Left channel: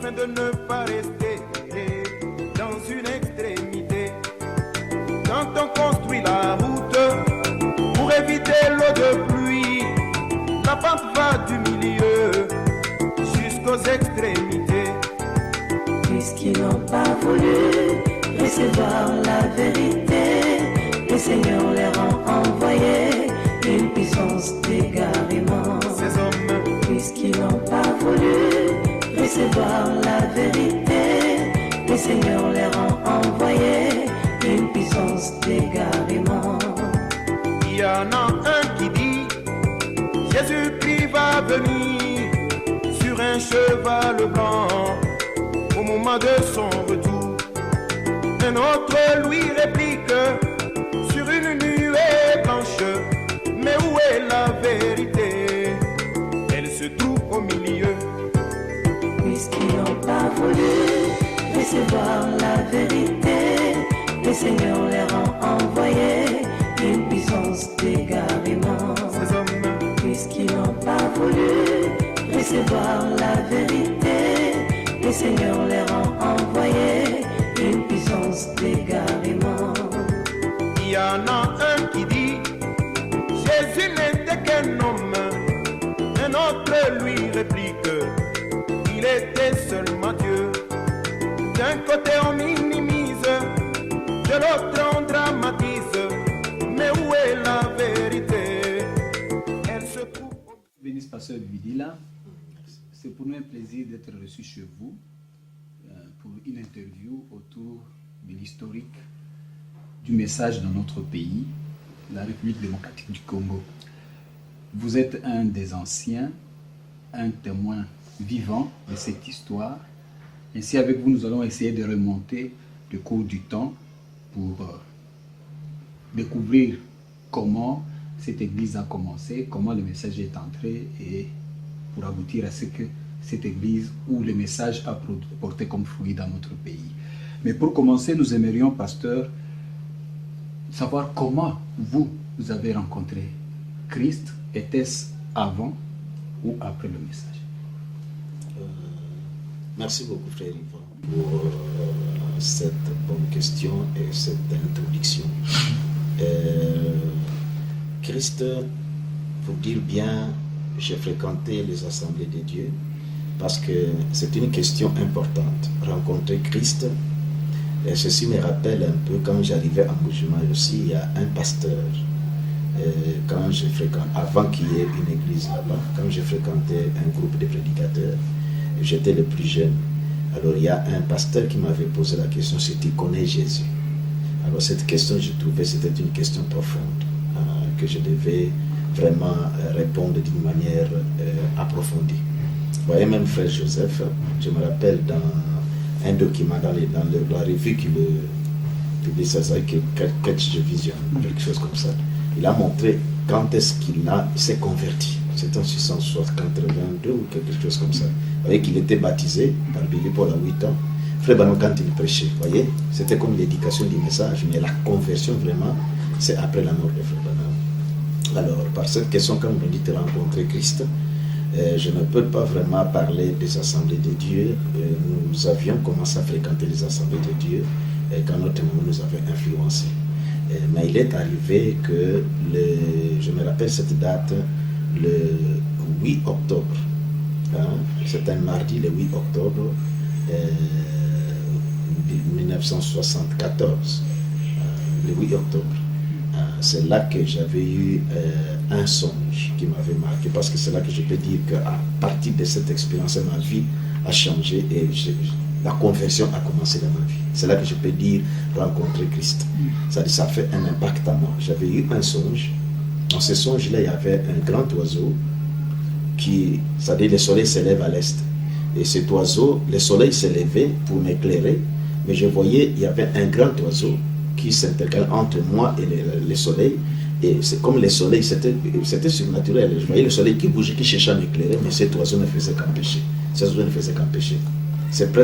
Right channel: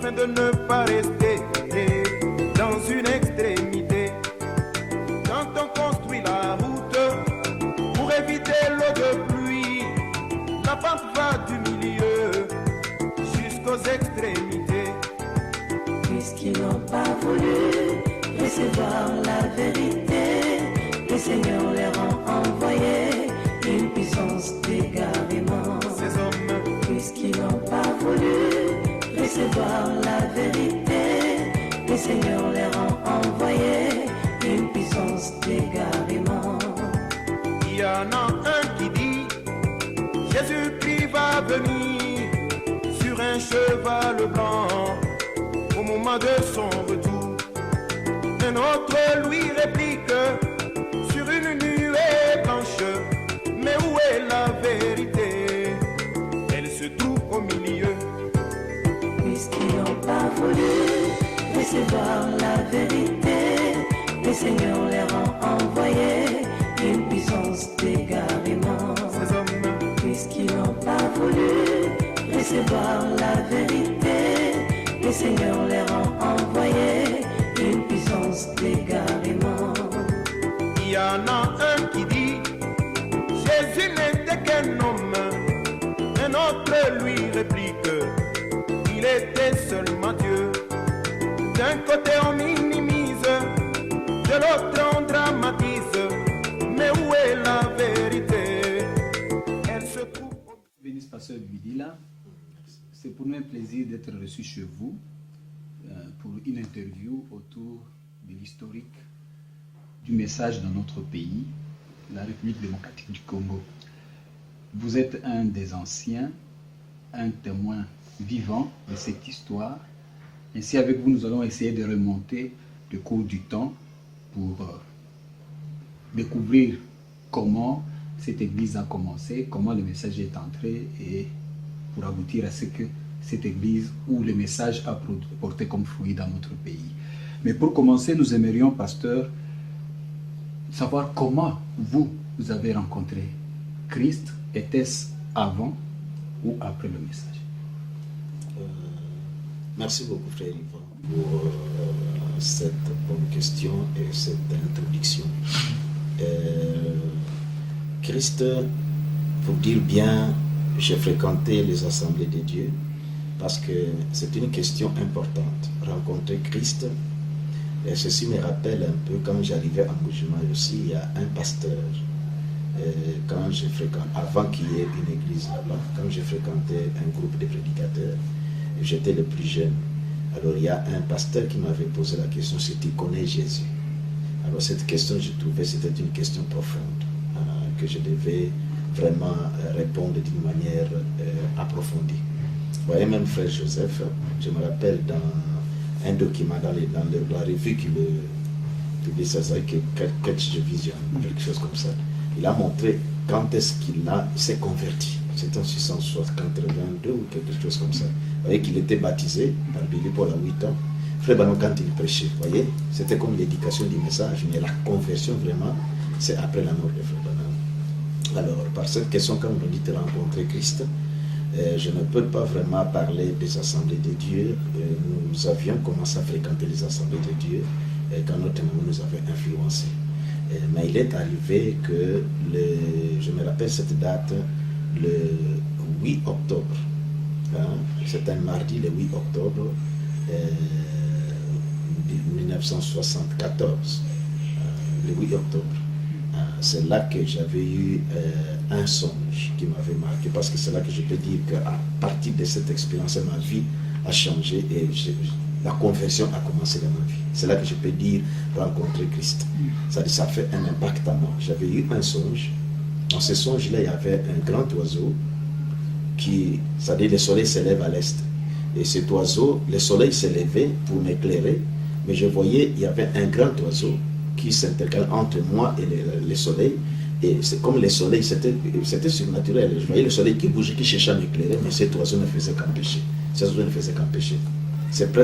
afin de ne pas rester dans une extrémité. Quand on construit la route pour éviter l'eau de pluie, la pente va du milieu jusqu'aux extrémités. Puisqu'ils n'ont pas voulu recevoir la vérité, le Seigneur leur a envoyé une puissance d'égarement. Ces hommes, puisqu'ils n'ont pas voulu recevoir la vérité, le Seigneur leur a envoyé une puissance d'égarement. Il y en a un qui dit, Jésus-Christ va venir sur un cheval blanc au moment de son retour. Un autre lui réplique, sur une nuée blanche, mais où est la vérité? Elle se trouve au milieu. Puisqu'ils n'ont pas voulu recevoir la vérité, le Seigneur leur a envoyé une puissance d'égarement. Ces hommes, puisqu'ils n'ont pas voulu recevoir la vérité, le Seigneur leur a envoyé une puissance d'égarement. il y en a un qui dit, Jésus n'était qu'un homme. Un autre lui réplique, il était seulement Dieu. D'un côté on minimise, de l'autre on dramatise. Mais où est la vérité? Elle se trouve au... Bénisse Pasteur Bidila, c'est pour nous un plaisir d'être reçu chez vous pour une interview autour de l'historique du message dans notre pays, la République démocratique du Congo. Vous êtes un des anciens, un témoin vivant de cette histoire. Ainsi, avec vous, nous allons essayer de remonter le cours du temps pour découvrir comment cette église a commencé, comment le message est entré et pour aboutir à ce que cette église ou le message a porté comme fruit dans notre pays. Mais pour commencer, nous aimerions, pasteur, savoir comment vous avez rencontré Christ. Était-ce avant ou après le message? Merci beaucoup, frère Yvan, pour cette bonne question et cette introduction. Christ, pour dire bien, j'ai fréquenté les assemblées de Dieu parce que c'est une question importante. Rencontrer Christ, et ceci me rappelle un peu quand j'arrivais à Mbuji-Mayi aussi, il y a un pasteur. Quand je fréquente, avant qu'il y ait une église là-bas, quand j'ai fréquenté un groupe de prédicateurs, j'étais le plus jeune. Alors il y a un pasteur qui m'avait posé la question si tu connais Jésus. Alors cette question, je trouvais c'était une question profonde, que je devais vraiment répondre d'une manière approfondie. Vous voyez, même frère Joseph, je me rappelle dans un document dans la revue qu'il publie, ça s'appelle Catch the Vision, quelque chose comme ça. Il a montré quand est-ce qu'il s'est converti. C'était en 1682 ou quelque chose comme ça. Vous voyez qu'il était baptisé par Billy Paul à 8 ans. Frère Banon, quand il prêchait, vous voyez, c'était comme l'éducation du message, mais la conversion vraiment, c'est après la mort de Frère Banon. Alors, par cette question, quand on dit de rencontrer Christ, je ne peux pas vraiment parler des assemblées de Dieu. Nous avions commencé à fréquenter les assemblées de Dieu quand notre maman nous avait influencés. Mais il est arrivé que, je me rappelle cette date, le 8 octobre, c'est un mardi, le 8 octobre 1974, le 8 octobre. C'est là que j'avais eu un songe qui m'avait marqué, parce que c'est là que je peux dire qu'à partir de cette expérience, ma vie a changé et la conversion a commencé dans ma vie. C'est là que je peux dire rencontrer Christ. Ça fait un impact à moi. J'avais eu un songe. Dans ce songe-là, il y avait un grand oiseau qui, c'est-à-dire le soleil s'élève à l'est. Et cet oiseau, le soleil s'est levé pour m'éclairer, mais je voyais, il y avait un grand oiseau qui s'intercale entre moi et le soleil. Et c'est comme le soleil, c'était surnaturel. Je voyais le soleil qui bougeait, qui cherchait à m'éclairer, mais cet oiseau ne faisait qu'empêcher. Cet oiseau ne faisait qu'empêcher. C'est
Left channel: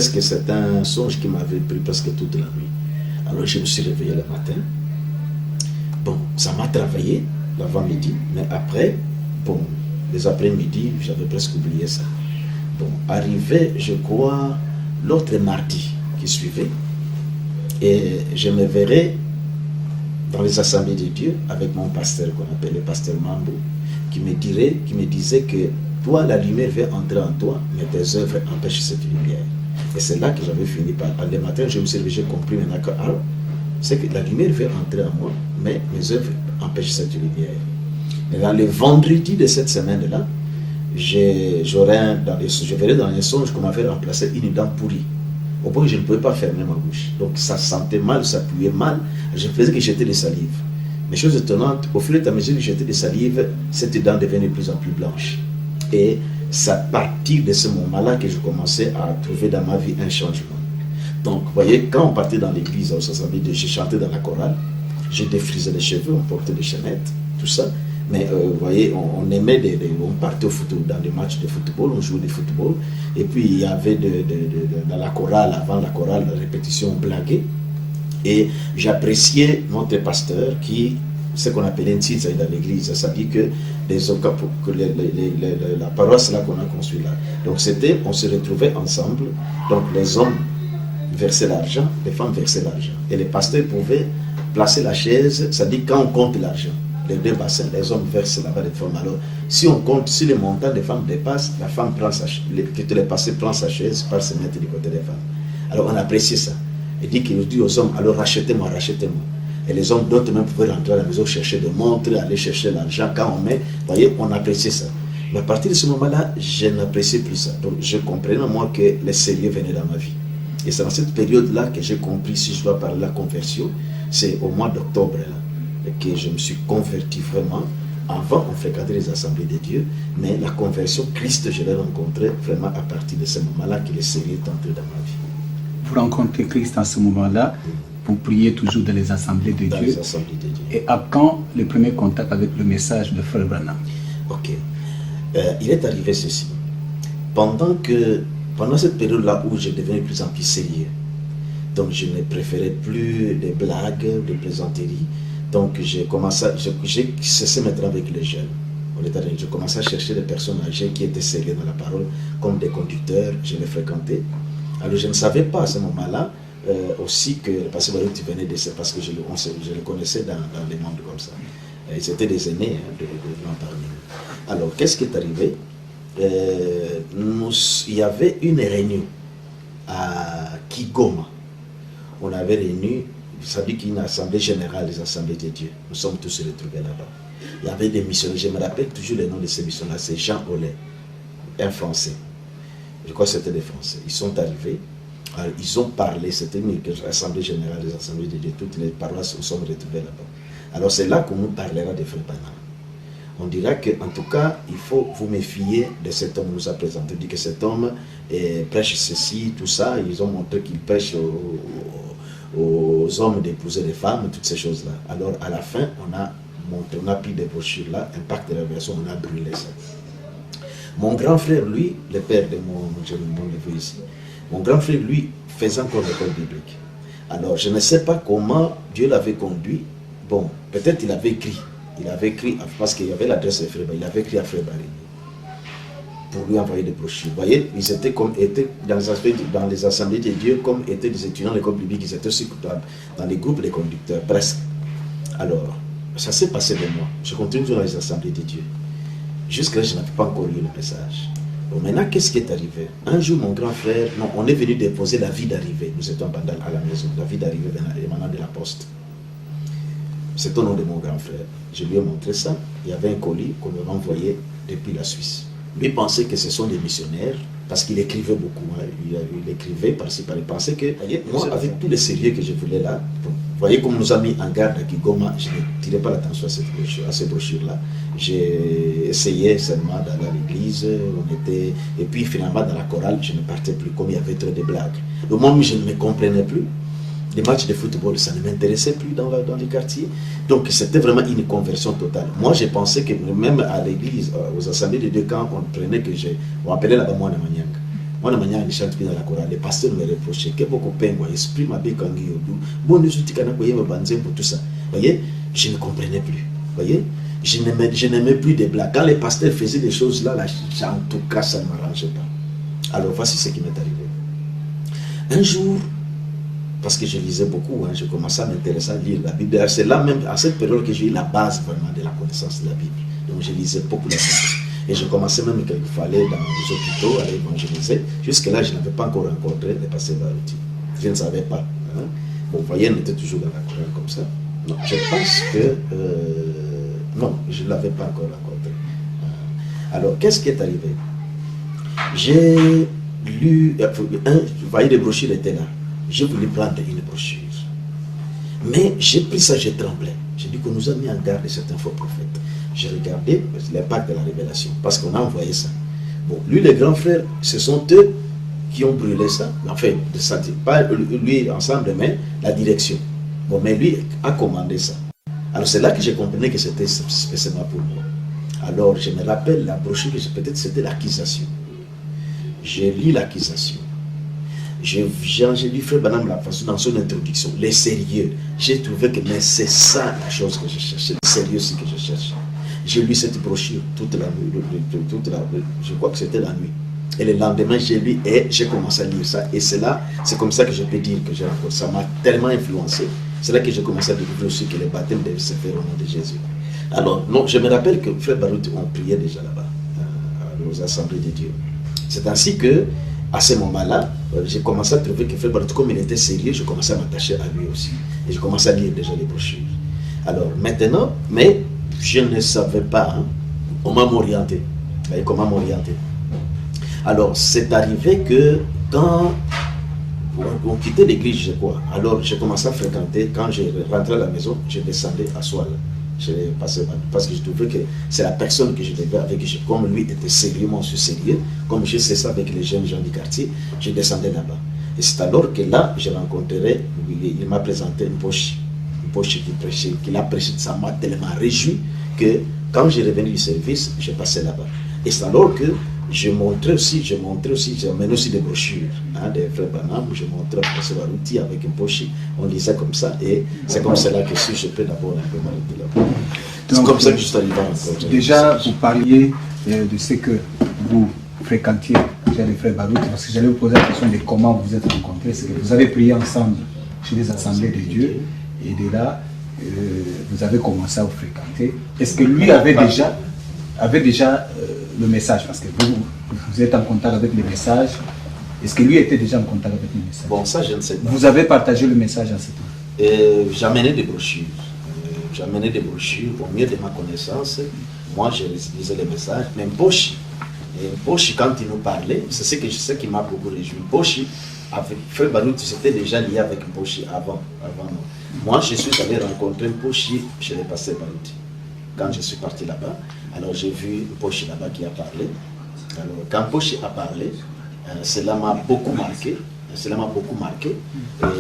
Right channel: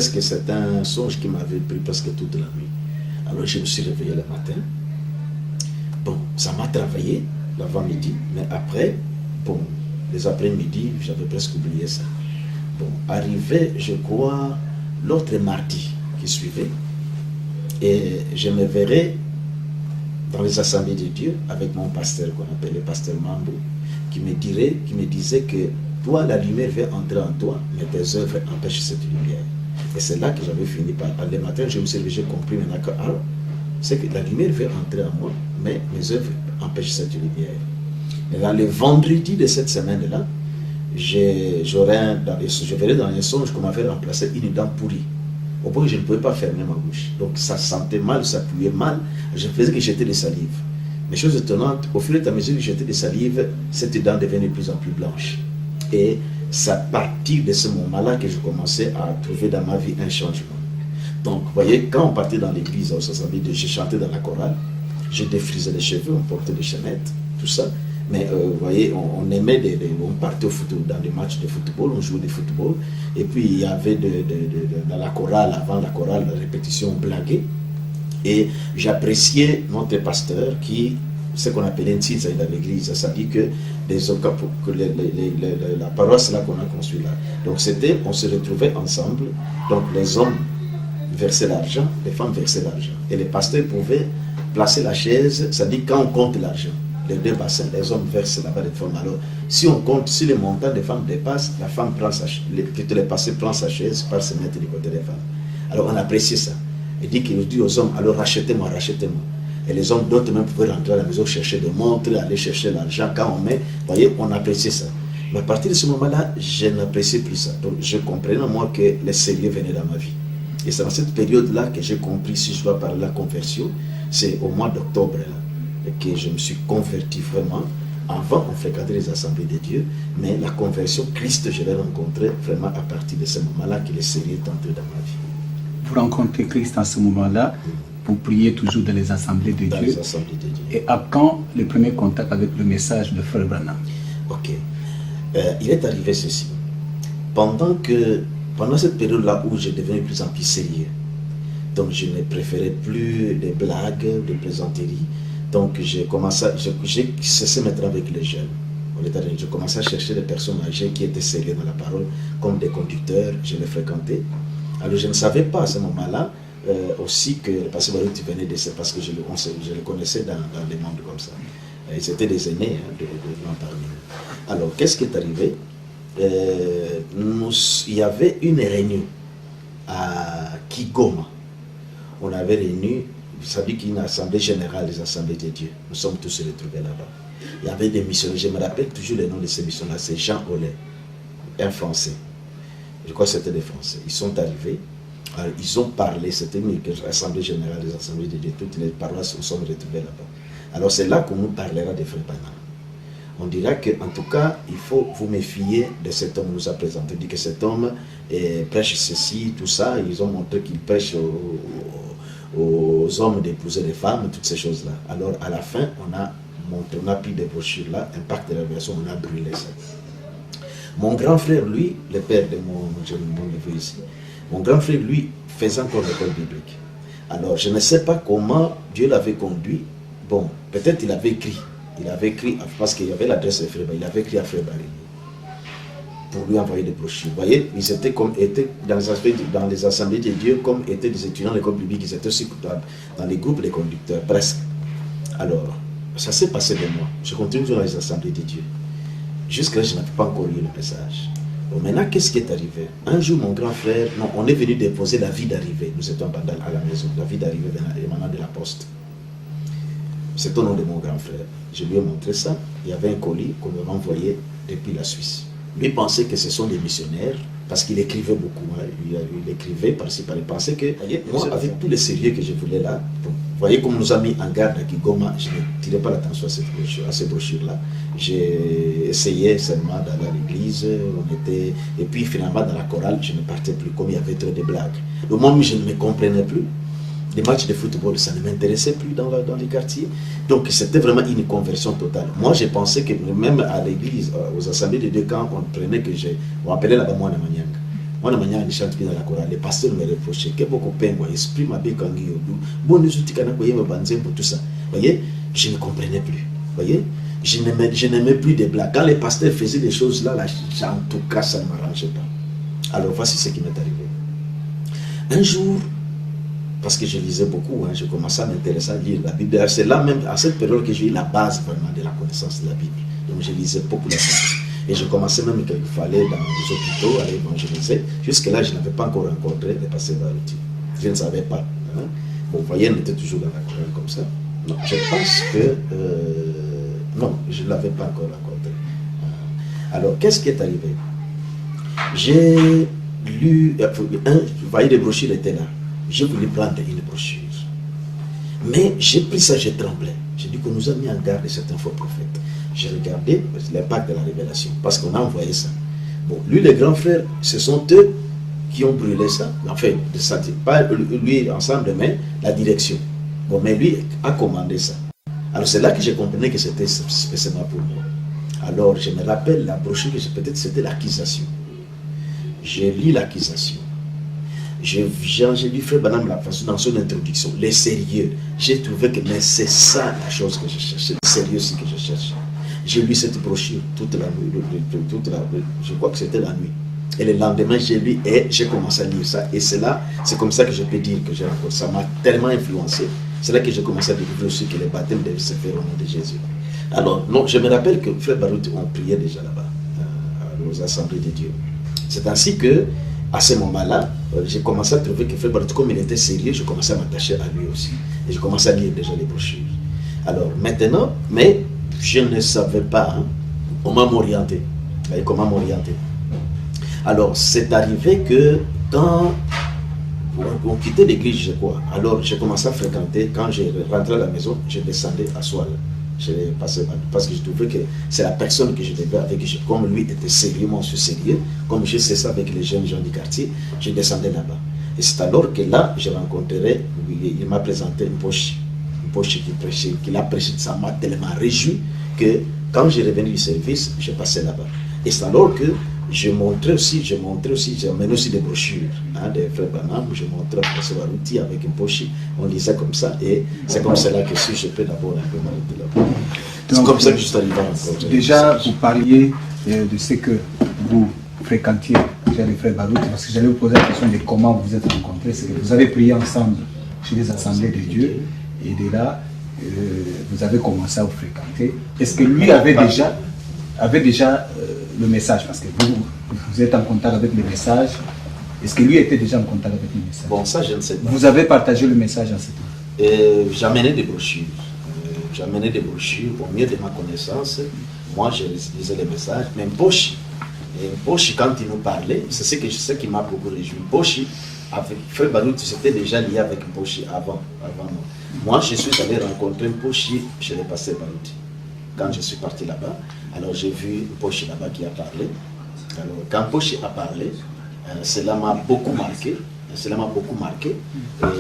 un songe qui m'avait pris presque toute la nuit. Alors je me suis réveillé le matin. Bon, ça m'a travaillé l'avant-midi, mais après, bon, les après-midi, j'avais presque oublié ça. Bon, arrivé, je crois, l'autre mardi qui suivait, et je me verrai dans les assemblées de Dieu avec mon pasteur qu'on appelle le pasteur Mambo, qui me disait que toi, la lumière veut entrer en toi, mais tes œuvres empêchent cette lumière. Et c'est là que j'avais fini par... Le matin, je me suis levé, j'ai compris maintenant que c'est que la lumière veut entrer en moi, mais mes œuvres empêchent cette lumière. Et dans le vendredi de cette semaine-là, je verrai dans les songes qu'on m'avait remplacé une dent pourrie. Au point que je ne pouvais pas fermer ma bouche. Donc ça sentait mal, ça puait mal. Je faisais que j'étais des salives. Mais chose étonnante, au fur et à mesure que j'étais des salives, cette dent devenait de plus en plus blanche. Et c'est à partir de ce moment-là que je commençais à trouver dans ma vie un changement. Donc, vous voyez, quand on partait dans l'église, je chantais dans la chorale, je défrisais les cheveux, on portait des chaînettes, tout ça. Mais vous voyez, on aimait, on partait au football, dans des matchs de football, on jouait du football. Et puis, il y avait dans la chorale, avant la chorale, la répétition, on blaguait. Et j'appréciais notre pasteur qui, ce qu'on appelait un titre dans l'église, ça dit que la paroisse là qu'on a construite là. Donc c'était, on se retrouvait ensemble, donc les hommes versaient l'argent, les femmes versaient l'argent. Et les pasteurs pouvaient placer la chaise, ça dit quand on compte l'argent, les deux bassins, les hommes versent là-bas les femmes. Alors si on compte, si le montant des femmes dépasse, la femme prend sa chaise, le pasteur prend sa chaise, part se mettre du côté des femmes. Alors on appréciait ça. Il dit qu'il dit aux hommes, alors rachetez-moi, rachetez-moi. Et les hommes d'autres même pouvaient rentrer à la maison, chercher des montres, aller chercher l'argent. Quand on met, vous voyez, on appréciait ça. Mais à partir de ce moment-là, je n'appréciais plus ça. Donc je comprenais moi que le sérieux venait dans ma vie. Et c'est dans cette période-là que j'ai compris, si je dois parler de la conversion, c'est au mois d'octobre là, que je me suis converti vraiment. Avant, on fréquentait les assemblées de Dieu, mais la conversion, Christ, je l'ai rencontré vraiment à partir de ce moment-là que le sérieux est entré dans ma vie. Vous rencontrez Christ à ce moment-là, vous priez toujours dans les assemblées de Dieu. Les assemblées de Dieu. Et à quand le premier contact avec le message de Frère Branham? Ok. Il est arrivé ceci. Pendant cette période-là où je devenais de plus en plus sérieux, donc je ne préférais plus des blagues, des plaisanteries. Donc j'ai cessé maintenant avec les jeunes. Je commençais à chercher des personnes âgées qui étaient sérieuses dans la parole, comme des conducteurs, je les fréquentais. Alors je ne savais pas à ce moment-là aussi que le pasteur Baruch venait de ça, parce que je le connaissais dans des mondes comme ça. C'était des aînés de parmi nous. Alors qu'est-ce qui est arrivé? Il y avait une réunion à Kigoma. On avait réuni, ça dit qu'il y a une assemblée générale des assemblées de Dieu. Nous sommes tous retrouvés là-bas. Il y avait des missionnaires, je me rappelle toujours le nom de ces missionnaires, c'est Jean Ollet, un Français. Je crois que c'était des Français. Ils sont arrivés, alors, ils ont parlé, c'était une assemblée générale des assemblées de Dieu, toutes les paroisses nous sommes retrouvées là-bas. Alors c'est là qu'on nous parlera de Frère Branham. On dira qu'en tout cas, il faut vous méfier de cet homme nous a présenté. On dit que cet homme prêche ceci, tout ça. Ils ont montré qu'il prêche aux hommes d'épouser les femmes, toutes ces choses-là. Alors à la fin, on a pris des brochures là, Impact de la Révélation, on a brûlé ça. Mon grand frère, lui, le père de mon neveu ici, mon grand frère, lui, faisait encore l'école biblique. Alors, je ne sais pas comment Dieu l'avait conduit. Bon, peut-être il avait écrit, parce qu'il y avait l'adresse de Frère Barry, il avait écrit à Frère Barry pour lui envoyer des brochures. Vous voyez, ils étaient dans les assemblées de Dieu, comme étaient des étudiants de l'école biblique, ils étaient aussi dans les groupes des conducteurs, presque. Alors, ça s'est passé de moi. Je continue dans les assemblées de Dieu. Jusque-là, je n'avais pas encore lu le message. Bon, maintenant, qu'est-ce qui est arrivé? Un jour, mon grand frère, on est venu déposer l'avis d'arrivée. Nous étions à la maison, l'avis d'arrivée émanant de la poste. C'est au nom de mon grand frère. Je lui ai montré ça. Il y avait un colis qu'on m'avait envoyé depuis la Suisse. Lui pensait que ce sont des missionnaires, parce qu'il écrivait beaucoup. Hein. Il écrivait par-ci, par-là. Il pensait que, moi, avec tout le sérieux que je voulais là, bon, vous voyez comme nous a mis en garde à Kigoma, je ne tirais pas l'attention à ces brochures-là. J'ai essayé seulement d'aller à l'église, et puis finalement dans la chorale, je ne partais plus, comme il y avait trop de blagues. Le monde, je ne me comprenais plus. Les matchs de football, ça ne m'intéressait plus dans les quartiers. Donc c'était vraiment une conversion totale. Moi, j'ai pensé que même à l'église, aux assemblées de deux camps, on prenait on appelait là-bas Mwana Manyanga. Mwana Manyanga ne chante plus dans la chorale. Les pasteurs me reprochaient que beaucoup de peine, esprit m'a bien kangi yobu. Bon, nous outils kana koye banzem pour tout ça. Vous voyez, je ne comprenais plus. Vous voyez, je n'aimais plus des blagues. Quand les pasteurs faisaient des choses là, en tout cas, ça ne m'arrangeait pas. Alors voici ce qui m'est arrivé. Un jour, parce que je lisais beaucoup, je commençais à m'intéresser à lire la Bible. C'est là même, à cette période, que j'ai eu la base vraiment de la connaissance de la Bible. Donc je lisais beaucoup la Bible. Et je commençais même quelquefois à aller dans les hôpitaux, à évangéliser. Jusque-là, je n'avais pas encore rencontré le pasteur Baruti. Je ne savais pas. Bon, vous voyez, on était toujours dans la colère comme ça. Non, je pense que... non, je ne l'avais pas encore rencontré. Alors, qu'est-ce qui est arrivé? J'ai lu... vous voyez, les brochures étaient là. J'ai voulu prendre une brochure. Mais j'ai pris ça, j'ai tremblé. J'ai dit qu'on nous a mis en garde de certains faux prophètes. J'ai regardé l'impact de la révélation, parce qu'on a envoyé ça. Bon, lui, les grands frères, ce sont eux qui ont brûlé ça. Enfin, pas lui ensemble, mais la direction. Bon, mais lui a commandé ça. Alors c'est là que j'ai compris que c'était spécialement pour moi. Alors je me rappelle la brochure, peut-être c'était l'accusation. J'ai lu l'accusation. J'ai lu Frère Branham la façon dans son introduction, les sérieux. J'ai trouvé que mais c'est ça la chose que je cherchais, le sérieux aussi que je cherchais. J'ai lu cette brochure toute la nuit, je crois que c'était la nuit. Et le lendemain, j'ai lu et j'ai commencé à lire ça. Et c'est comme ça que je peux dire que j'ai rencontré. Ça m'a tellement influencé. C'est là que j'ai commencé à découvrir aussi que les baptêmes devaient se faire au nom de Jésus. Alors, non, je me rappelle que Frère Baruti, on priait déjà là-bas, aux assemblées de Dieu. C'est ainsi que, à ce moment-là, j'ai commencé à trouver que Frère Baruti, comme il était sérieux, je commençais à m'attacher à lui aussi. Et je commençais à lire déjà les brochures. Alors, maintenant, mais je ne savais pas comment m'orienter. Vous voyez, comment m'orienter. Alors, c'est arrivé que quand on quittait l'église, je crois, alors j'ai commencé à fréquenter, quand je rentrais à la maison, je descendais à Soile. Je passais parce que je trouvais que c'est la personne que je devais avec, comme lui était sérieux, moi je suis sérieux, comme je sais ça avec les jeunes gens du quartier, je descendais là-bas. Et c'est alors que là, je rencontrerai, il m'a présenté une poche qui prêchait, qu'il a prêché, ça m'a tellement réjoui que quand j'ai revenu du service, je passais là-bas. Et c'est alors que je montrais aussi, j'amenais aussi des brochures des frères Branham, je montrais à Pasteur Baruti avec une poche, on lisait comme ça, et c'est comme cela que si je peux d'abord un peu m'arrêter là-bas. C'est comme ça que je suis arrivé encore. Déjà, vous parliez de ce que vous fréquentiez chez les frères Baruti, parce que j'allais vous poser la question de comment vous vous êtes rencontrés, c'est que vous avez prié ensemble chez les assemblées de Dieu, et de là, vous avez commencé à vous fréquenter. Est-ce que lui avait déjà le message, parce que vous êtes en contact avec le message. Est-ce que lui était déjà en contact avec le message? Bon, ça je ne sais pas. Vous avez partagé le message en ce temps? J'amenais des brochures. J'amenais des brochures au mieux de ma connaissance. Moi, je lisais les messages. Mais Pochi, quand il nous parlait, c'est ce qui m'a beaucoup réjoui. Pochi, avec Frère Baruti, c'était déjà lié avec Pochi avant moi. Moi, je suis allé rencontrer Pochi chez le pasteur Baruti. Quand je suis parti là-bas, alors j'ai vu Pochi là-bas qui a parlé. Alors, quand Pochi a parlé, cela m'a beaucoup marqué.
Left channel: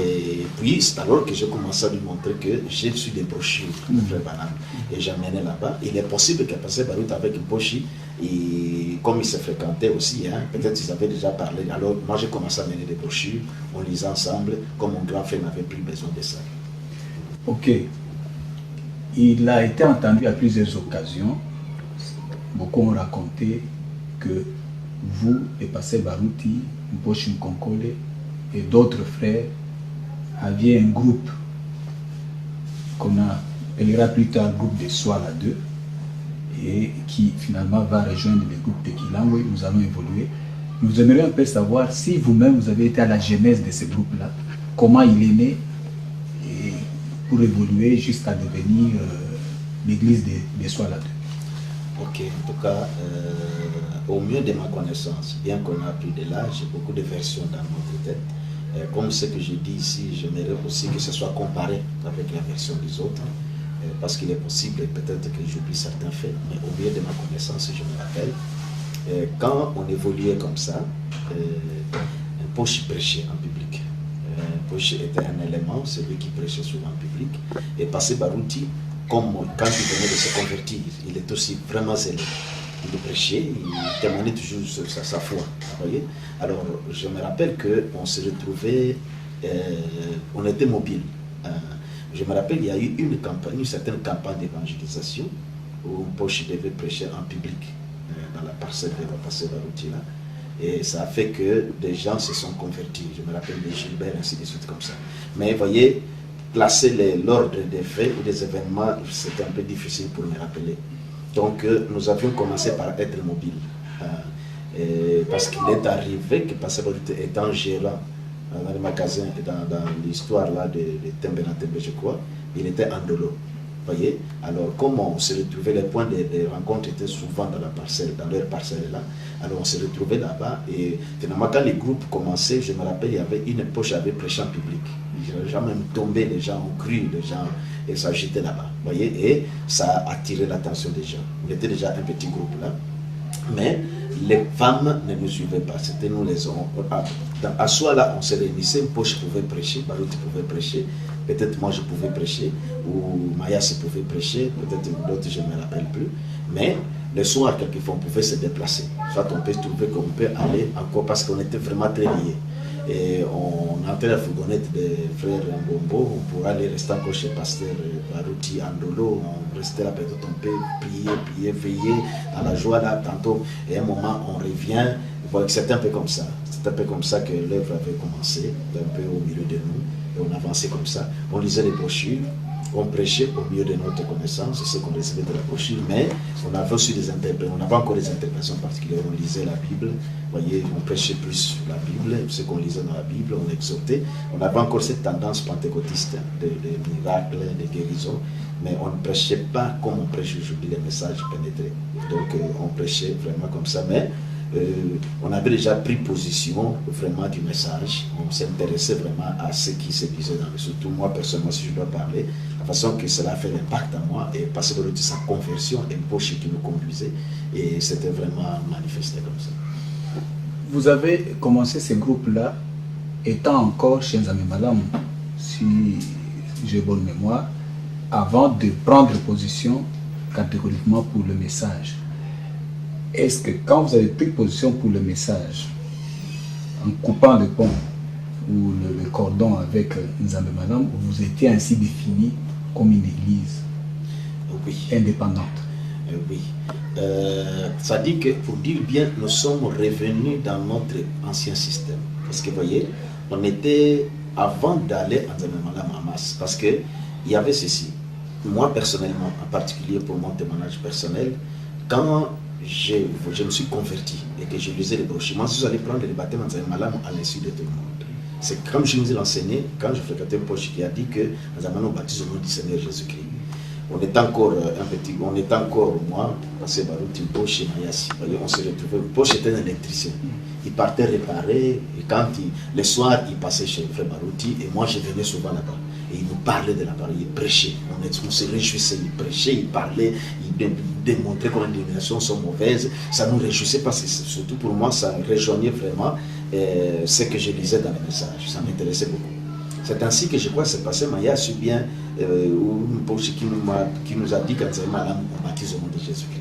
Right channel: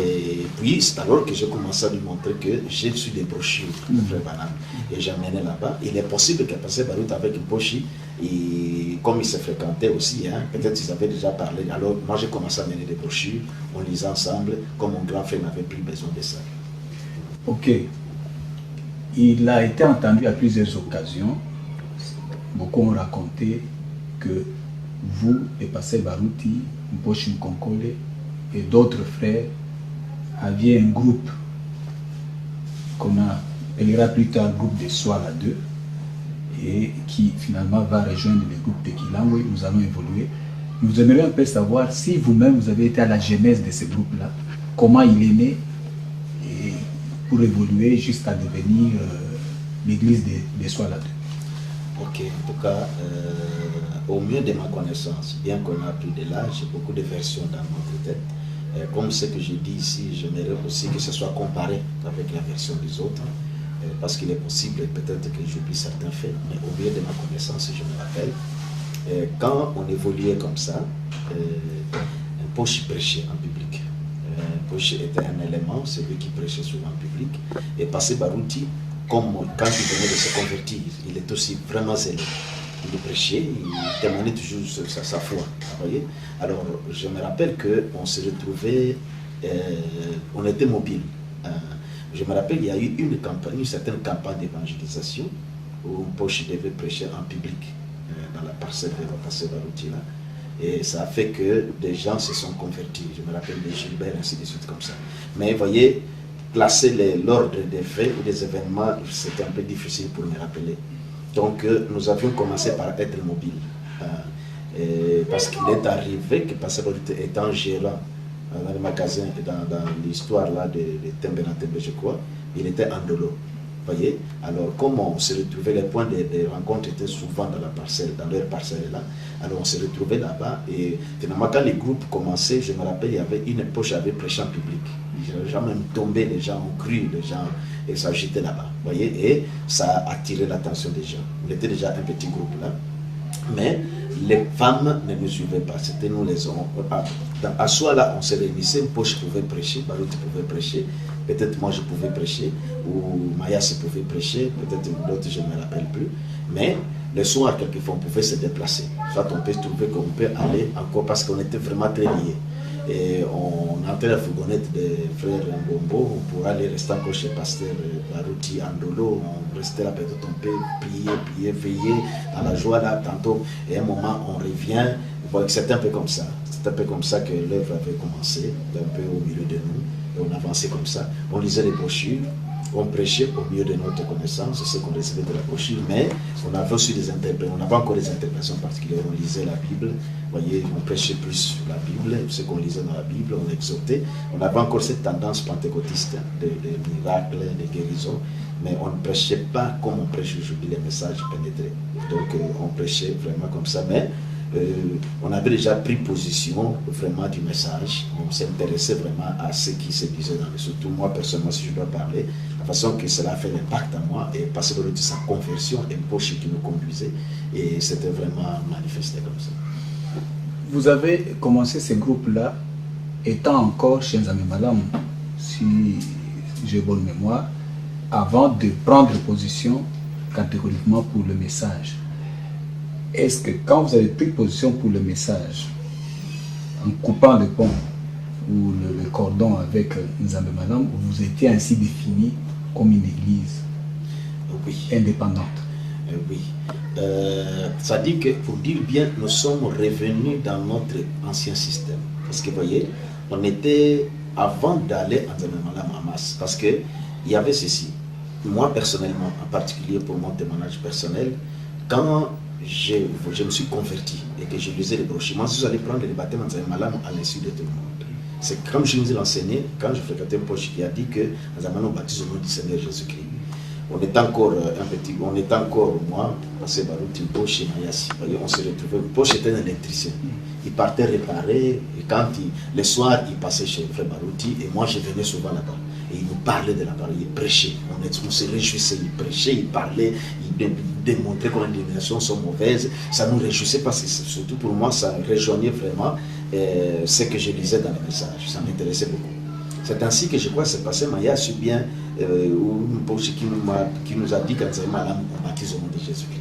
Et puis, c'est alors que j'ai commencé à lui montrer que j'ai reçu des brochures de Frère Branham. Et j'amenais là-bas. Il est possible qu'à passer Baruti avec Pochi, et comme ils se fréquentaient aussi, peut-être ils avaient déjà parlé. Alors, moi, j'ai commencé à mener des brochures, on lisait ensemble, comme mon grand frère n'avait plus besoin de ça. Ok. Il a été entendu à plusieurs occasions. Beaucoup ont raconté que vous, et pasteur Baruti, Mposhi Mkonkole et d'autres frères aviez un groupe qu'on appellera plus tard groupe de Soir à deux et qui finalement va rejoindre le groupe de Kilangwe. Nous allons évoluer. Nous aimerions un peu savoir si vous-même vous avez été à la genèse de ce groupe-là, comment il est né et pour évoluer jusqu'à devenir l'église des Soir à deux. Ok, en tout cas, au mieux de ma connaissance, bien qu'on a pris de l'âge, j'ai beaucoup de versions dans notre tête. Comme ce que je dis ici, j'aimerais aussi que ce soit comparé avec la version des autres, parce qu'il est possible peut-être que j'oublie certains faits, mais au mieux de ma connaissance, je me rappelle, quand on évoluait comme ça, Pochi prêchait en public. Pochi était un élément, c'est lui qui prêchait souvent en public, et pasteur Baruti, comme quand il venait de se convertir, il est aussi vraiment zélé. Il prêchait, il témoignait toujours sa foi. Voyez. Alors, je me rappelle qu'on se retrouvait, on était mobile. Je me rappelle, il y a eu une certaine campagne d'évangélisation où Pochi devait prêcher en public, dans la parcelle de pasteur Baruti là. Et ça a fait que des gens se sont convertis. Je me rappelle de Gilbert, ainsi de suite, comme ça. Mais vous voyez, classer l'ordre des faits ou des événements, c'était un peu difficile pour me rappeler. Donc, nous avions commencé par être mobiles. Parce qu'il est arrivé que Pasteur Baruti étant gérant dans le magasin, dans l'histoire là de Tembe, je crois, il était en dolo. Voyez, alors comme on se retrouvait, les points de rencontre étaient souvent dans la parcelle, dans leur parcelle là, alors on se retrouvait là-bas et finalement quand les groupes commençaient, je me rappelle, il y avait une poche avec prêchant public. Les gens même tombaient, les gens ont cru, les gens et s'agitaient là-bas, voyez, et ça a attiré l'attention des gens. On était déjà un petit groupe là, mais les femmes ne nous suivaient pas, c'était nous les hommes. À soi là, on se réunissait, une poche pouvait prêcher, Baruti pouvait prêcher. Peut-être moi je pouvais prêcher, ou Maya se pouvait prêcher, peut-être d'autres je ne me rappelle plus. Mais le soir, quelquefois, on pouvait se déplacer. Soit on peut trouver qu'on peut aller encore parce qu'on était vraiment très liés. Et on entrait la fourgonnette des frères Mbombo, on pourrait aller rester encore chez Pasteur Baruti Andolo, on restait là, peut-être on peut prier, veiller à la joie là, tantôt, et à un moment on revient. C'était un peu comme ça. C'est un peu comme ça que l'œuvre avait commencé, un peu au milieu de nous. Et on avançait comme ça. On lisait les brochures, on prêchait au milieu de notre connaissance, c'est ce qu'on recevait de la brochure, mais on avait aussi des interprétations, on n'avait encore des interprétations particulières. On lisait la Bible, vous voyez, on prêchait plus la Bible, ce qu'on lisait dans la Bible, on exhortait. On avait encore cette tendance pentecôtiste de miracles, de guérisons, mais on ne prêchait pas comme on prêche aujourd'hui, les messages pénétrés. Donc on prêchait vraiment comme ça, mais on avait déjà pris position vraiment du message. On s'intéressait vraiment à ce qui se disait dans le, surtout moi personnellement, si je dois parler, la façon que cela a fait l'impact à moi et parce que de sa conversion, une poche qui nous conduisait, et c'était vraiment manifesté comme ça. Vous avez commencé ces groupes-là étant encore chez Nzambe Malamu, si j'ai bonne mémoire, avant de prendre position catégoriquement pour le message. Est-ce que quand vous avez pris position pour le message, en coupant le pont ou le cordon avec Nzambe Malamu, vous étiez ainsi défini comme une église indépendante? Oui. Ça dit que, pour dire bien, nous sommes revenus dans notre ancien système. Parce que, vous voyez, on était, avant d'aller à Nzambe Malamu en masse, parce qu'il y avait ceci. Moi, personnellement, en particulier pour mon témoignage personnel, quand je me suis converti et que je lisais les brochures, moi, je suis allé prendre le baptême en Nzambe Malamu à l'insu de tout le monde. C'est comme je vous ai enseigné, quand je fréquentais un poche qui a dit que Nzambe Malamu baptise au nom du Seigneur Jésus-Christ. On est encore moi, parce que Baruti Poche et Mayasi, on se retrouvait. Poche était un électricien. Il partait réparer, et quand le soir, il passait chez le frère Baruti, et moi je venais souvent là-bas. Et il nous parlait de la parole, il prêchait. On se réjouissait, il prêchait, il parlait, il démontrait comment les dénominations sont mauvaises. Ça nous réjouissait parce que, surtout pour moi, ça rejoignait vraiment ce que je lisais dans les messages. Ça m'intéressait beaucoup. C'est ainsi que je crois que c'est passé, mais il y a su bien une poche qui nous a dit qu'en Malamu, on baptise au nom de Jésus-Christ.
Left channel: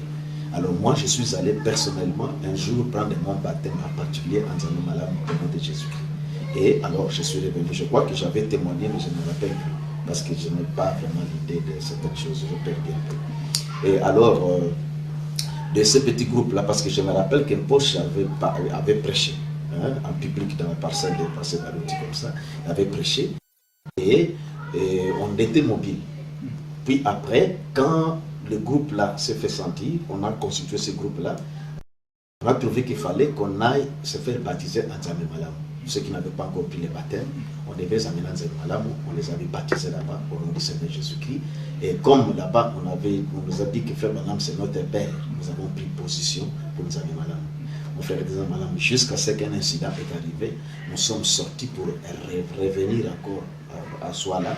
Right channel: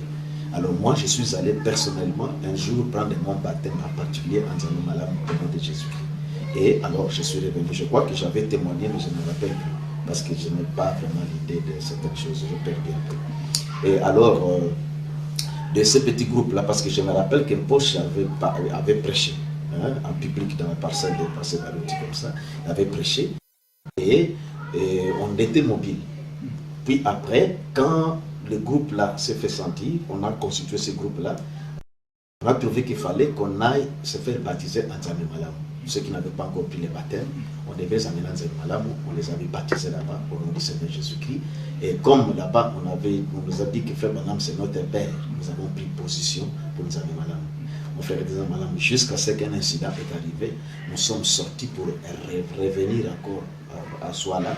Alors moi, je suis allé personnellement un jour prendre mon baptême, en particulier en Malamu au nom de Jésus-Christ. Et alors, je suis revenu. Je crois que j'avais témoigné, mais je ne me rappelle plus, parce que je n'ai pas vraiment l'idée de certaines choses, je perds un peu. Et alors, de ce petit groupe-là, parce que je me rappelle qu'un poche avait prêché, en public dans la parcelle de Pasteur Baruti comme ça, il avait prêché et on était mobile. Puis après, quand le groupe là s'est fait sentir, on a constitué ce groupe là, on a trouvé qu'il fallait qu'on aille se faire baptiser en Nzambe Malamu. Ceux qui n'avaient pas encore pris le baptême, on devait les amener en Nzambe Malamu, on les avait baptisés là-bas au nom du Seigneur Jésus-Christ. Et comme là-bas on nous a dit que Frère Branham c'est notre père, nous avons pris position pour Nzambe Malamu. On fait jusqu'à ce qu'un incident est arrivé, nous sommes sortis pour revenir encore à Souala,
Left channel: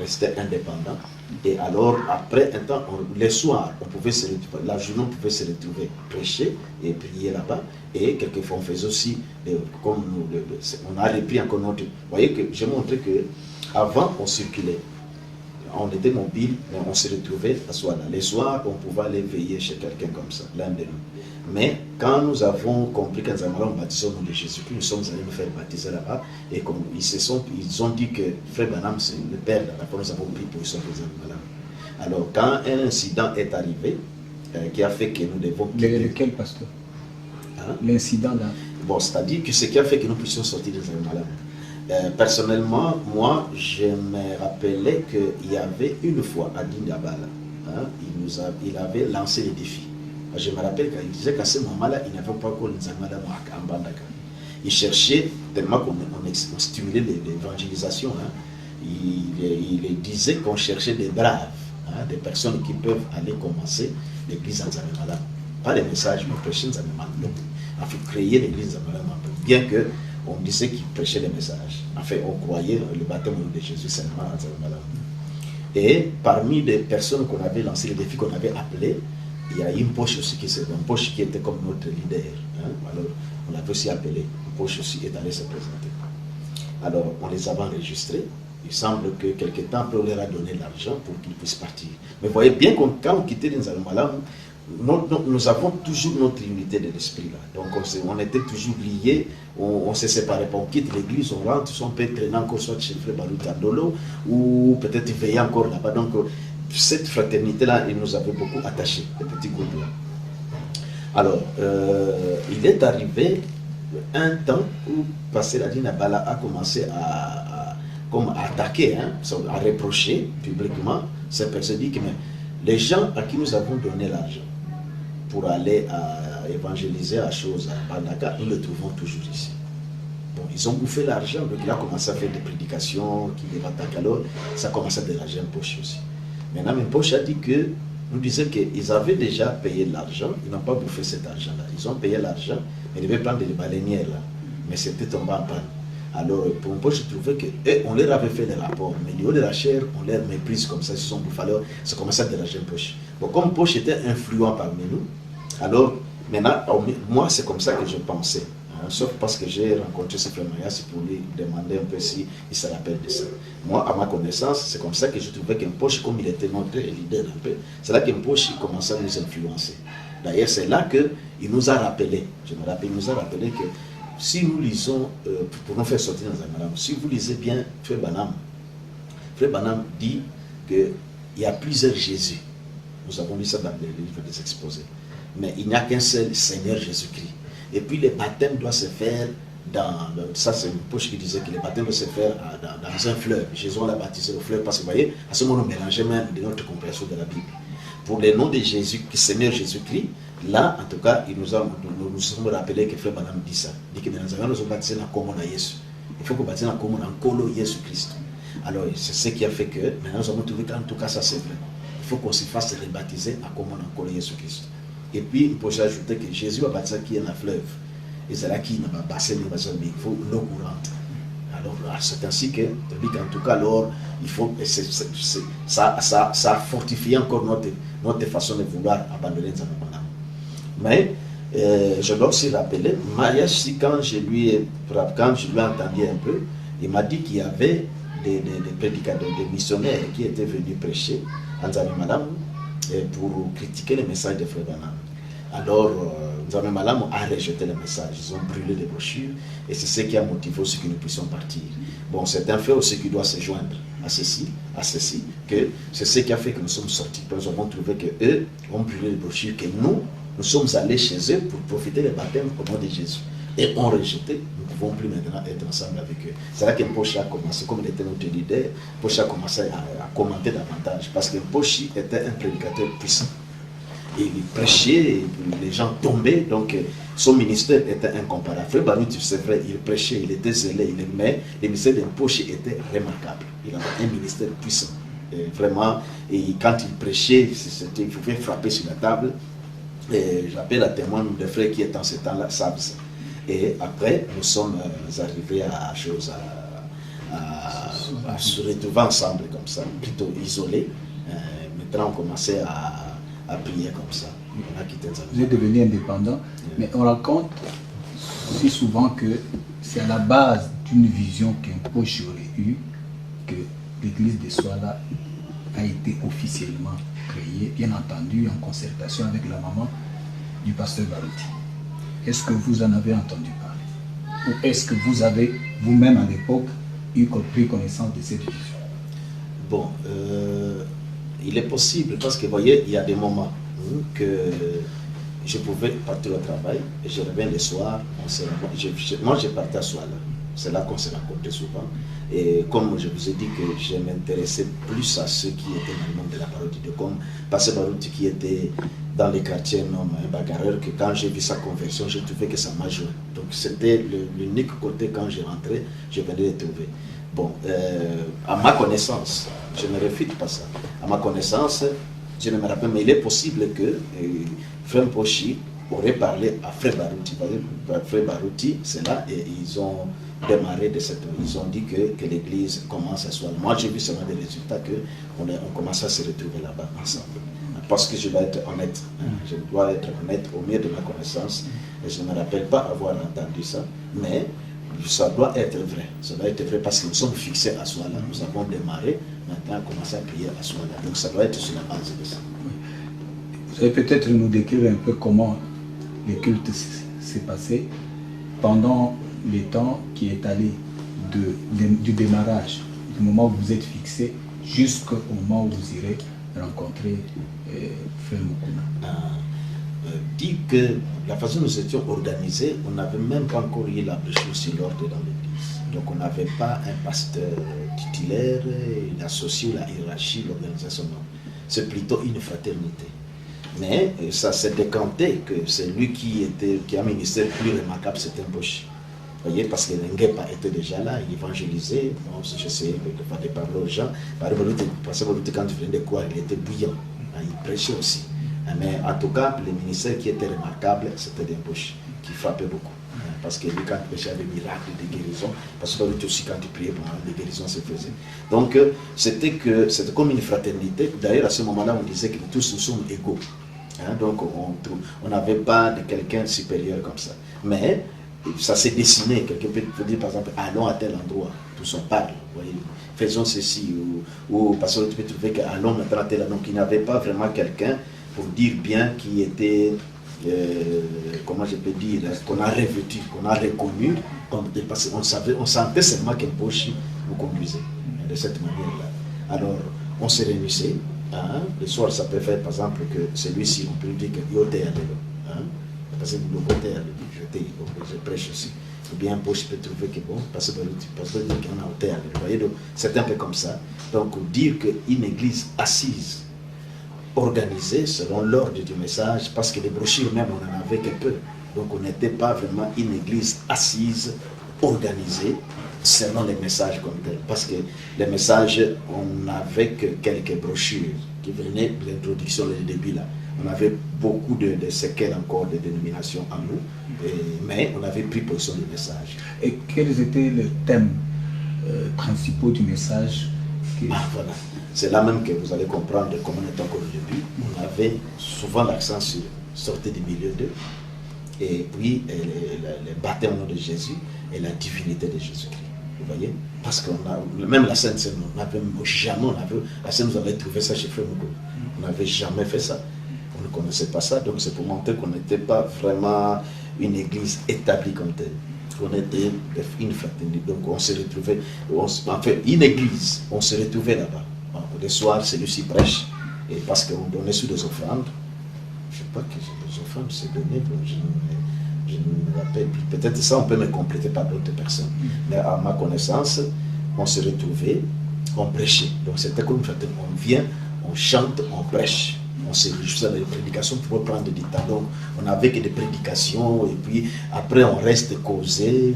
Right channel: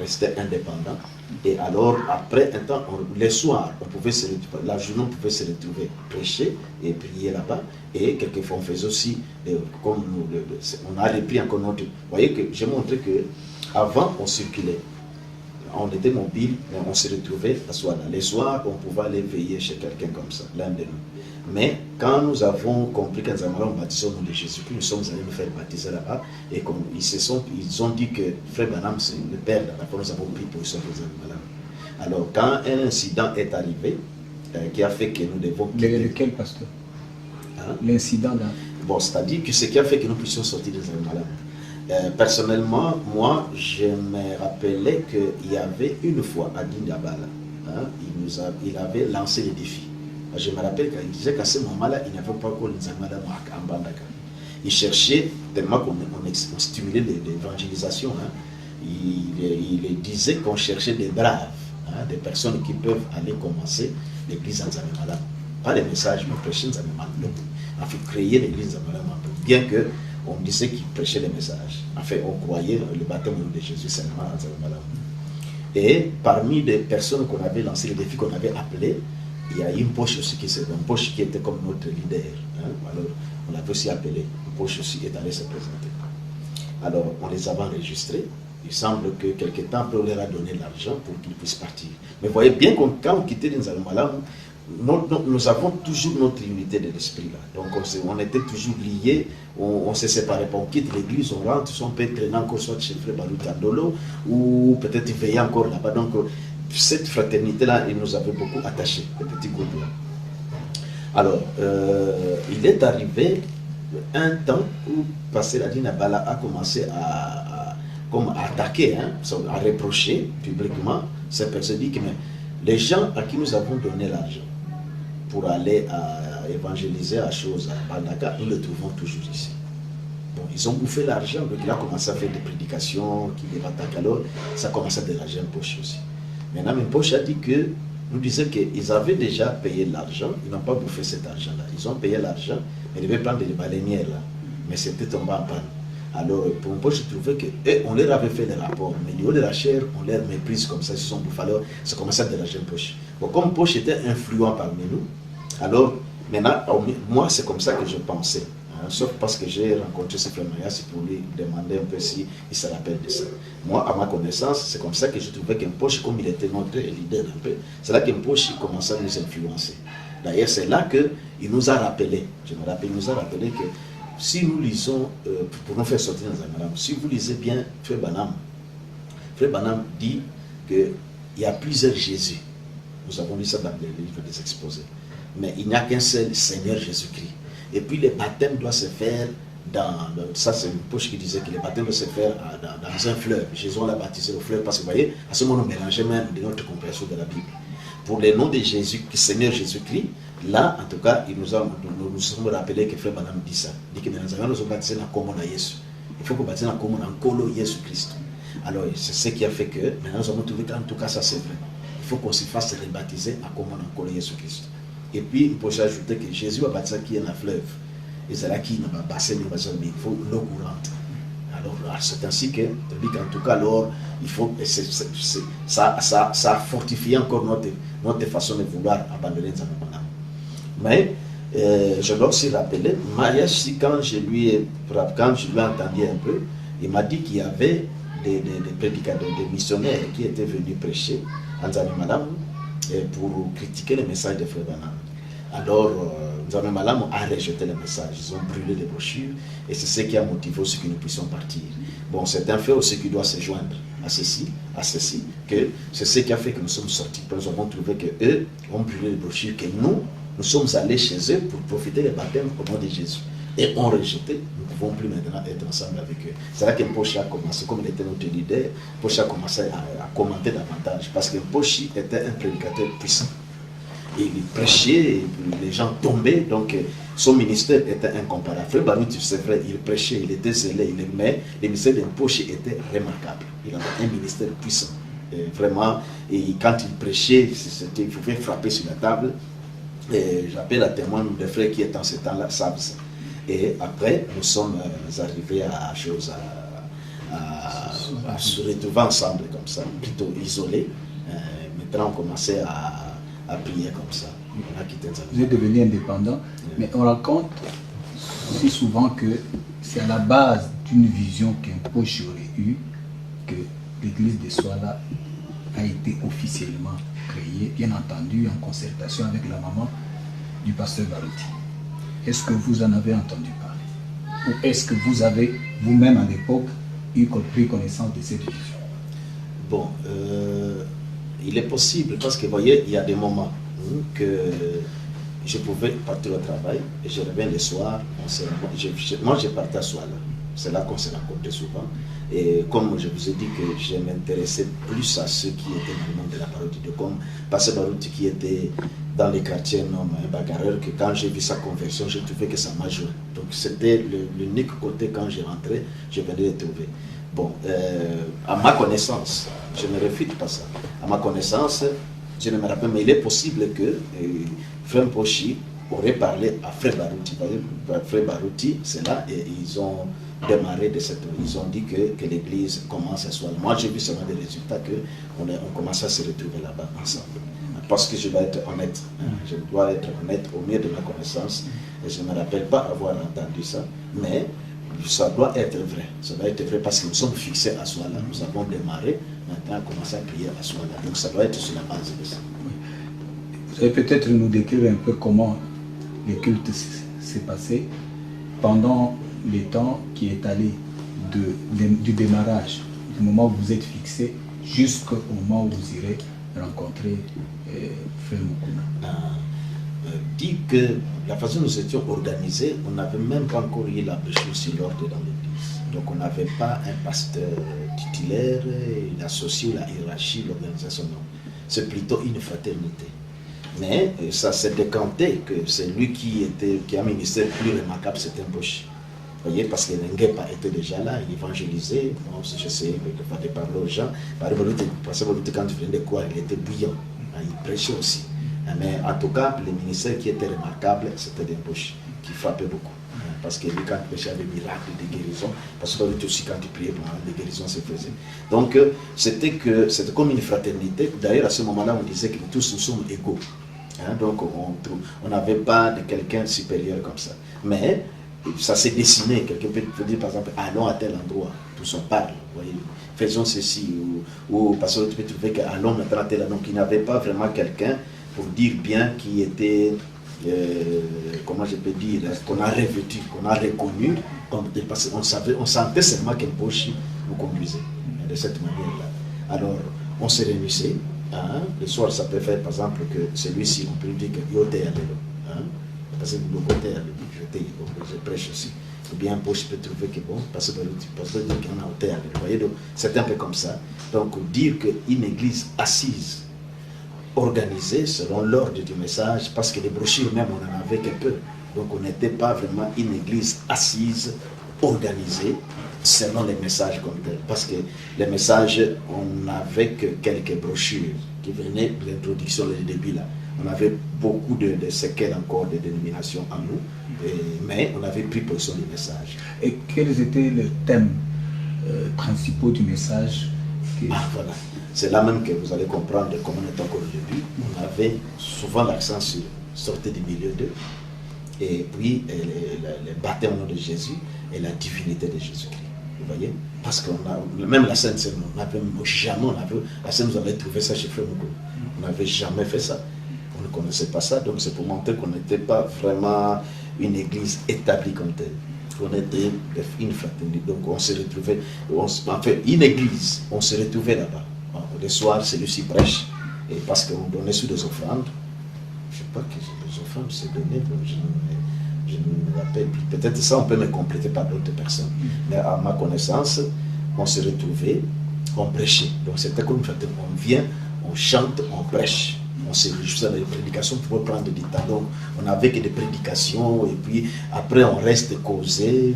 rester indépendants. Et alors, après un temps, les soirs, la journée, on pouvait se retrouver, prêcher et prier là-bas. Et quelquefois, on faisait aussi, comme on a repris encore notre. Vous voyez que j'ai montré qu'avant, on circulait. On était mobile, mais on se retrouvait à Souala. Les soirs, on pouvait aller veiller chez quelqu'un comme ça, l'un de nous. Mais quand nous avons compris qu'en Nzambe baptisé au nom de Jésus-Christ, nous sommes allés nous faire baptiser là-bas. Et comme ils ont dit que Frère Branham, c'est le père, d'accord, nous avons pris position pour Nzambe. Alors, quand un incident est arrivé, qui a fait que nous devons quitter. Lequel pasteur? L'incident là. Bon, c'est-à-dire que ce qui a fait que nous puissions sortir des Nzambe. Personnellement, moi, je me rappelais qu'il y avait une fois à Dindabala, hein, il avait lancé le défi. Je me rappelle qu'il disait qu'à ce moment-là, il n'avait pas encore Nzambe à Mbandaka. Il cherchait, tellement qu'on stimulait l'évangélisation, hein, il disait qu'on cherchait des braves, hein, des personnes qui peuvent aller commencer l'église en Nzambe. Pas les messages, mais prêcher Nzambe. En fait, créer l'église en Nzambe. Bien qu'on disait qu'il prêchait les messages. En fait, on croyait le baptême de Jésus seulement en Nzambe. Et parmi les personnes qu'on avait lancé, les défis qu'on avait appelés, il y a une poche aussi qui était comme notre leader. Hein. Alors, on l'avait aussi appelé. Une poche aussi est allée se présenter. Alors, on les avait enregistrés. Il semble que quelque temps après, on leur a donné l'argent pour qu'ils puissent partir. Mais vous voyez bien que quand on quittait les Nzambe, nous avons toujours notre unité de l'esprit là. Donc on était toujours liés, on se séparait pas. On quitte l'église, on rentre, on peut traîner encore soit chez le frère Baroutandolo ou peut-être veiller encore là-bas. Donc cette fraternité là, il nous avait beaucoup attachés, le petit groupe là. Alors, il est arrivé un temps où Pasteur Adina Bala a commencé à attaquer, hein, à reprocher publiquement cette personne. Dit que mais, les gens à qui nous avons donné l'argent pour aller à évangéliser à chose à Bandaka, nous le trouvons toujours ici. Bon, ils ont bouffé l'argent, donc il a commencé à faire des prédications, qui les attaquent, alors ça a commencé à déranger un poche aussi. Maintenant, un poche a dit que, nous disait qu'ils avaient déjà payé l'argent, ils n'ont pas bouffé cet argent-là. Ils ont payé l'argent, mais ils devaient prendre des baleinières là, mais c'était tombé en panne. Alors, pour un poche, je trouvais qu'on leur avait fait des rapports, mais au niveau de la chair, on leur méprise comme ça, ils se sont bouffés, alors ça commençait à déranger un poche. Bon, comme poche était influent parmi nous, alors maintenant, moi, c'est comme ça que je pensais. Hein, sauf parce que j'ai rencontré ce frère Mayas pour lui demander un peu s'il se rappelle de ça. Moi, à ma connaissance, c'est comme ça que je trouvais qu'un poche, comme il était notre leader un peu, c'est là qu'un poche commençait à nous influencer. D'ailleurs, c'est là qu'il nous a rappelé, je me rappelle, il nous a rappelé que si nous lisons, pour nous faire sortir dans un madame, si vous lisez bien Frère Banham dit qu'il y a plusieurs Jésus. Nous avons lu ça dans les livres des exposés. Mais il n'y a qu'un seul Seigneur Jésus-Christ. Et puis le baptême doit se faire ça c'est une poche qui disait que le baptême doit se faire dans un fleuve. Jésus l'a baptisé au fleuve parce que vous voyez, à ce moment on mélangeait même de notre compréhension de la Bible. Pour le nom de Jésus, Seigneur Jésus-Christ, là, en tout cas, nous nous sommes rappelés que Frère Banham dit ça. Il dit que nous avons baptisé dans le commun de Jésus. Il faut qu'on baptise dans le commun en Colo Jésus-Christ. Alors, c'est ce qui a fait que, maintenant, nous avons trouvé qu'en tout cas, ça c'est vrai. Il faut qu'on se fasse rebaptiser à commun en Colo Jésus-Christ. Et puis, il faut ajouter que Jésus va baptiser qui est dans le fleuve. Et c'est là qu'il n'a pas bassin, mais il faut l'eau courante. Alors, c'est ainsi que, en tout cas, alors, il faut, ça a fortifié encore notre façon de vouloir abandonner Nzambe. Mais je dois aussi rappeler, Marias, quand je lui ai entendu un peu, il m'a dit qu'il y avait des prédicateurs, des missionnaires qui étaient venus prêcher en Nzambe Malam pour critiquer le message de Frère Banham. Alors, Nzambe Malam a rejeté le message, ils ont brûlé les brochures et c'est ce qui a motivé aussi que nous puissions partir. Bon, c'est un fait aussi qui doit se joindre à ceci, que c'est ce qui a fait que nous sommes sortis. Nous avons trouvé qu'eux ont brûlé les brochures, que nous sommes allés chez eux pour profiter des baptêmes au nom de Jésus. Et ont rejeté, nous ne pouvons plus maintenant être ensemble avec eux. C'est là que Poche a commencé, comme il était notre leader, Poche a commencé à commenter davantage, parce que Poche était un prédicateur puissant. Et il prêchait, et les gens tombaient, donc son ministère était incomparable. Frère Barout, c'est vrai, il prêchait, il était zélé, il aimait, le ministère de Poche était remarquable. Il avait un ministère puissant. Et vraiment, et quand il prêchait, il pouvait frapper sur la table. J'appelle à témoin des frères qui étaient en ce temps-là, savent ça. Et après, nous sommes arrivés à se retrouver ensemble comme ça, plutôt isolés. Maintenant, on commençait à prier comme ça. Vous êtes devenu indépendant, mais on raconte si souvent que c'est à la base d'une vision qu'un Poche aurait eue que l'église de Soala a été officiellement créée, bien entendu en concertation avec la maman du pasteur Barouti. Est-ce que vous en avez entendu parler? Ou est-ce que vous avez vous-même à l'époque pris connaissance de cette vision? Bon, il est possible parce que vous voyez, il y a des moments que je pouvais partir au travail, et je reviens le soir, moi je partais à Souala. C'est là qu'on s'est rencontrés souvent. Et comme je vous ai dit que je m'intéressais plus à ceux qui étaient dans le monde de la parole de Dieu, comme Pasteur Barouti qui était dans les quartiers, un bagarreur, que quand j'ai vu sa conversion, j'ai trouvé que ça m'a joué. Donc c'était l'unique côté quand j'ai rentré, je venais de trouver. Bon, à ma connaissance, je ne réfute pas ça. À ma connaissance, je ne me rappelle, mais il est possible que Frère Pochi aurait parlé à Frère Barouti. Frère Barouti, c'est là, et ils ont démarré de cette... Ils ont dit que l'église commence à soir. Moi, j'ai vu seulement des résultats qu'on commence à se retrouver là-bas ensemble. Parce que je dois être honnête. Je dois être honnête au mieux de ma connaissance. Et je ne me rappelle pas avoir entendu ça. Mais ça doit être vrai. Ça doit être vrai parce que nous sommes fixés à Souala. Nous avons démarré. Maintenant, on commence à prier à Souala. Donc ça doit être sur la base de ça. Vous allez peut-être nous décrire un peu comment le culte s'est passé pendant les temps qui est allé du démarrage, du moment où vous êtes fixé, jusqu'au moment où vous irez rencontrer Frère Mukuna. Dit que la façon dont nous étions organisés, on n'avait même pas encore eu la brochure sur l'ordre dans l'église. Donc on n'avait pas un pasteur titulaire, associé à la hiérarchie, l'organisation, non. C'est plutôt une fraternité. Mais ça s'est décanté que c'est lui qui a un ministère plus remarquable, c'était un Pochi. Vous voyez, parce que Nengepa était déjà là, il évangélisait. Bon, j'essayais de parler aux gens. Par exemple, quand il venait de quoi, il était bouillant. Il prêchait aussi. Mais en tout cas, le ministère qui était remarquable, c'était des Pochi, qui frappait beaucoup. Parce que lui, quand il prêchait, il y avait des miracles, des guérisons. Parce que lui aussi, quand il priait, des guérisons se faisaient. Donc, c'était comme une fraternité. D'ailleurs, à ce moment-là, on disait que tous nous sommes égaux. Donc, on n'avait pas de quelqu'un supérieur comme ça. Mais ça s'est dessiné. Quelqu'un peut dire, par exemple, allons à tel endroit, tous on parle, voyez, faisons ceci, ou parce que tu peux trouver qu'allons maintenant à tel endroit. Donc, il n'y avait pas vraiment quelqu'un pour dire bien qui était, comment je peux dire, qu'on a revêtu, qu'on a reconnu, parce qu'on sentait seulement qu'un Pochi nous conduisait de cette manière-là. Alors, on se réunissait. Le soir, ça peut faire, par exemple, que celui-ci, on peut dire que yoté à parce que nous côté je prêche aussi. Ou bien un Pochi peut trouver que bon, parce que dire qu'on a ôté à vous voyez, donc c'est un peu comme ça. Donc, dire qu'une église assise, organisée selon l'ordre du message, parce que les brochures même, on en avait que peu. Donc, on n'était pas vraiment une église assise, organisée, selon les messages comme tel. Parce que les messages, on n'avait que quelques brochures qui venaient de l'introduction, le début là. On avait beaucoup de séquelles encore de dénominations en nous, mais on avait pris position du message. Et quels étaient les thèmes principaux du message voilà. C'est là même que vous allez comprendre comment on est encore au début. On avait souvent l'accent sur sortir du milieu d'eux, et puis le baptême au nom de Jésus et la divinité de Jésus-Christ. Vous voyez? Parce que même la Sainte Seine, on n'avait jamais, la Sainte, vous avez trouvé ça chez Frère Mukuna. On n'avait jamais fait ça. On ne connaissait pas ça, donc c'est pour montrer qu'on n'était pas vraiment une église établie comme telle. On était une fraternité, donc on se retrouvait, enfin une église, on se retrouvait là-bas. Le soir, celui-ci prêche, et parce qu'on donnait sur des offrandes. Je ne sais pas que les offrandes se donnaient, je ne me rappelle plus. Peut-être ça, on peut me compléter par d'autres personnes. Mais à ma connaissance, on se retrouvait, on prêchait. Donc c'était comme on vient, on chante, on prêche. On se réjouissait dans les prédications pour prendre du temps. Donc on n'avait que des prédications, et puis après on reste causé.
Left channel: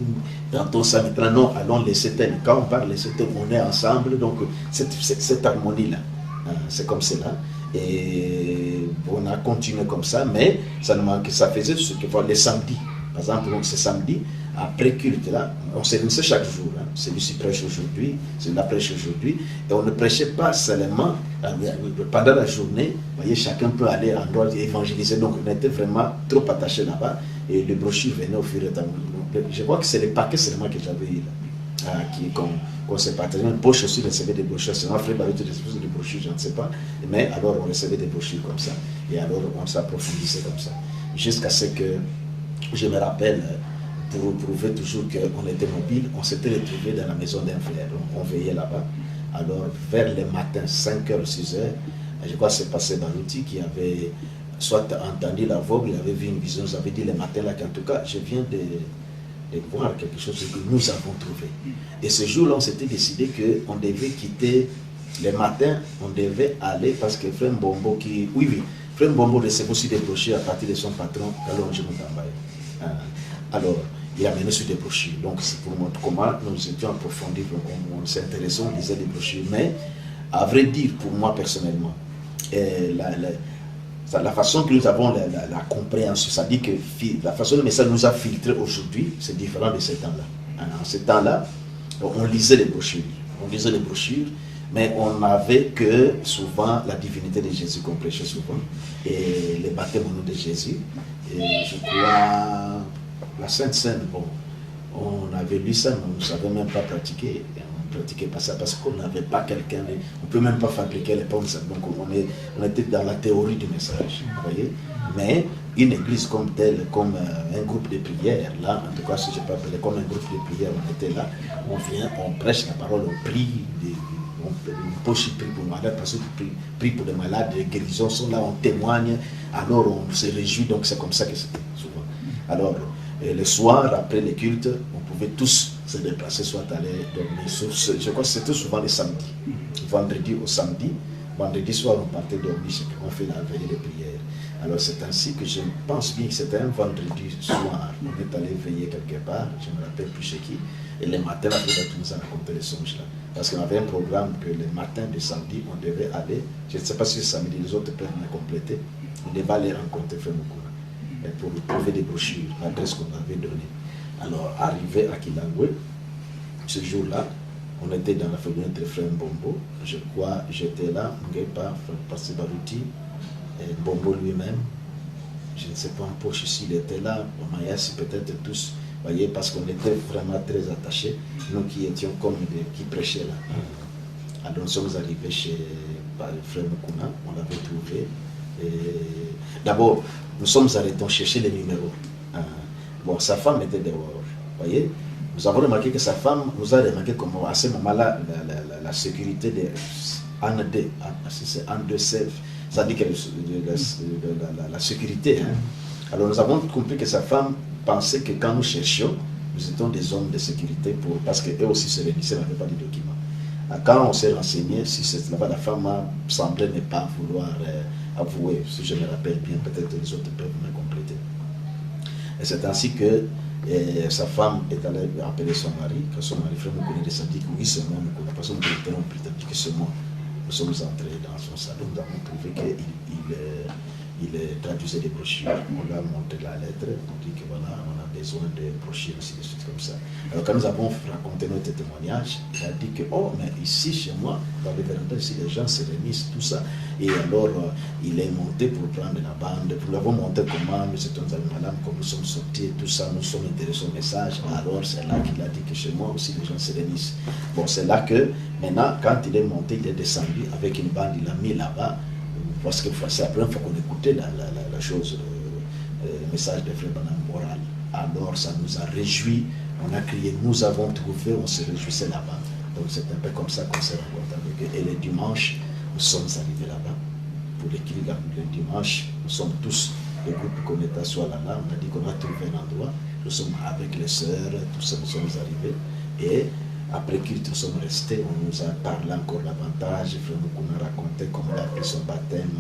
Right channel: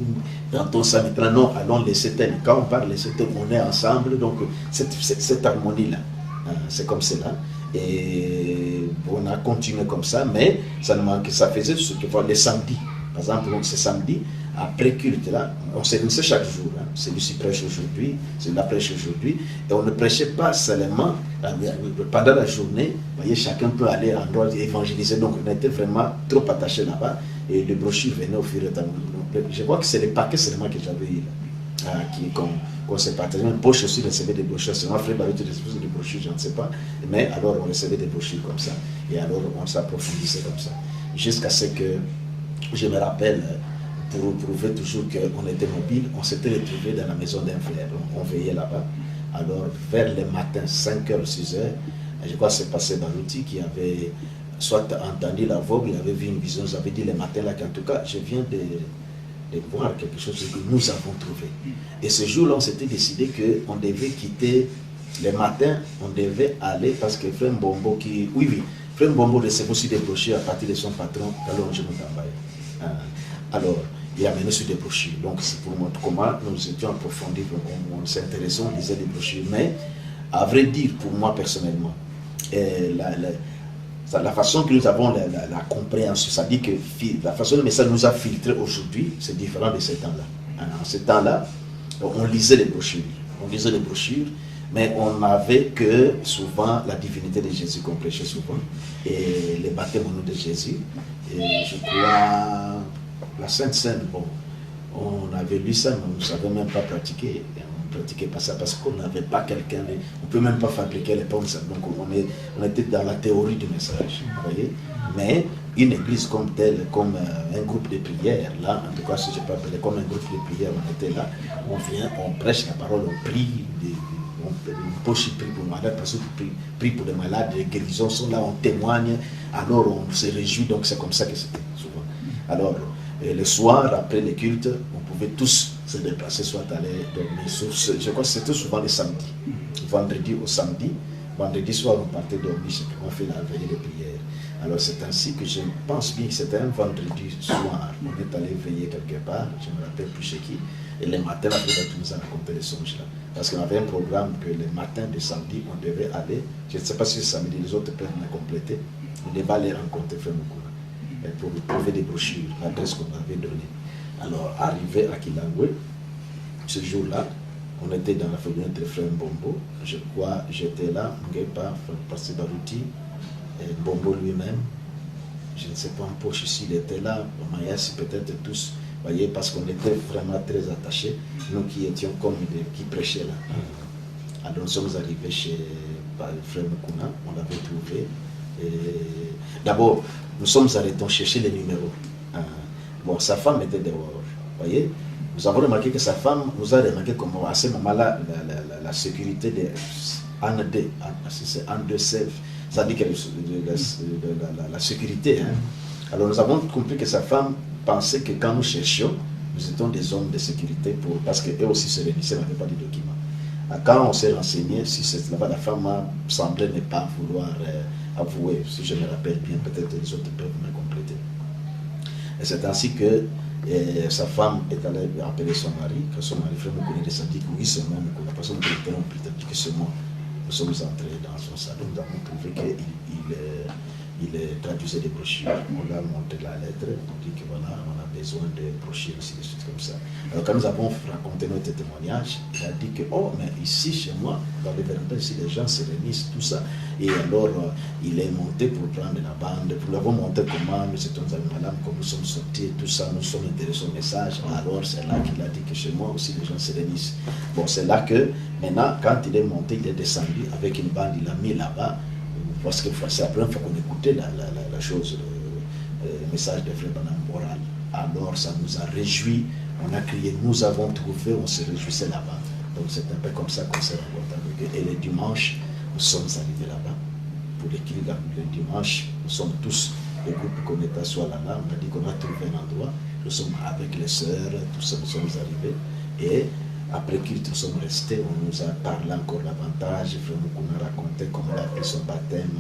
Dans ça, maintenant, non, allons laisser tel. Quand on parle laisser tel, on est ensemble. Donc cette harmonie-là, c'est comme cela. Et on a continué comme ça, mais ça nous manquait, ça faisait ce que les samedis. Par exemple, donc ce samedi, après culte là, on se réunissait chaque jour. Celui-ci prêche aujourd'hui, celui-là prêche aujourd'hui. Et on ne prêchait pas seulement pendant la journée. Vous voyez, chacun peut aller en droit évangéliser. Donc on était vraiment trop attachés là-bas. Et les brochures venaient au fur et à mesure. Je vois que c'est les paquets seulement que j'avais eu là. Qu'on s'est partagé. Une poche aussi recevait des brochures. Sinon, Frère Barouti recevait des brochures, je ne sais pas. Mais alors, on recevait des brochures comme ça. Et alors, on s'approfondissait comme ça. Jusqu'à ce que, je me rappelle, pour prouver toujours qu'on était mobile, on s'était retrouvés dans la maison d'un frère. On veillait là-bas. Alors, vers le matin, 5h, 6h, je crois que c'est passé Barouti qui avait soit entendu la voix, il avait vu une vision, vous avez dit le matin là qu'en tout cas, je viens de voir quelque chose que nous avons trouvé. Et ce jour-là, on s'était décidé qu'on devait quitter le matin, on devait aller parce que Frère Mbombo qui... Oui, Frère Mbombo recevait aussi des brochures à partir de son patron, alors je me alors, il a mené sur des brochures. Donc, c'est pour montrer comment nous étions approfondis, on s'intéressait, on lisait des brochures. Mais, à vrai dire, pour moi personnellement, la façon que nous avons la compréhension, c'est-à-dire que la façon dont le message nous a filtré aujourd'hui, c'est différent de ce temps-là. En ce temps-là, on lisait les brochures, mais on n'avait que souvent la divinité de Jésus qu'on prêchait souvent, et les baptêmes au nom de Jésus. Et je crois, la Sainte Seine, bon, on avait lu ça, mais on ne savait même pas pratiquer. On ne pratiquait pas ça parce qu'on n'avait pas quelqu'un, on ne peut même pas fabriquer les pommes. Donc on était dans la théorie du message, vous voyez. Mais une église comme telle, comme un groupe de prière, là, en tout cas, si je peux appeler comme un groupe de prière, on était là, on vient, on prêche la parole, on prie, on prie pour les malades, parce qu'on prie pour les malades, les guérisons sont là, on témoigne, alors on se réjouit, donc c'est comme ça que c'était souvent. Alors, le soir, après les cultes, on pouvait tous se déplacer, soit aller dormir. Je crois que c'était souvent le samedi, vendredi au samedi. Vendredi soir, on partait dormir, c'est qu'on fait la veille de prière. Alors c'est ainsi que je pense bien que c'était un vendredi soir. On est allé veiller quelque part, je ne me rappelle plus chez qui. Et le matin, après, on nous a raconté les songes là. Parce qu'on avait un programme que le matin de samedi, on devait aller. Je ne sais pas si le samedi, les autres peuvent me compléter. On devait aller rencontrer Frère Mukuna pour trouver des brochures, l'adresse qu'on avait donnée. Alors, arrivé à Kilangwe, ce jour-là, on était dans la famille de Frère Mbombo. Je crois, j'étais là, Ngepa, Pasteur Barouti, Mbombo lui-même. Je ne sais pas en poche ici, il était là, au Mayas, peut-être tous, voyez, parce qu'on était vraiment très attachés, nous qui étions comme qui prêchaient là. Alors nous sommes arrivés chez Frère Mukuna, on l'avait trouvé. D'abord, nous sommes arrêtés, on cherchait les numéros. Bon, sa femme était dehors, voyez. Nous avons remarqué que sa femme nous a remarqué comment à ce moment-là, la sécurité de Anne 2, c'est Anne 2 Sèvres, ça dit que la sécurité. Hein. Alors nous avons compris que sa femme pensait que quand nous cherchions, nous étions des hommes de sécurité parce qu'eux aussi se réunissaient, n'avaient pas de documents. Quand on s'est renseigné, si c'est là-bas, la femme semblait ne pas vouloir avouer, si je me rappelle bien, peut-être les autres peuvent me compléter. Et c'est ainsi que sa femme est allée appeler son mari, que son mari Frère Mukuna descendit, que oui, c'est moi, Mukuna, parce qu'on dit que c'est moi. Nous sommes entrés dans son salon, nous avons trouvé qu'il traduisait des brochures. On lui a montré la lettre, on dit que voilà, on a besoin de brochures, ainsi de suite, comme ça. Alors quand nous avons raconté notre témoignage, il a dit que, oh, mais ici, chez moi, dans les vérandas, ici, les gens se réunissent, tout ça. Et alors, il est monté pour prendre la bande, pour lui avoir montré comment nous étions dans le malade, comme nous sommes sortis, tout ça, nous sommes intéressés au message. Alors, c'est là qu'il a dit que chez moi aussi, les gens se réunissent. Bon, c'est là que, maintenant, quand il est monté, il est descendu avec une bande, il l'a mis là-bas, parce que c'est la première fois qu'on écoutait la chose, le message de Frère Branham oral. Alors, ça nous a réjouis, on a crié, nous avons trouvé, on se réjouissait là-bas. Donc, c'est un peu comme ça qu'on s'est rencontrés avec eux. Et le dimanche, nous sommes arrivés là-bas. Pour l'équilibre, le dimanche, nous sommes tous, le groupe qu'on était soit là, on a dit qu'on a trouvé un endroit. Nous sommes avec les sœurs, tout ça, nous sommes arrivés. Et après qu'ils nous sommes restés, on nous a parlé encore davantage. Frère Mukuna a raconté comment il a pris son baptême,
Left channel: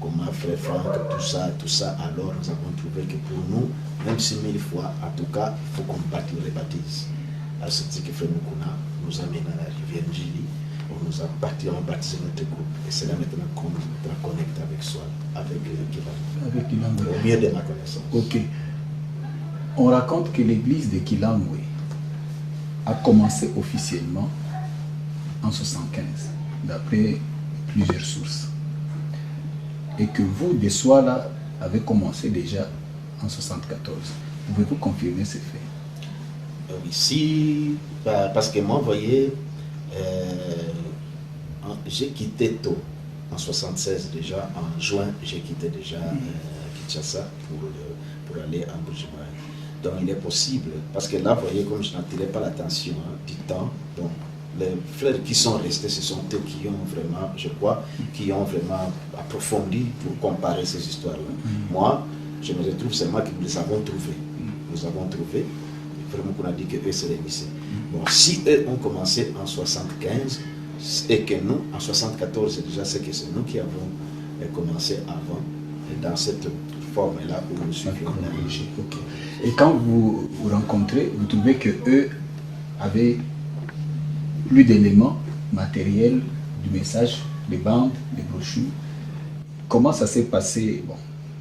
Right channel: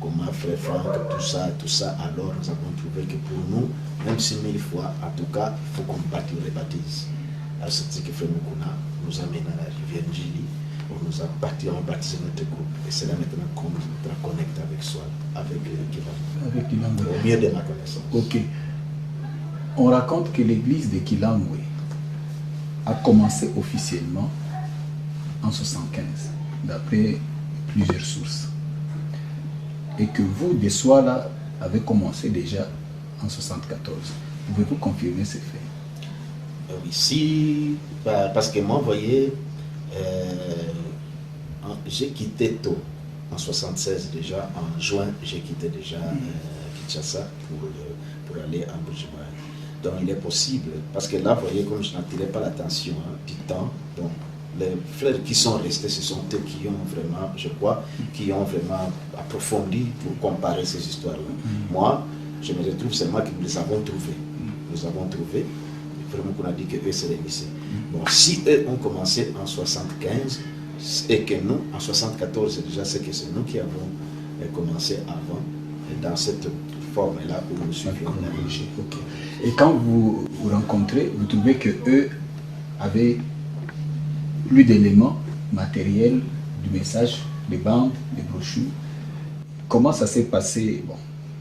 comment Frère Franck, tout ça. Alors nous avons trouvé que pour nous, même si 1000 fois, en tout cas, il faut qu'on les baptise. Alors c'est que Frère Mukuna nous a mené à la rivière Njili. On nous a baptisé notre groupe. Et c'est là maintenant qu'on nous connecte avec soi, avec Kilangwe. Au mieux de ma connaissance. Ok. On raconte que l'église de Kilangwe a commencé officiellement en 1975, d'après plusieurs sources. Et que vous, de Soala, avez commencé déjà en 1974. Pouvez-vous confirmer ces faits? Oui, si, parce que moi, vous voyez, j'ai quitté tôt, en 1976 déjà, en juin, j'ai quitté déjà Kinshasa pour aller en Bujumbura. Donc il est possible, parce que là, vous voyez, comme je n'attirais pas l'attention du temps, donc les frères qui sont restés, ce sont eux qui ont vraiment, je crois, qui ont vraiment approfondi pour comparer ces histoires-là. Moi, je me retrouve seulement que nous les avons trouvés. Nous avons trouvé, vraiment qu'on a dit qu'eux se réunissaient. Bon, si eux ont commencé en 75 et que nous, en 74, déjà c'est que c'est nous qui avons commencé avant, dans cette forme-là où nous suivions la logique. Okay. Et quand vous vous rencontrez, vous trouvez que eux avaient plus d'éléments matériels du message, des bandes, des brochures. Comment ça s'est passé, bon,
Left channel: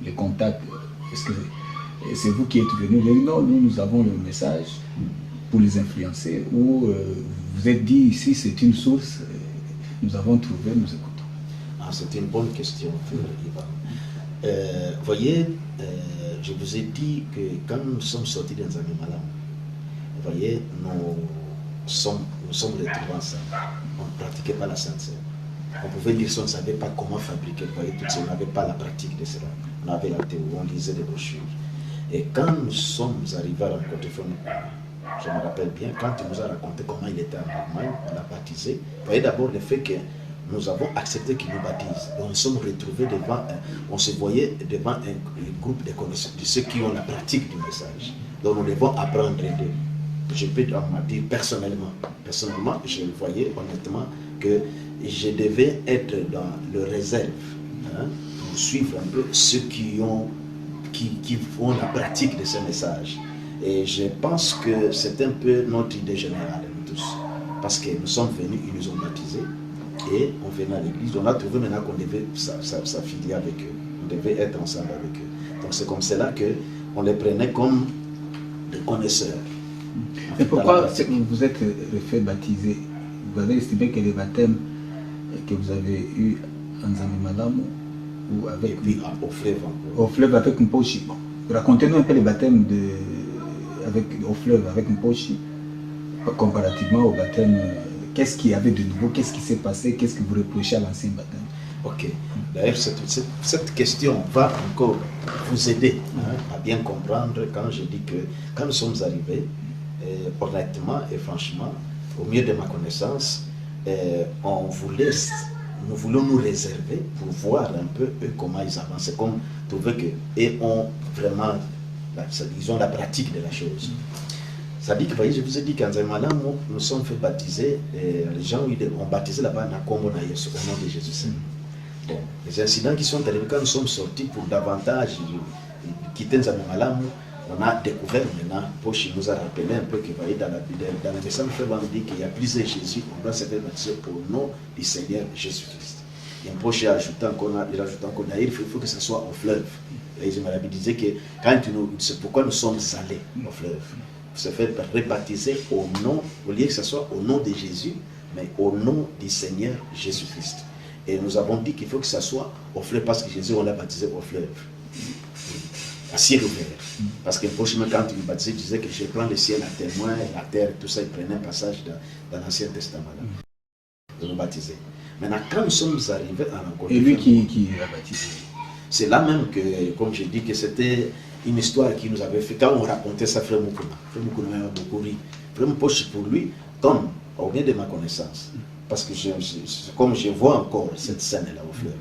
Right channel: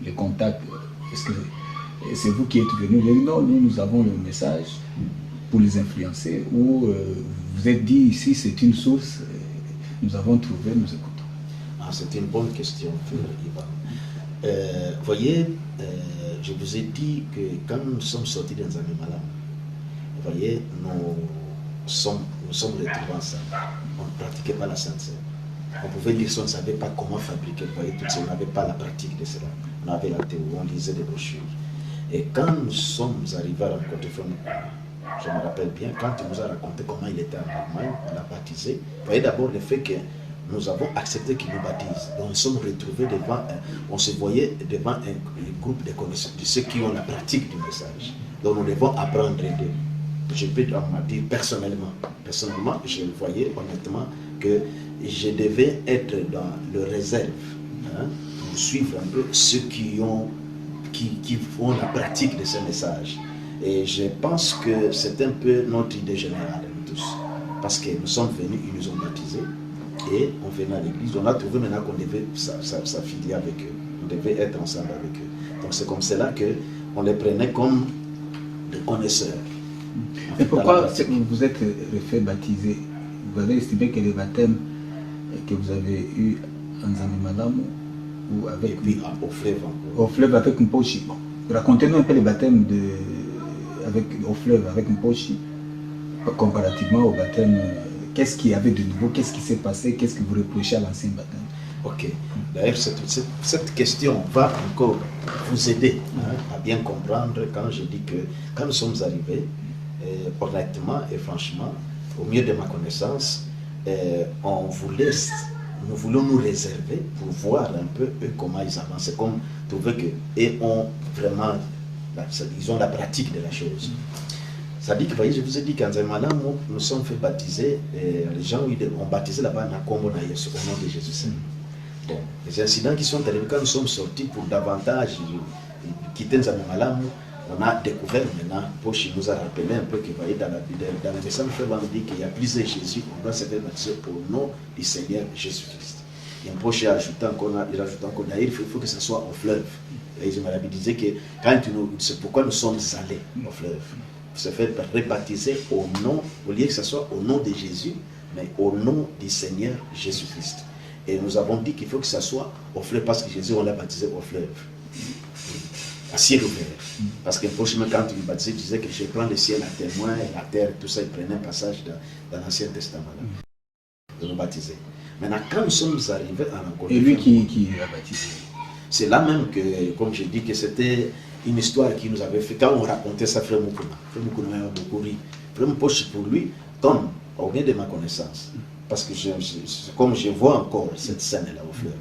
les contacts? Est-ce que c'est vous qui êtes venu dire non, nous avons le message pour les influencer, ou vous êtes dit ici c'est une source, nous avons trouvé, nous écoutons? C'est une bonne question, Ivan. Voyez, je vous ai dit que quand nous sommes sortis dans un Malam, vous voyez, nous sommes retrouvés ensemble. On ne pratiquait pas la Sainte Seine. On pouvait dire qu'on ne savait pas comment fabriquer, vous voyez, tout ça, on n'avait pas la pratique de cela. On avait la théorie, on lisait des brochures. Et quand nous sommes arrivés à rencontrer Frère Mukuna, je me rappelle bien, quand il nous a raconté comment il était en Allemagne, on l'a baptisé. Vous voyez d'abord le fait que nous avons accepté qu'il nous baptise. Et on se retrouvés devant, on se voyait devant un groupe de connaisseurs, de ceux qui ont la pratique du message. Donc nous devons apprendre d'eux. Je peux dire personnellement, je voyais honnêtement que je devais être dans le réserve, pour suivre un peu ceux qui ont la pratique de ce message. Et je pense que c'est un peu notre idée générale, nous tous. Parce que nous sommes venus, ils nous ont baptisés, et on venait à l'église. On a trouvé maintenant qu'on devait s'affilier avec eux. On devait être ensemble avec eux. Donc c'est comme cela qu'on les prenait comme des connaisseurs. Et pourquoi vous êtes fait baptiser? Vous avez estimé que les baptêmes que vous avez eu en Zanimalam ou avec... Et puis au fleuve encore. Au fleuve avec Mposhi. Bon. Racontez-nous un peu les baptêmes au fleuve avec Mposhi, comparativement au baptême. Qu'est-ce qu'il y avait de nouveau? Qu'est-ce qui s'est passé? Qu'est-ce que vous reprochez à l'ancien baptême? Ok. D'ailleurs, cette question va encore vous aider à bien comprendre quand je dis que quand nous sommes arrivés, honnêtement et franchement, au mieux de ma connaissance, nous voulons nous réserver pour voir un peu eux, comment ils avancent, comme trouver qu'ils ont vraiment, ils ont la pratique de la chose. Ça dit que, voyez, je vous ai dit qu'en Zaymalam, nous sommes fait baptiser, les gens ont baptisé là-bas Nakombo Nayesu, au nom de Jésus. Bon, les incidents qui sont arrivés quand nous sommes sortis pour davantage quitter Zaymalam, on a découvert maintenant, Pochi nous a rappelé un peu que, voyez, dans le message, on dit qu'il y a plusieurs Jésus, on doit se faire baptiser au nom du Seigneur Jésus-Christ. Et Pochi il rajoute encore, d'ailleurs, il faut que ce soit au fleuve. Et il disait que c'est pourquoi nous sommes allés au fleuve. Se faire rebaptiser au nom, au lieu que ce soit au nom de Jésus, mais au nom du Seigneur Jésus-Christ. Et nous avons dit qu'il faut que ce soit au fleuve, parce que Jésus, on l'a baptisé au fleuve. À ciel ouvert. Parce que prochainement, quand il nous baptisait, il disait que je prends le ciel à témoin et la terre, tout ça, il prenait un passage dans l'Ancien Testament. De nous baptiser. Maintenant, quand nous sommes arrivés à rencontrer... Et lui qui l'a baptisé? C'est là même que, comme j'ai dit, que c'était une histoire qui nous avait fait. Quand on racontait ça, Frère Mukuna m'a beaucoup ri. Frère Mposhi, pour lui, tombe au bien de ma connaissance. Parce que comme je vois encore cette scène-là au fleuve.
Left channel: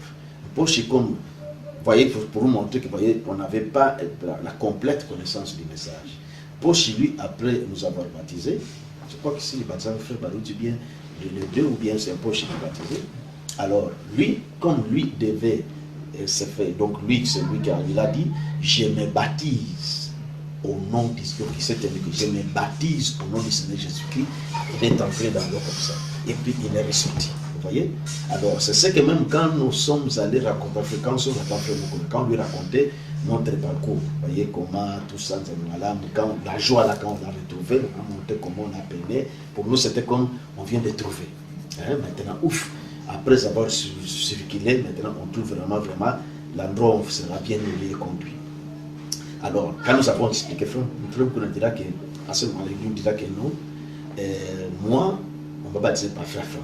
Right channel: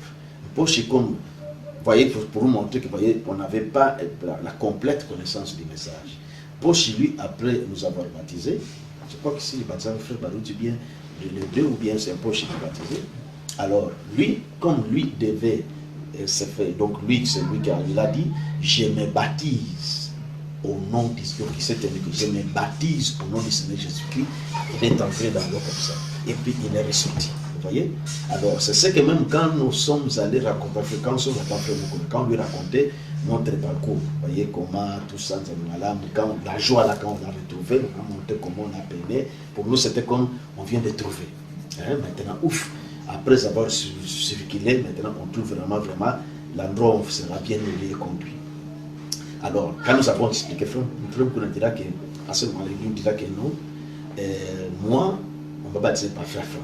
Mposhi, comme... Voyez, pour vous montrer que, voyez, on n'avait pas la complète connaissance du message. Pochi, lui, après nous avoir baptisés, je crois que si le baptisé frère Barouti, bien, les deux ou bien c'est un Pochi qui est baptisé. Alors, lui, comme lui devait se faire, donc lui, c'est lui qui a dit, je me baptise au nom du Seigneur. Donc, il s'est tenu que je me baptise au nom du Seigneur Jésus-Christ. Il est entré dans l'eau comme ça. Et puis, il est ressorti. Vous voyez? Alors, c'est ce que même quand nous sommes allés raconter, quand on lui racontait notre parcours, vous voyez comment tout ça, quand la joie là, quand on l'a retrouvé, comment on a peiné, pour nous c'était comme on vient de trouver. Maintenant, ouf, après avoir circulé, maintenant on trouve vraiment l'endroit où on sera bien aidé et conduit. Alors, quand nous avons expliqué, Frère Mukuna dira que, à ce moment-là, il nous dira que non, moi, on va baptiser par Frère Franck.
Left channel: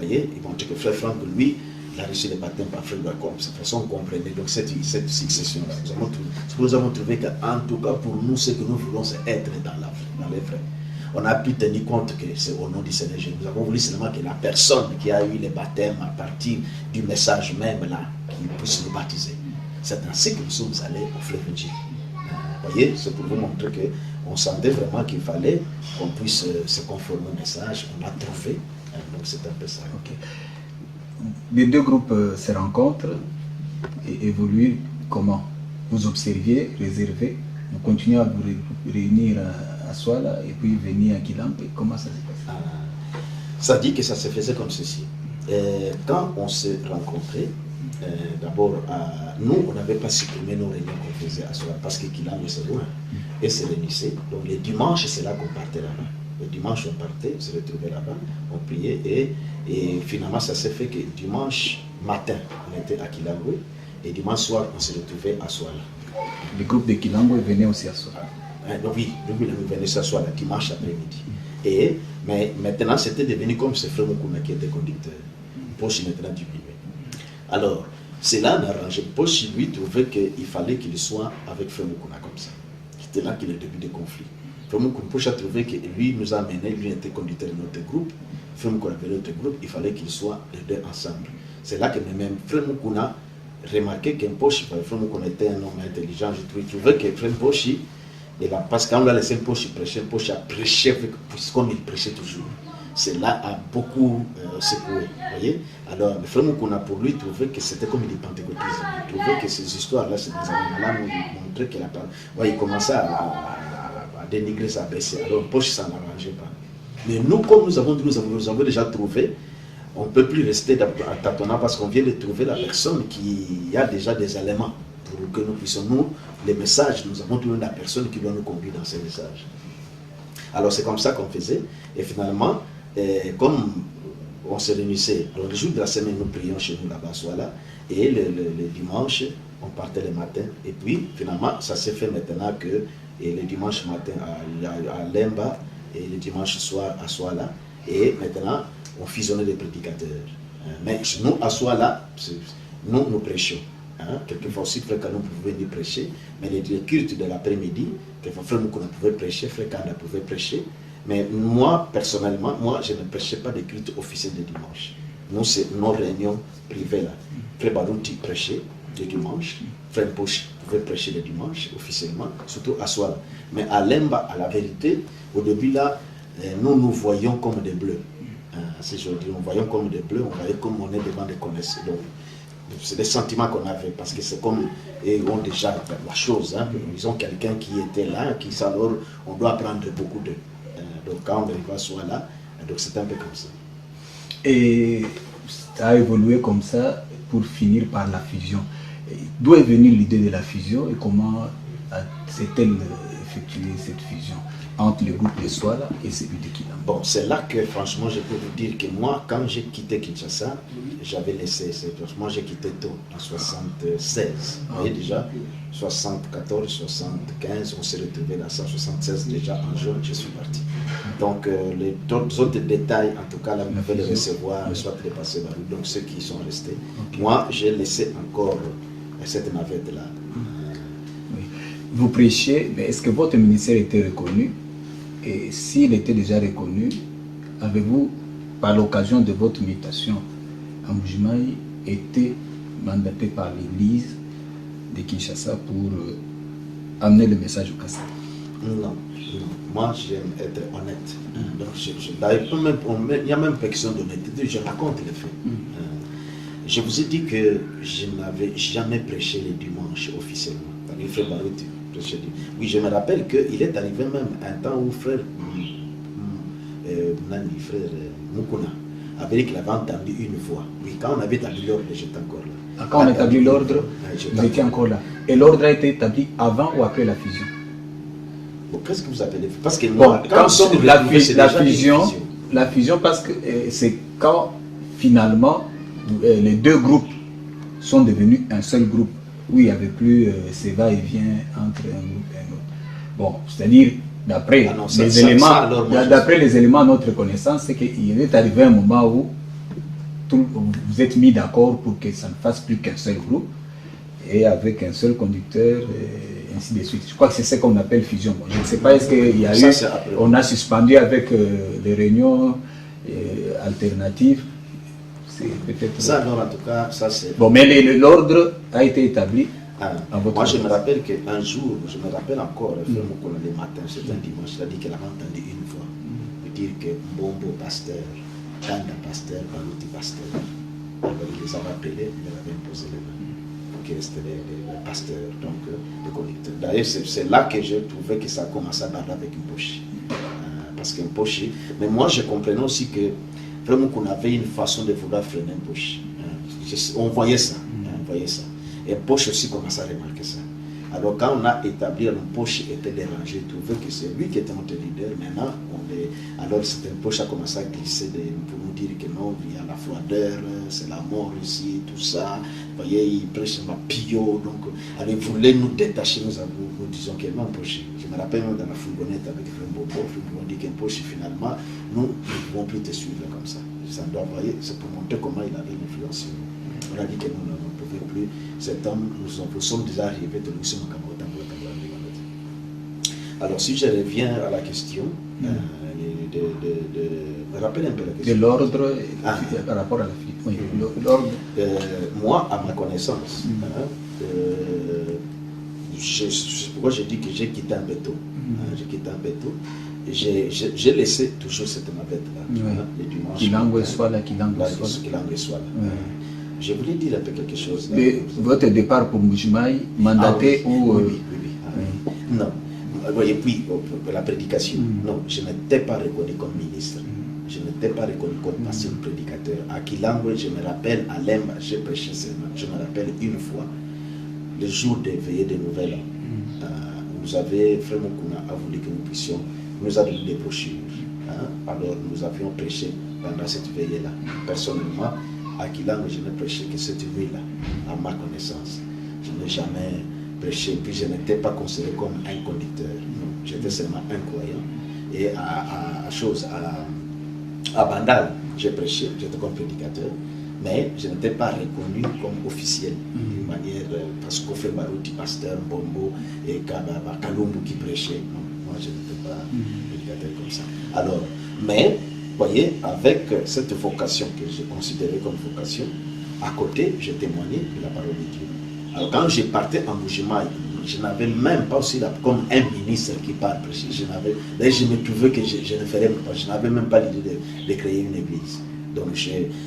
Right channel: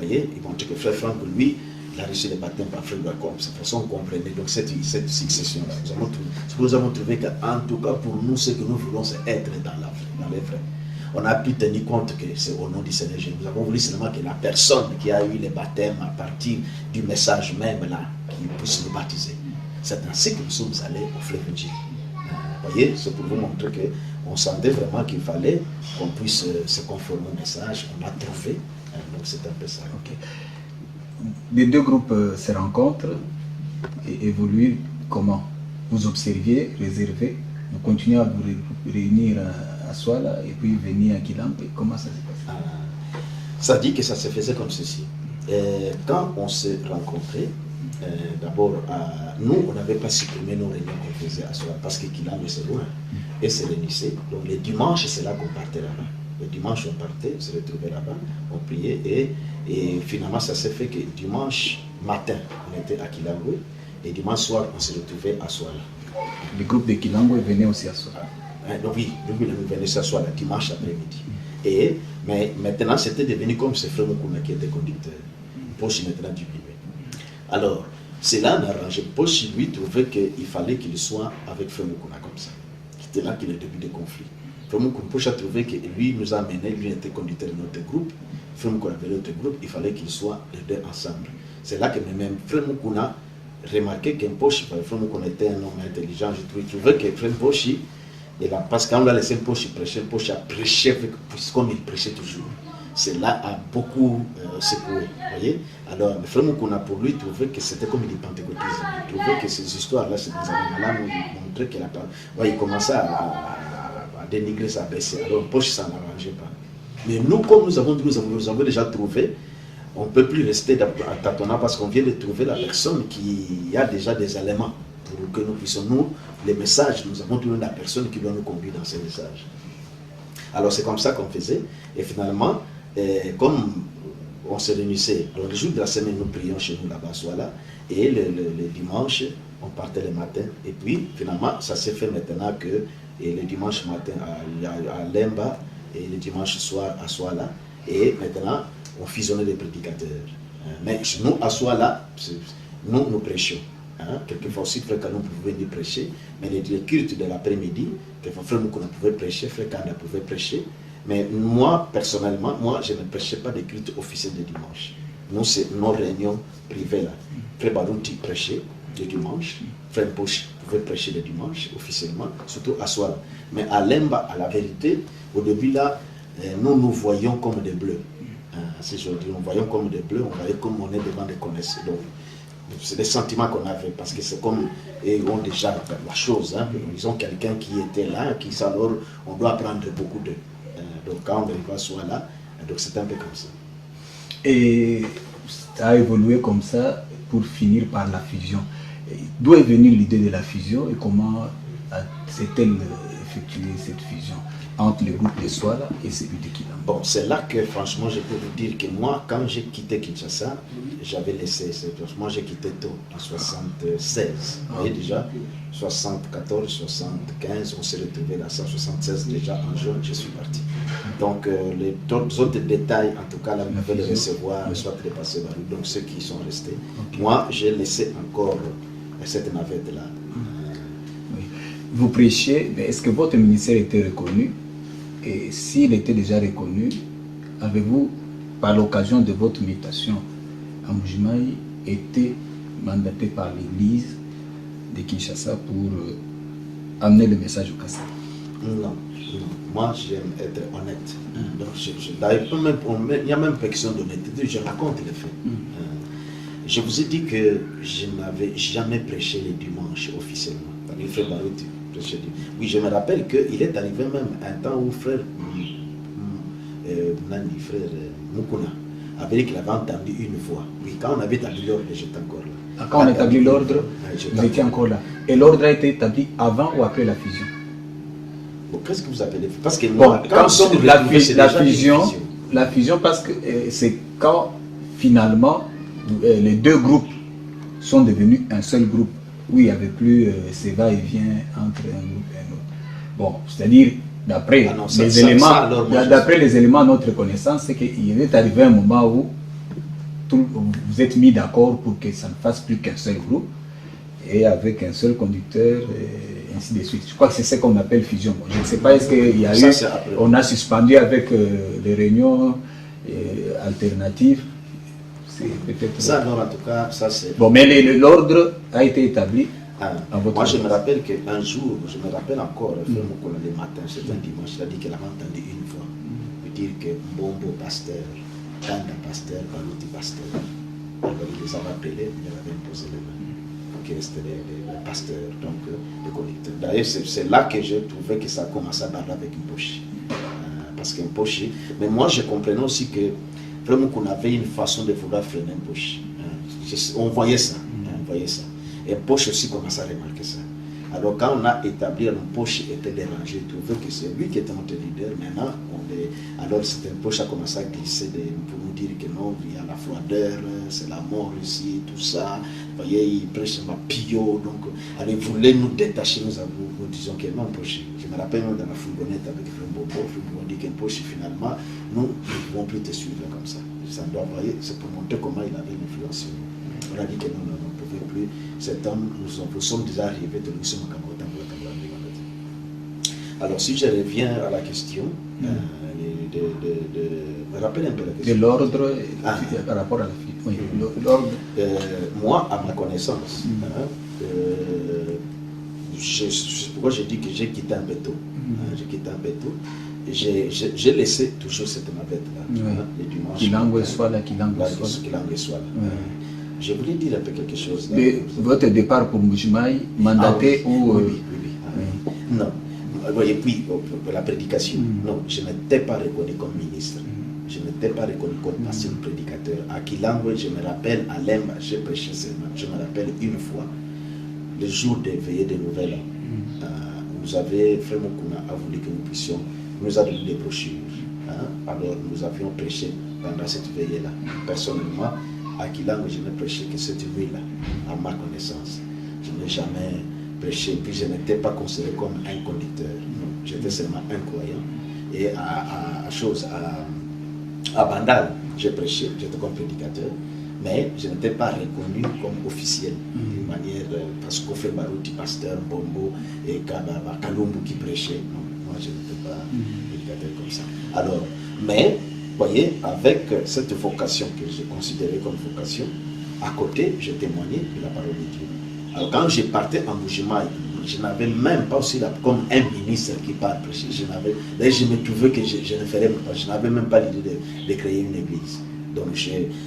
Vous voyez, ils vont dire que Frère Franck, lui, il a reçu le baptême par Frère Bakom. De cette façon, on comprenait donc cette succession-là. Nous avons trouvé qu'en tout cas, pour nous, ce que nous voulons, c'est être dans les frères. on a pu tenir compte que c'est au nom du Seigneur Jésus. Nous avons voulu seulement que la personne qui a eu le baptême à partir du message même là, qu'il puisse nous baptiser. C'est ainsi que nous sommes allés au fleuve Njili. Vous voyez, c'est pour vous montrer qu'on sentait vraiment qu'il fallait qu'on puisse se conformer au message. On l'a trouvé. Donc c'est un peu ça. Okay. Les deux groupes se rencontrent et évoluent comment? Vous observiez, réservez, vous continuez à vous réunir à Souala et puis venir à Kilambo. Comment ça se passe? Ça dit que ça se faisait comme ceci. Quand on s'est rencontrés, d'abord, nous, on n'avait pas supprimé nos réunions qu'on faisait à Souala parce que Kilambo c'est loin et c'est le lycée. Donc les dimanches, c'est là qu'on partait là-bas. Le dimanche, on partait, on se retrouvait là-bas, on priait et finalement, ça s'est fait que dimanche matin, on était à Kilambo et dimanche soir, on se retrouvait à Souala. Le groupe de Kilambo venait aussi à Souala. Donc oui, nous venions à Souala dimanche après-midi. Mais maintenant, c'était devenu comme ce frère Moukouna qui était conducteur. Poche maintenant diminué. Alors, cela n'arrangeait pas. Poche lui trouvait qu'il fallait qu'il soit avec frère Moukouna comme ça. C'était là qu'il y a le début des conflits. Frère Moukouna Poche a trouvé que lui nous a amené, lui était conducteur de notre groupe. Frère Moukouna avait l'autre groupe, il fallait qu'ils soient les deux ensemble. C'est là que même frère Moukouna remarquait qu'un Poche, frère Moukouna était un homme intelligent, je trouvais que frère Poche, parce qu'on l'a laissé un Poche prêcher, un Poche a prêché comme il prêchait toujours. Cela a beaucoup secoué. Voyez. Alors, le frère Moukouna, pour lui, trouvait que c'était comme du pentecôtisme. Il trouvait que ces histoires-là, ces événements-là nous montraient qu'il a pas. Ouais, il commençait à dénigrer sa baissée. Alors, Poche, ça n'arrangeait pas. Mais nous, comme nous avons déjà trouvé, on ne peut plus rester à tâtonnant parce qu'on vient de trouver la personne qui a déjà des éléments pour que nous puissions, nous, les messages, nous avons trouvé la personne qui doit nous conduire dans ces messages. Alors, c'est comme ça qu'on faisait. Et finalement, comme on se réunissait, le jour de la semaine, nous prions chez nous là-bas, soit là, et le dimanche, on partait le matin. Et puis, finalement, ça s'est fait maintenant que le dimanche matin à Lemba et le dimanche soir à Souala. Et maintenant, on fusionnait les prédicateurs. Mais nous, à Souala, nous prêchions. Quelquefois aussi, frère Kanou pouvait venir prêcher, mais les cultes de l'après-midi, quelquefois frère Moukouna pouvait prêcher, frère Kanda pouvait prêcher. Mais moi, personnellement, je ne prêchais pas des cultes officiels de dimanche. Nous, c'est nos réunions privées là. Frère Barouti prêchait le dimanche, frère Poche pouvait prêcher le dimanche officiellement, surtout à Souala. Mais à Lemba, à la vérité, au début là, nous voyons comme des bleus. C'est je dis, nous voyons comme des bleus, on voyait comme on est devant des connaisseurs. Donc, c'est des sentiments qu'on avait, parce que c'est comme ils ont déjà la chose. Ils ont quelqu'un qui était là, qui alors on doit apprendre beaucoup d'eux. Donc quand on va soit là, donc c'est un peu comme ça. Et ça a évolué comme ça pour finir par la fusion. D'où est venue l'idée de la fusion et comment s'est-elle effectuée cette fusion entre le groupe de Souala et celui de Kilambo? Bon, c'est là que franchement je peux vous dire que moi, quand j'ai quitté Kinshasa, j'avais laissé, moi j'ai quitté tôt, en 76. Vous voyez déjà, 74, 75, on s'est retrouvé là, 176 déjà en juin, je suis parti. Donc les autres détails, en tout cas, là, vous pouvez les recevoir, soit les passer par donc ceux qui sont restés. Okay. Moi, j'ai laissé encore cette navette-là. Oui. Vous prêchiez, mais est-ce que votre ministère était reconnu? Et s'il était déjà reconnu, avez-vous, par l'occasion de votre mutation à Mbujimayi, été mandaté par l'Église de Kinshasa pour amener le message au Kassai? Non. Moi, j'aime être honnête. Donc, il y a même une question d'honnêteté, je raconte les faits. Je vous ai dit que je n'avais jamais prêché les dimanches officiellement. Il fait Barouti. Oui, je me rappelle qu'il est arrivé même un temps où frère Moukouna avait dit qu'il avait entendu une voix. Oui, quand on avait établi l'ordre, j'étais encore là. Quand on a établi l'ordre, vous étiez encore là. Et l'ordre a été établi avant ou après la fusion? Bon, qu'est-ce que vous appelez? Parce que moi, quand la fusion, parce que c'est quand finalement les deux groupes sont devenus un seul groupe. Oui, il n'y avait plus ces va-et-vient entre un groupe et un autre. Bon, c'est-à-dire, d'après les éléments de notre connaissance, c'est qu'il est arrivé un moment où vous êtes mis d'accord pour que ça ne fasse plus qu'un seul groupe, et avec un seul conducteur, et ainsi de suite. Je crois que c'est ce qu'on appelle fusion. Bon, je ne sais pas, est-ce qu'il y a Ça, eu, c'est après. on a suspendu avec les réunions alternatives. C'est peut-être... Ça, non, en tout cas, ça c'est... Bon, mais l'ordre a été établi. Ah, à votre moi, je me place. rappelle qu'un jour, je me rappelle encore, le matin, c'était un dimanche, il a dit qu'elle avait entendu une fois dire que Mbombo pasteur, Tanda pasteur, Balouti pasteur. Alors, il les avait appelés, il leur avait imposé les mains. Que c'était les pasteurs, donc les collecteurs. D'ailleurs, c'est là que j'ai trouvé que ça a commencé à parler avec une poche. Parce qu'un poche, mais moi, je comprenais aussi que vraiment qu'on avait une façon de vouloir freiner un poche. On voyait ça, on voyait ça. Et poche aussi commençait à remarquer ça. Alors quand on a établi un poche était dérangé, trouvé que c'est lui qui était notre leader. Maintenant, alors c'était un poche a commencé à glisser pour nous dire que non, il y a la froideur, c'est la mort ici, tout ça. Vous voyez, il prêche ma pio, donc alors, il voulait nous détacher, nous disons que non, poche. Je me rappelle dans la fourgonnette avec Frimbobo, on dit qu'un poche finalement, nous ne pouvons plus te suivre comme ça. Ça doit, voyez, c'est pour montrer comment il avait une influence sur nous. On a dit que nous ne pouvons plus. Cet homme, nous sommes déjà arrivés de l'Oussou Makamota. Alors, si je reviens à la question, me rappelle un peu la question. De l'ordre par rapport à la fille. Oui, l'ordre. Moi, à ma connaissance, c'est pourquoi j'ai dit que j'ai quitté un bateau. J'ai quitté un bateau. J'ai laissé toujours cette navette-là, le dimanche. Kilango soit là. Je voulais dire un peu quelque chose. Votre départ pour Mbujimayi, mandaté ou... Oui. Non. Voyez, puis, pour la prédication, non, je n'étais pas reconnu comme ministre. Je n'étais pas reconnu comme pasteur prédicateur. À Kilango, je me rappelle, à Lemba, j'ai prêché seulement. Je me rappelle une fois, le jour des veillées de Nouvelles, nous avait vraiment qu'on a voulu que nous puissions, nous a donné des brochures. Alors, nous avions prêché pendant cette veillée-là. Personnellement, à Kilango, je n'ai prêché que cette nuit-là, à ma connaissance. Je n'ai jamais prêché, puis je n'étais pas considéré comme un conducteur. Non, j'étais seulement un croyant. Et à Bandal, j'ai prêché, j'étais comme prédicateur, mais je n'étais pas reconnu comme officiel, d'une manière, parce qu'on fait Barouti, pasteur, Bombo, et Kalumbu qui prêchait. Non, moi je n'étais pas prédicateur comme ça. Alors, mais, voyez, avec cette vocation que j'ai considérée comme vocation, à côté, je témoignais de la parole de Dieu. Alors quand je partais en Mbujimayi, je n'avais même pas aussi comme un ministre qui part prêcher. Là, je me trouvais que je ne ferais pas. Je n'avais même pas l'idée de créer une église. Donc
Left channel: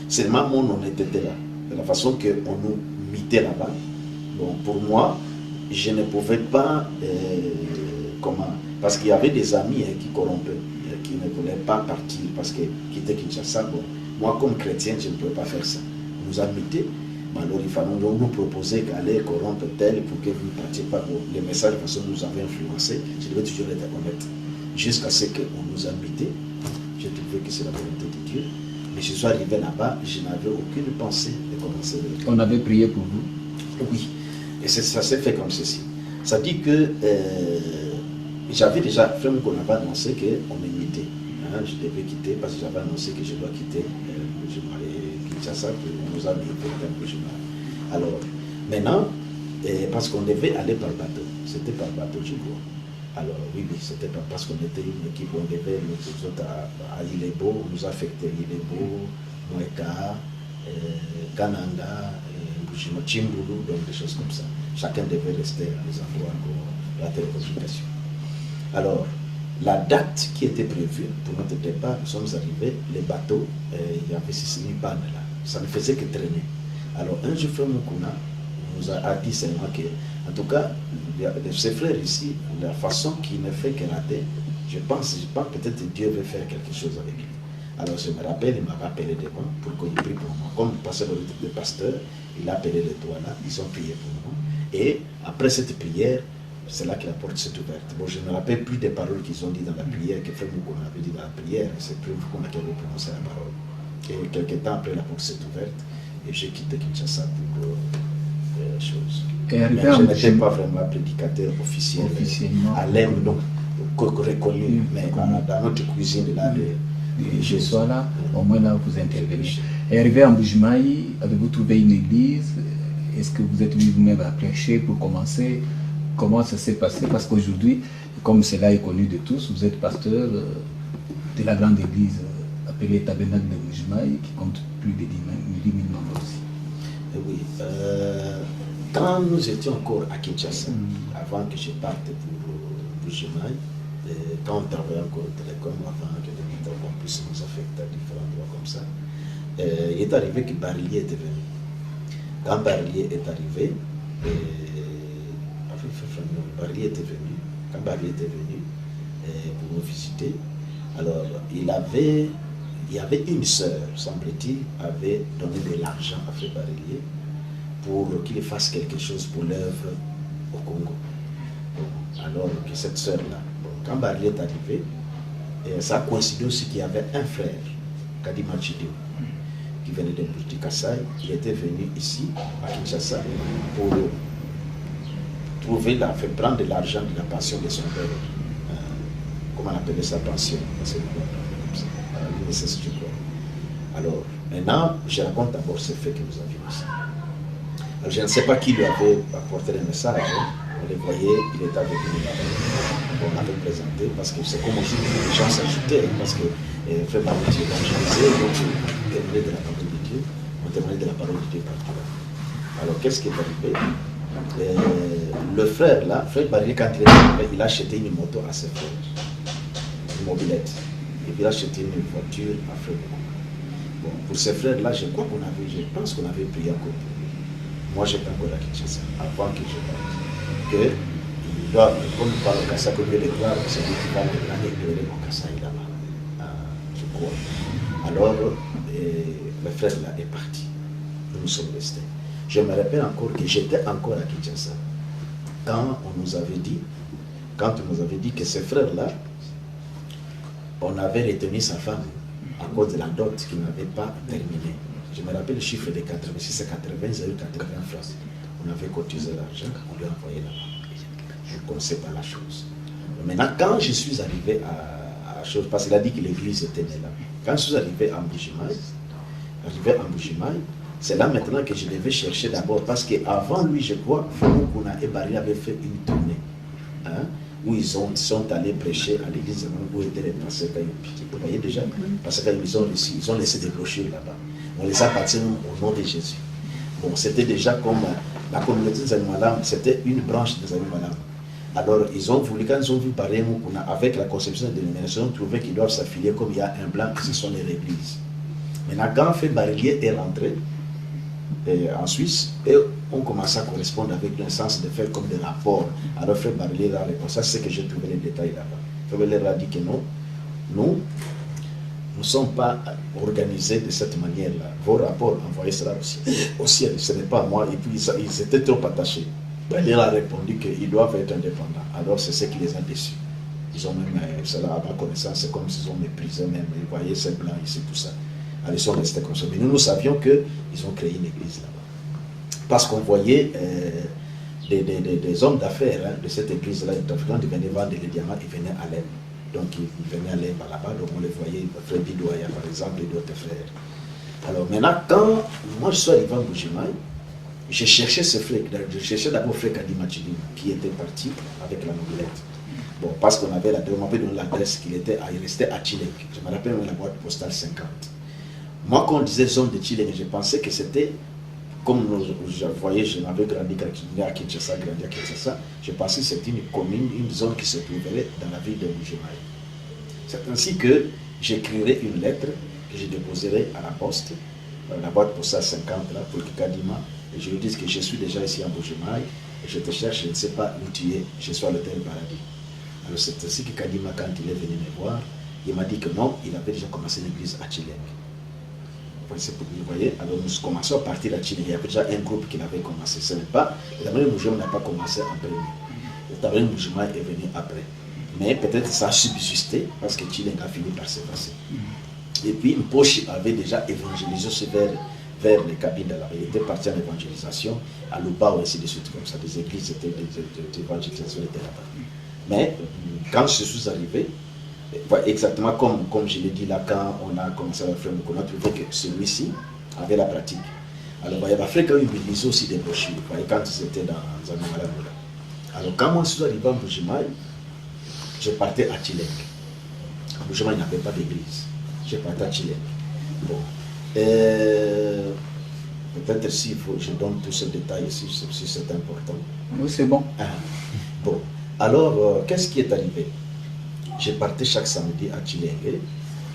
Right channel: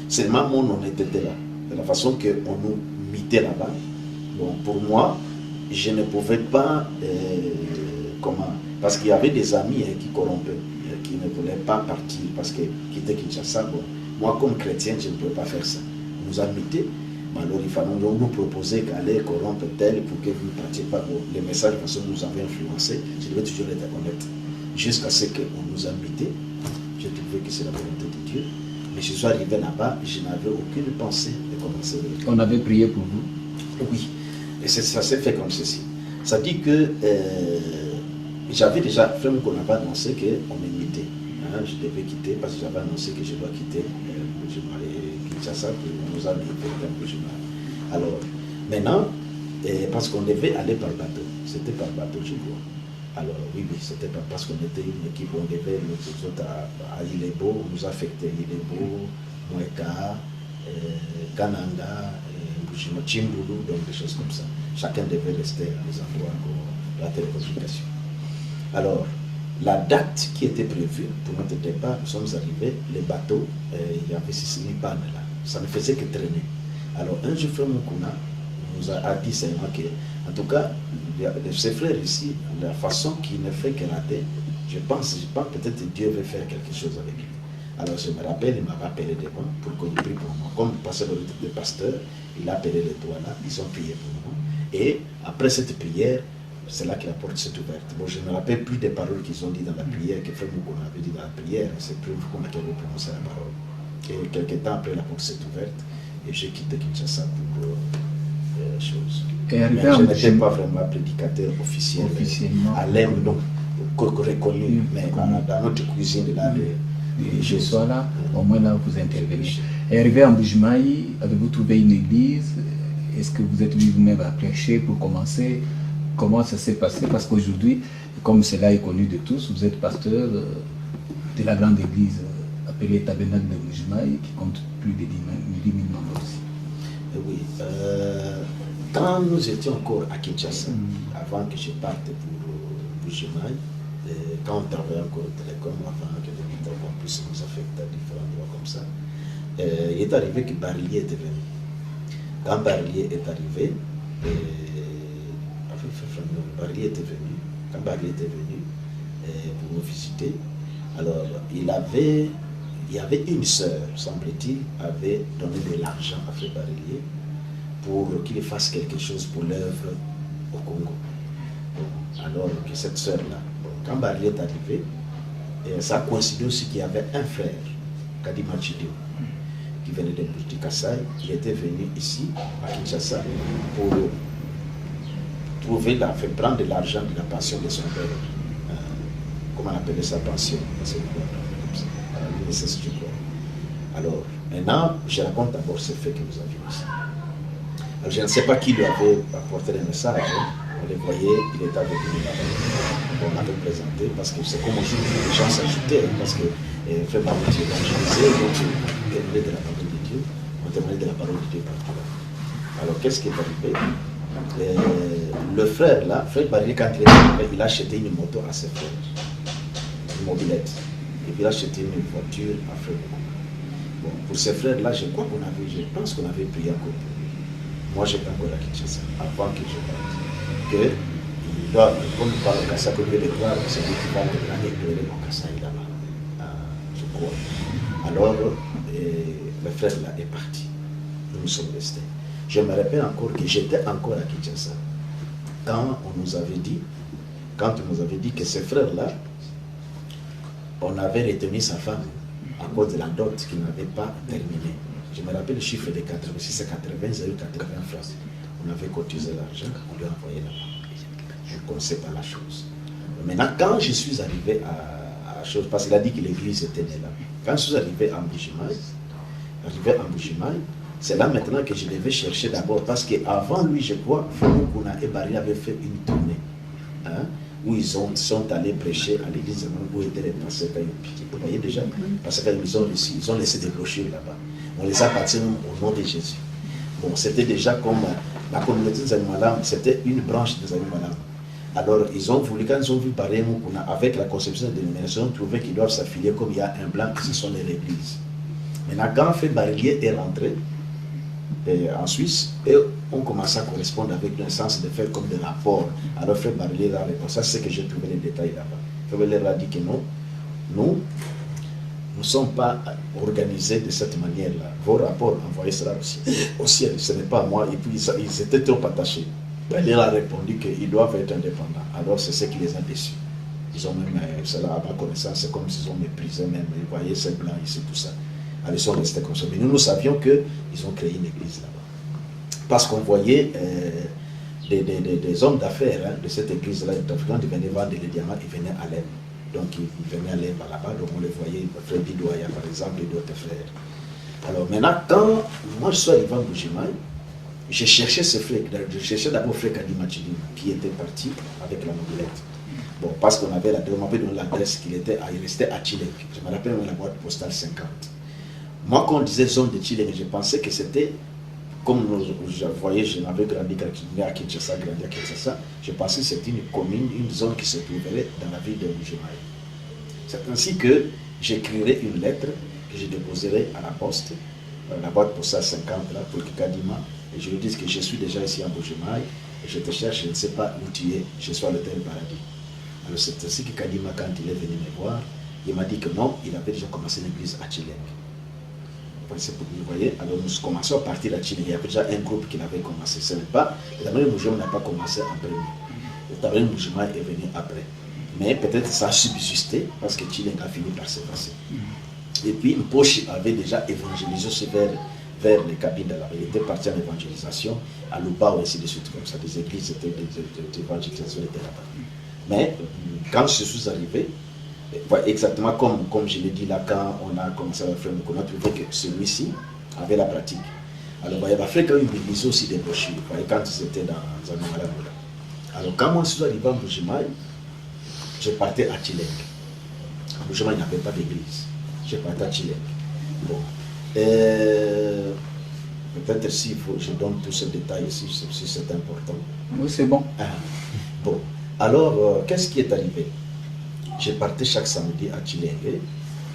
seulement mon honnêteté là, de la façon qu'on nous mettait là-bas. Bon, pour moi, je ne pouvais pas parce qu'il y avait des amis qui corrompaient, qui ne voulaient pas partir parce qu'ils quittaient Kinshasa. Bon, moi comme chrétien, je ne pouvais pas faire ça. On nous a mis. Alors il fallait nous proposer qu'aller corrompre tel pour que vous ne partiez pas. Les messages de façon nous avaient influencé. Je devais toujours être honnête. Jusqu'à ce qu'on nous a invités. J'ai trouvé que c'est la volonté de Dieu. Mais je suis arrivé là-bas, je n'avais aucune pensée de commencer. On avait prié pour vous. Oui. Et ça s'est fait comme ceci. Ça dit que j'avais déjà fait qu'on avait annoncé qu'on m'invitait. Je devais quitter parce que j'avais annoncé que je dois quitter. Kinshasa, on nous a mis un peu. Alors, maintenant, parce qu'on devait aller par bateau, c'était par bateau, je crois. Alors, oui, c'était parce qu'on était une équipe, on devait, nous autres, à Ilebo, on nous a affecté Ilebo, Mweka, Kananga, Chimbulu, donc des choses comme ça. Chacun devait rester à des endroits pour la télécommunication. Alors, la date qui était prévue pour notre départ, nous sommes arrivés, les bateaux, il y avait 6 000 pannes là. Ça ne faisait que traîner. Alors, un jour, frère Mukuna nous a dit seulement que, en tout cas, ses frères ici, la façon qu'il ne fait que rater, je pense peut-être que Dieu veut faire quelque chose avec lui. Alors, je me rappelle, il m'avait appelé devant pour qu'on prie pour moi. Comme il passait le pasteur, il a appelé les trois là, ils ont prié pour moi. Et après cette prière, c'est là que la porte s'est ouverte. Bon, je ne me rappelle plus des paroles qu'ils ont dit dans la prière, que frère Mukuna avait dit dans la prière, c'est plus qu'on a prononcé la parole. Et quelques temps après, la porte s'est ouverte et j'ai quitté Kinshasa pour choses. Mais je n'étais pas vraiment prédicateur officiel. À l'Inde, donc, reconnu, mais dans notre cuisine, là, je sois là, au moins là, vous intervenez. Et arrivé en Mbujimayi, avez-vous trouvé une église? Est-ce que vous êtes venu vous-même à prêcher pour commencer? comment ça s'est passé, parce qu'aujourd'hui, comme cela est connu de tous, vous êtes pasteur de la grande église appelée Tabernacle de Mbujimayi, qui compte plus de 10 000 membres aussi. Oui, quand nous étions encore à Kinshasa, avant que je parte pour Mbujimayi, quand on travaillait encore au télécom, avant que les militaires puissent nous affecter à différents endroits comme ça, il est arrivé que Barillier était venu. Quand Barillier est arrivé, Barillier était venu. Quand Barillier était venu pour nous visiter, alors il y avait une sœur, semble-t-il, avait donné de l'argent à Frère Barillier pour qu'il fasse quelque chose pour l'œuvre au Congo. Bon, alors que cette sœur-là, quand Barillier est arrivé, ça a coïncidé aussi qu'il y avait un frère, Kadima Chideo, qui venait de Kassai. Il était venu ici, à Kinshasa, pour prendre de l'argent de la pension de son père. Comment on appelait sa pension? Alors, maintenant, je raconte d'abord ce fait que nous avions ici. Alors, je ne sais pas qui lui avait apporté le message. On les voyait, il était avec nous là-bas. On l'avait présenté parce que c'est comme aujourd'hui, les gens s'ajoutaient, parce que Frère Barillier évangélisait, donc on témoignait de la parole de Dieu, on témoignait de la parole de Dieu partout là. Alors, qu'est-ce qui est arrivé? Le frère là, Frère Barillier, quand il est arrivé, il a acheté une moto à ses frères, une mobilette, et puis il a acheté une voiture à Frère. Bon, pour ces frères là, je pense qu'on avait prié encore. Moi, je n'ai pas encore à Kinshasa, avant que je parte. Que il doit, comme il parle au Kassa, que les gloires, c'est lui qui va l'année éclairer au Kassa là-bas, je crois. Alors, le frère là est parti. Nous sommes restés. Je me rappelle encore que j'étais encore à Kinshasa. Quand on nous avait dit que ces frères-là, on avait retenu sa femme à cause de la dot qui n'avait pas terminé. Je me rappelle le chiffre de 80, si c'est 80, 080 francs. On avait cotisé l'argent, on lui a envoyé là-bas. Je ne connaissais pas la chose. Maintenant, quand je suis arrivé à chose, parce qu'il a dit que l'église était née là. Quand je suis arrivé à Mbujimayi, c'est là maintenant que je devais chercher d'abord, parce qu'avant lui, je crois, Famukuna et Barillier avaient fait une tournée, où ils sont allés prêcher à l'église où étaient les pasteurs Kayoupi. Vous voyez déjà, parce qu'ils ont laissé des brochures là-bas. On les a baptisés au nom de Jésus. Bon, c'était déjà comme la communauté des Animalam, c'était une branche des Animalam. Alors, ils ont voulu, quand ils ont vu Barillier Mukuna, avec la conception de l'émission, ils ont trouvé qu'ils doivent s'affilier comme il y a un blanc, ce sont les églises. Maintenant, quand Frère Barillier est rentré en Suisse, et on commence à correspondre avec le sens de faire comme des rapports. Alors Frère Barillier a répondu, ça c'est que j'ai trouvé les détails là-bas. Frère Barillier a dit que non, nous ne sommes pas organisés de cette manière-là. Vos rapports, envoyez cela au ciel, ce n'est pas moi. Et puis ils étaient trop attachés. Barillier a répondu qu'ils doivent être indépendants. Alors c'est ce qui les a déçus. Ils ont même, cela à ma connaissance, c'est comme s'ils ont méprisé même. Vous voyez, ces blancs ici, tout ça. Alors, ils sont restés comme ça. Mais nous savions qu'ils ont créé une église là-bas. Parce qu'on voyait des hommes d'affaires de cette église-là, quand ils venaient vendre les diamants, ils venaient à l'aide. Donc, ils venaient à l'aide là-bas. Donc, on les voyait, Frère Bidouaya, par exemple, et d'autres frères. Alors, maintenant, quand moi je suis arrivé à Mbujimayi, j'ai cherché ce frère. Je cherchais d'abord Frère Kadima Chidima, qui était parti avec la mobilette. Bon, parce qu'on avait l'adresse qu'il restait à Chilek. Je me rappelle la boîte postale 50. Moi, quand on disait zone de Chilek, je pensais que c'était, comme je voyais, je m'avais grandi à Kinshasa, je pensais que c'était une commune, une zone qui se trouverait dans la ville de Mbujimayi. C'est ainsi que j'écrirai une lettre que je déposerai à la poste, la boîte postale 50, là, pour que Kadima, et je lui dise que je suis déjà ici à Mbujimayi, et je te cherche, je ne sais pas où tu es, je suis à l'hôtel Paradis. Alors c'est ainsi que Kadima, quand il est venu me voir, il m'a dit que non, il avait déjà commencé l'église à Chilek. Vous voyez, alors nous commençons à partir à Chilek. Il y avait déjà un groupe qui l'avait commencé. Ce n'est pas, le Tabernacle de Mbujimayi n'a pas commencé en premier. Le Tabernacle de Mbujimayi est venu après. Mais peut-être ça a subsisté parce que Chilek a fini par se passer. Et puis Mposhi avait déjà évangélisé vers les cabines de la rue. Il était parti en évangélisation à Luba ou ainsi de suite, comme ça. Des églises étaient d'évangélisation étaient là-bas. Mais quand je suis arrivé, exactement comme je l'ai dit là, quand on a commencé à faire, on a trouvé que celui-ci avait la pratique. Alors, il y avait fait quand même aussi des brochures, quand ils étaient dans un malade. Alors, quand moi je suis arrivé en Bujimaï, je partais à Chileng. À Bujimaï, il n'y avait pas d'église. Je partais à Chileng. Bon. Peut-être s'il faut, je donne tous ces détails ici, si c'est important. Oui, c'est bon. Bon. Alors, qu'est-ce qui est arrivé? Je partais chaque samedi à Chileng.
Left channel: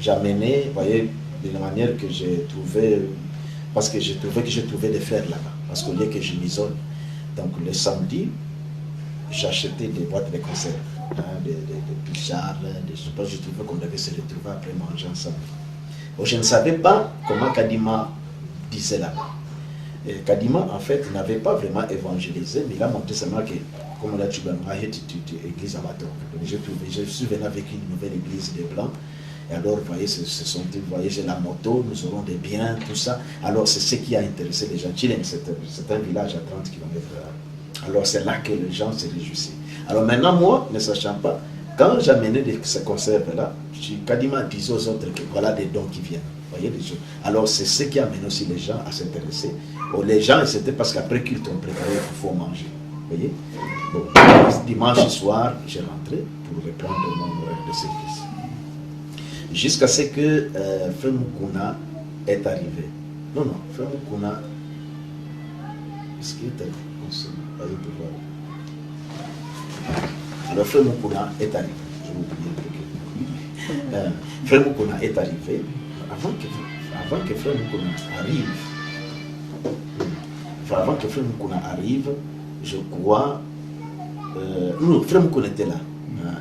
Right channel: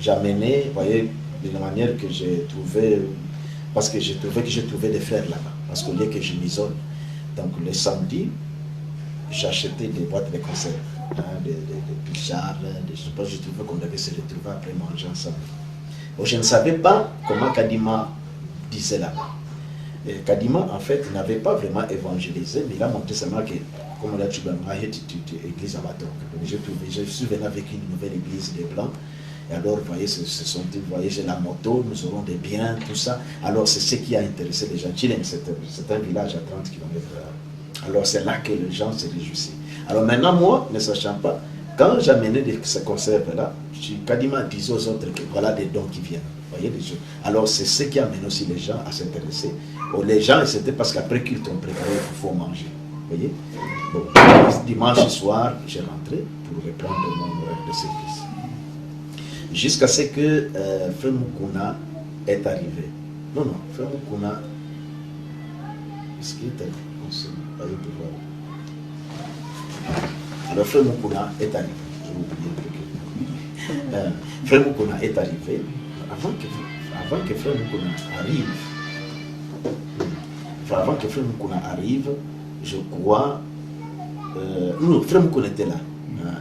J'amenais, vous voyez, de la manière que j'ai trouvé, parce que j'ai trouvé des frères là-bas. Parce qu'au lieu que je m'isole, donc les samedis, j'achetais des boîtes de conserve, des pichards, je trouvais qu'on devait se retrouver après manger ensemble. Bon, je ne savais pas comment Kadima disait là-bas. Kadima, en fait, n'avait pas vraiment évangélisé, mais il a montré seulement que, comme on a dit, église à Maton. Je suis venu avec une nouvelle église des Blancs. Et alors, vous voyez, vous voyez, j'ai la moto, nous aurons des biens, tout ça. Alors, c'est ce qui a intéressé les gens. Chileng, c'est un village à 30 km. Alors, c'est là que les gens se réjouissaient. Alors, maintenant, moi, ne sachant pas, quand j'amenais ces conserves-là, Kadima disait aux autres que voilà des dons qui viennent. Vous voyez, les gens. Alors, c'est ce qui amène aussi les gens à s'intéresser. Les gens, c'était parce qu'après culte, on préparait, il faut manger. Vous voyez? Bon, dimanche soir, j'ai rentré pour reprendre mon horaire de service. Jusqu'à ce que Frère Mukuna est arrivé. Non, Frère Mukuna, est-ce qu'il est arrivé? On sait, alors Frère Mukuna est arrivé. Je vais oublier. Frère Mukuna est arrivé. Avant que Frère Mukuna arrive, je crois, non, Frère Mukuna était là.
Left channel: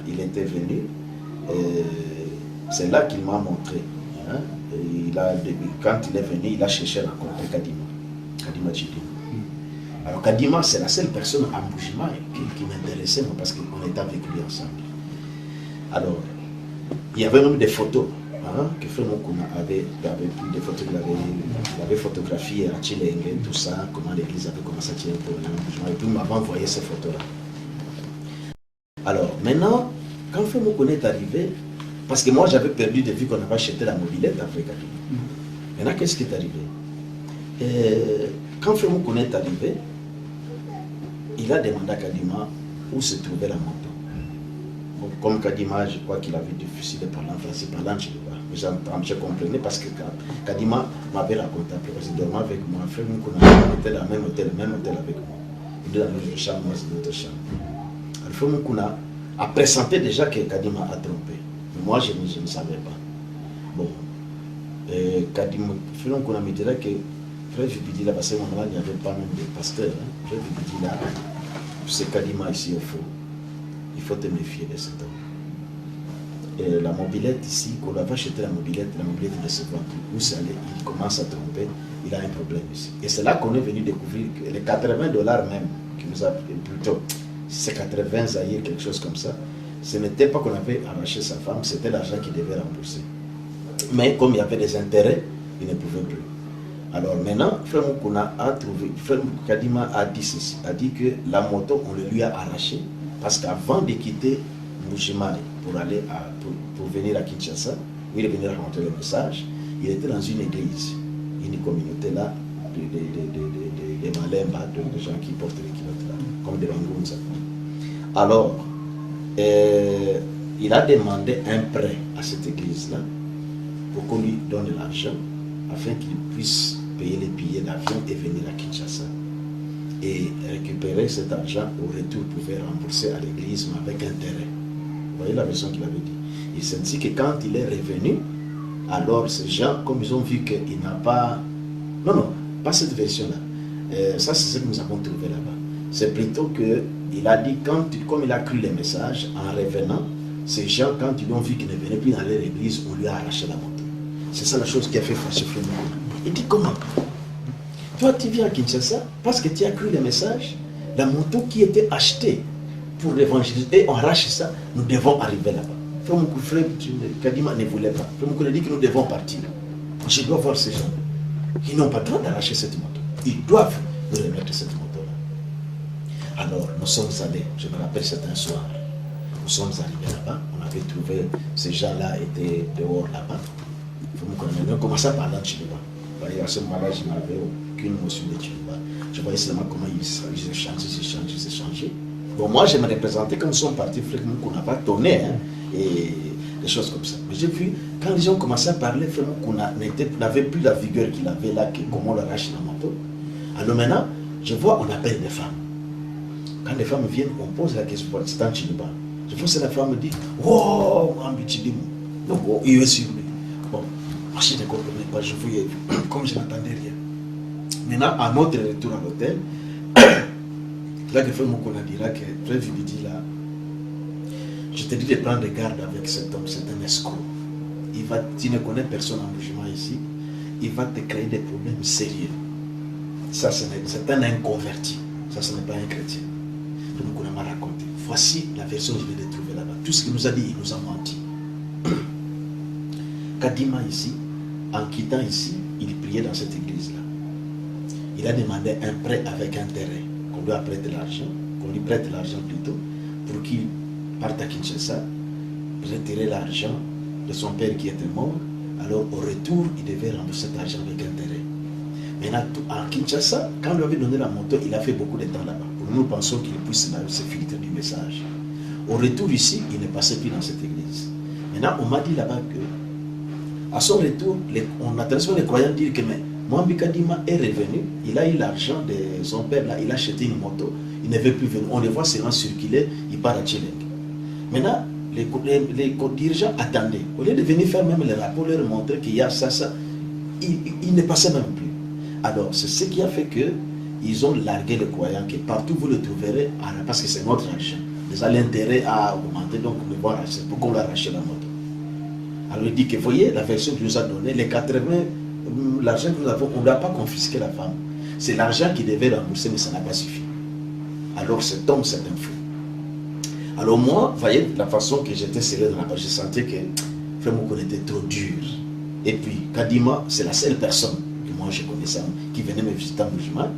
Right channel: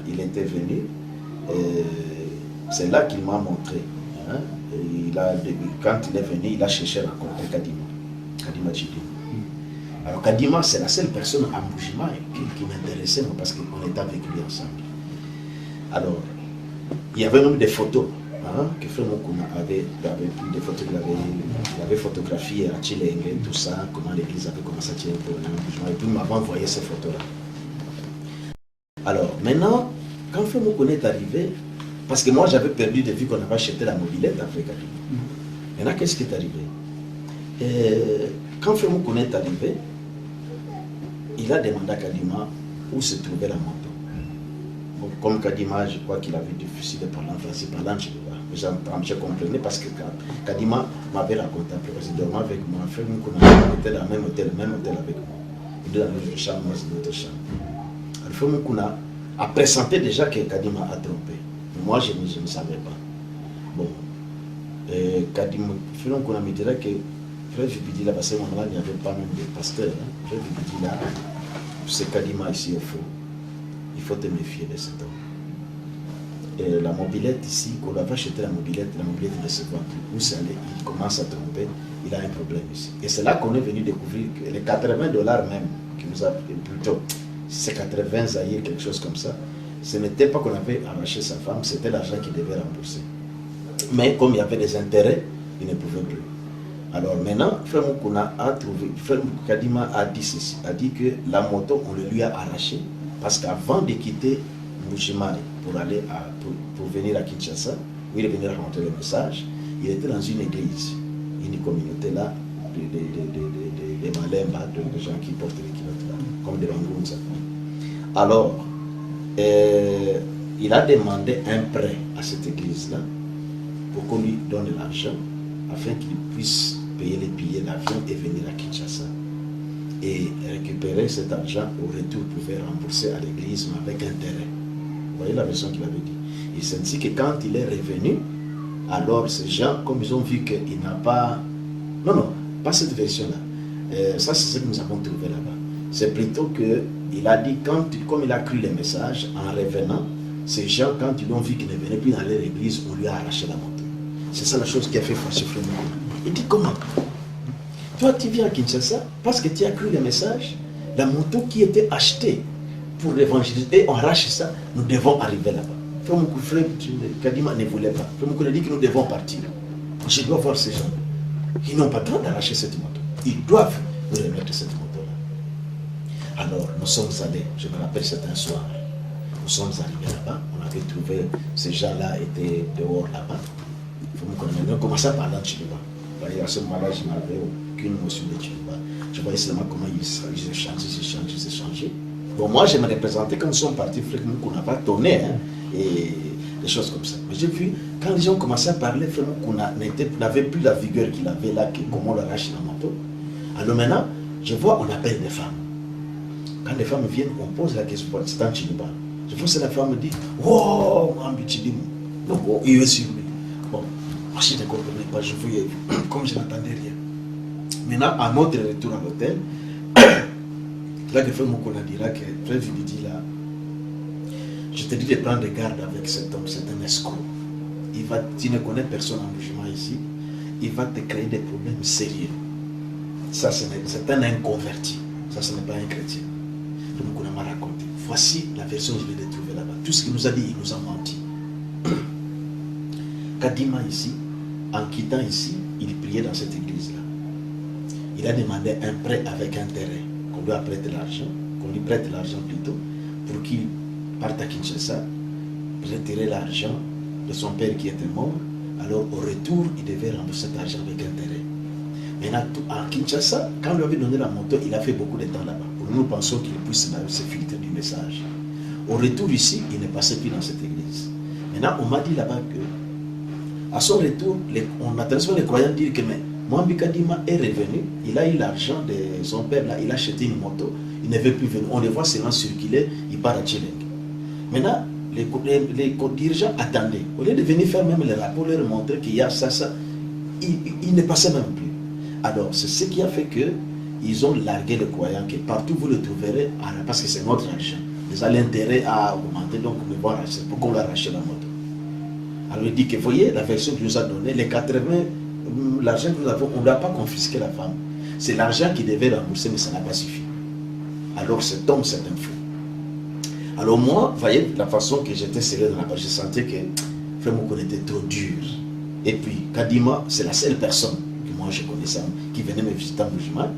Il était venu. C'est là qu'il m'a montré. Quand il est venu, il a cherché à rencontrer Kadima Chidima. Alors Kadima, c'est la seule personne à Bujimaï qui m'intéressait, parce qu'on était avec lui ensemble. Alors, il y avait même des photos que Frère Mukuna avait pris, des photos qu'il avait photographiées à Chileng, tout ça, comment l'église avait commencé à Chileng pour Bujimaï. Et puis il m'avait envoyé ces photos-là. Alors, maintenant, quand Frère Mukuna est arrivé, parce que moi j'avais perdu de vue qu'on avait acheté la mobilette après Kadima. Maintenant, qu'est-ce qui est arrivé? Quand Frère Mukuna est arrivé, il a demandé à Kadima où se trouvait la moto. Bon, comme Kadima, je crois qu'il avait difficile de parler en français, parlant je comprenais parce que Kadima m'avait raconté après, parce qu'il dormait avec moi. Frère Mukuna était dans le même hôtel avec moi. Il était dans notre chambre, moi c'est notre chambre. Alors Frère Mukuna a pressenti déjà que Kadima a trompé. Moi, je ne savais pas. Bon, Kadima, Frère Mukuna me dirait que Frère Jubidi là, parce que moment-là, il n'y avait pas même de pasteur. Frère Jubidi là, c'est Kadima ici au fond. Il faut te méfier de cet homme. Et la mobilette ici, quand on va acheter la mobilette ne se voit plus. Où ça allait, il commence à tromper, il a un problème ici. Et c'est là qu'on est venu découvrir que les $80 même, qui nous a plutôt, c'est 80 zaïrs, quelque chose comme ça, ce n'était pas qu'on avait arraché sa femme, c'était l'argent qu'il devait rembourser. Mais comme il y avait des intérêts, il ne pouvait plus. Alors maintenant, Frère Mukuna a trouvé, Frère Kadima a dit ceci, a dit que la moto, on le lui a arraché, parce qu'avant de quitter Bujimaï pour venir à Kinshasa, où il est venu raconter le message, il était dans une église, une communauté là, de Malemba, de gens qui portent les culottes là, comme des Bangunza. Alors, il a demandé un prêt à cette église-là pour qu'on lui donne l'argent afin qu'il puisse payer les billets d'avion et venir à Kinshasa. Et récupérer cet argent, au retour, pouvait rembourser à l'église, mais avec intérêt. Vous voyez la version qu'il avait dit. Il s'est dit que quand il est revenu, alors ces gens, comme ils ont vu qu'il n'a pas... Non, pas cette version-là. Ça, c'est ce que nous avons trouvé là-bas. C'est plutôt qu'il a dit, comme il a cru les messages, en revenant, ces gens, quand ils ont vu qu'il ne venait plus dans leur église, on lui a arraché la moto. C'est ça la chose qui a fait fâcher Frère Mukuna. Il dit, comment? Toi, tu viens à Kinshasa parce que tu as cru les messages, la moto qui était achetée pour l'évangéliser, et on arrache ça, nous devons arriver là-bas. Frère Kadima ne voulait pas. Frère Mukuna dit que nous devons partir. Je dois voir ces gens. Ils n'ont pas le droit d'arracher cette moto. Ils doivent nous remettre cette moto-là. Alors, nous sommes allés, je me rappelle, c'était un soir. Nous sommes arrivés là-bas, on avait trouvé, ces gens-là étaient dehors là-bas. On a commencé à parler en Chiluba. À ce moment-là, je n'avais aucune notion de Chiluba. Je voyais seulement comment ils échangeaient. Bon, moi, je me représentais quand nous sommes partis, frère Moukou n'a pas tourné, hein, et des choses comme ça. Mais j'ai vu, quand les gens commençaient à parler, frère Moukou n'avait plus la vigueur qu'il avait là, comment on l'arrache la moto. Alors maintenant, je vois, on appelle des femmes. Quand les femmes viennent, on pose la question, c'est un Chiliba. Je vois que la femme dit, oh, donc, il est sur lui. Bon, moi je ne comprenais pas, je voyais, comme je n'entendais rien. Maintenant, à notre retour à l'hôtel, là, que frère Moukouna dira que frère Vibidi là, je te dis de prendre garde avec cet homme, c'est un escroc. Tu ne connais personne en jugement ici, il va te créer des problèmes sérieux. Ça, c'est un inconverti, ça, ce n'est pas un chrétien. Frère Moukouna m'a raconté. Voici la version que je viens de trouver là-bas. Tout ce qu'il nous a dit, il nous a menti. Kadima ici, en quittant ici, il priait dans cette église-là. Il a demandé un prêt avec intérêt, qu'on lui prête l'argent, qu'on lui prête l'argent plutôt, pour qu'il parte à Kinshasa, retirer l'argent de son père qui était mort. Alors au retour, il devait rembourser cet argent avec intérêt. Maintenant, à Kinshasa, quand on lui avait donné la moto, il a fait beaucoup de temps là-bas. Nous pensons qu'il puisse se filtrer du message. Au retour ici, il ne passait plus dans cette église. Maintenant, on m'a dit là-bas que, à son retour, on a transformé les croyants dire que Mohamed Kadima est revenu, il a eu l'argent de son père, là, il a acheté une moto, il ne veut plus venir. On le voit seulement circuler, il part à Tchileng. Maintenant, les dirigeants attendaient. Au lieu de venir faire même les rapports, leur montrer qu'il y a ça, il ne passait même plus. Alors, c'est ce qui a fait que ils ont largué les croyants que partout vous le trouverez, parce que c'est notre argent. Ils ont l'intérêt à augmenter, donc nous devons racheter. Pourquoi on l'a racheté la moto? Alors il dit que, voyez, la version qu'il nous a donnée, les 80, l'argent que nous avons, on ne l'a pas confisqué la femme. C'est l'argent qui devait rembourser, mais ça n'a pas suffi. Alors cet homme, c'est un fou. Alors moi, voyez, la façon que j'étais serré dans la page, je sentais que Frère Moukouna était trop dur. Et puis, Kadima, c'est la seule personne que moi je connaissais, qui venait me visiter en Boujima.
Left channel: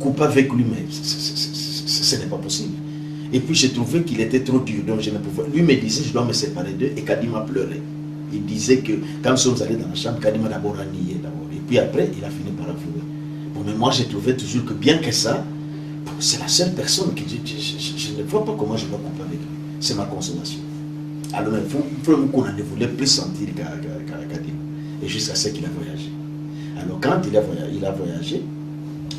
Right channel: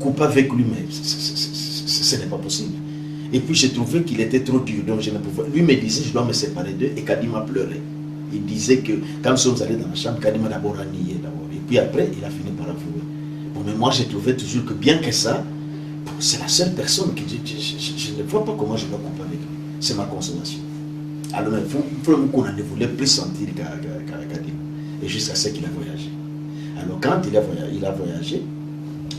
Coupe avec lui, mais ce n'est pas possible. Et puis j'ai trouvé qu'il était trop dur, donc je ne pouvais. Lui me disait, je dois me séparer d'eux, et Kadima pleurait. Il disait que quand nous sommes allés dans la chambre, Kadima d'abord a nié d'abord. Et puis après, il a fini par avouer. Bon, mais moi j'ai trouvé toujours que bien que ça, c'est la seule personne qui dit, je ne vois pas comment je dois couper avec lui. C'est ma consolation. Alors, Frère Moukouna ne voulait plus sentir Kadima. Et jusqu'à ce qu'il a voyagé. Alors quand il a voyagé,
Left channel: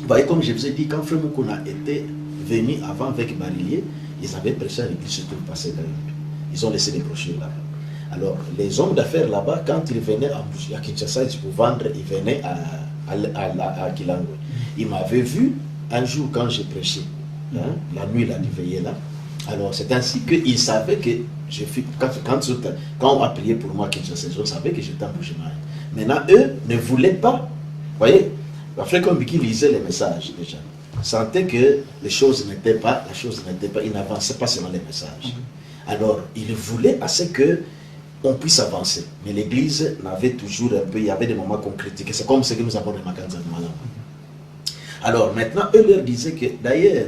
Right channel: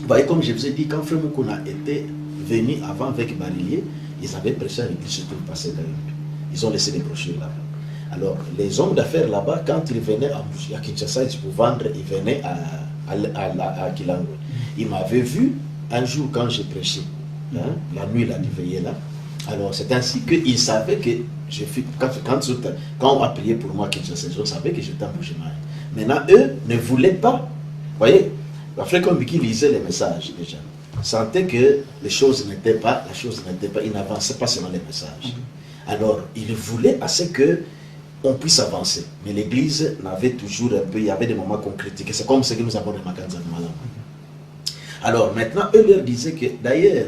vous voyez, comme je vous ai dit, quand Frère Moukouna était venu avant avec Barillier, ils avaient prêché à l'église sur tout le passé d'ailleurs. Ils ont laissé des brochures là-bas. Alors, les hommes d'affaires là-bas, quand ils venaient à Kinshasa pour vendre, ils venaient à Kilangwe. Ils m'avaient vu un jour quand j'ai prêché, hein, la nuit, là, il veillait là. Alors, c'est ainsi qu'ils savaient que quand on a prié pour moi à Kinshasa, ils savaient que j'étais en Boujima. Maintenant, eux ne voulaient pas, vous voyez, après comme qui lisait les messages déjà, sentait que les choses n'étaient pas, il n'avançait pas selon les messages. Alors, il voulait à ce que on puisse avancer. Mais l'église n'avait toujours un peu, il y avait des moments qu'on critiquait. C'est comme ce que nous avons remarqué dans Malam. Alors, maintenant, eux leur disaient que, d'ailleurs,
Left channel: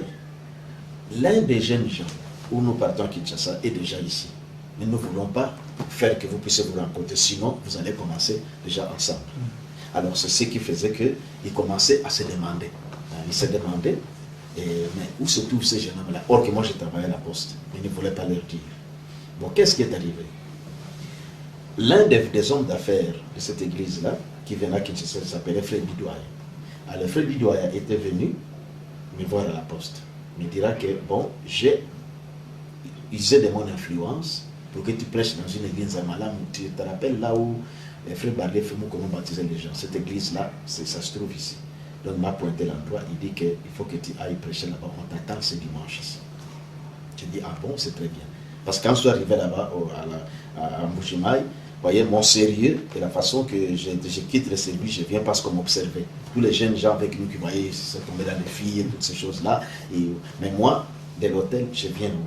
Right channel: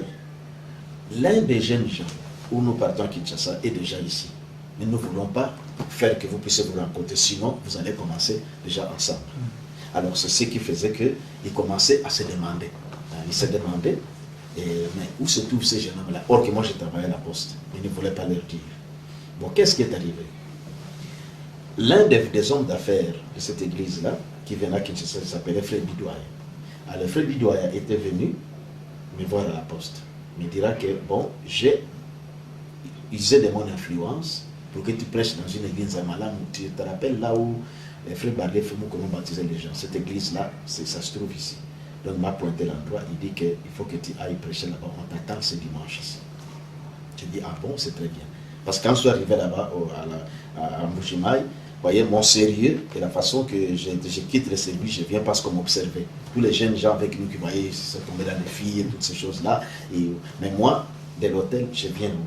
l'un des jeunes gens où nous partons à Kinshasa est déjà ici. Mais nous ne voulons pas faire que vous puissiez vous rencontrer, sinon vous allez commencer déjà ensemble. Alors, c'est ce qui faisait qu'ils commençaient à se demander. Ils se demandaient, mais où se trouvent ces jeunes hommes-là? Or que moi, je travaillais à la poste. Ils ne voulaient pas leur dire. Bon, qu'est-ce qui est arrivé? L'un des hommes d'affaires de cette église-là, qui venait à Kinshasa, s'appelait Frère Bidouaya. Alors, Frère Bidouaya était venu me voir à la poste. Il me dira que, bon, j'ai usé de mon influence pour que tu prêches dans une église à Malam. Tu te rappelles là où les frères Barlet Frère Moukouna baptisaient les gens. Cette église-là, ça se trouve ici. Donc, il m'a pointé l'endroit. Il dit qu'il faut que tu ailles prêcher là-bas. On t'attend ce dimanche ici. Je dis, ah bon, c'est très bien. Parce que quand je suis arrivé là-bas à Mbujimaï, vous voyez mon sérieux et la façon que je quitte le service, je viens parce qu'on m'observait. Tous les jeunes gens avec nous qui voyaient, se tombaient dans les filles et toutes ces choses-là. Mais moi, de l'hôtel, je viens au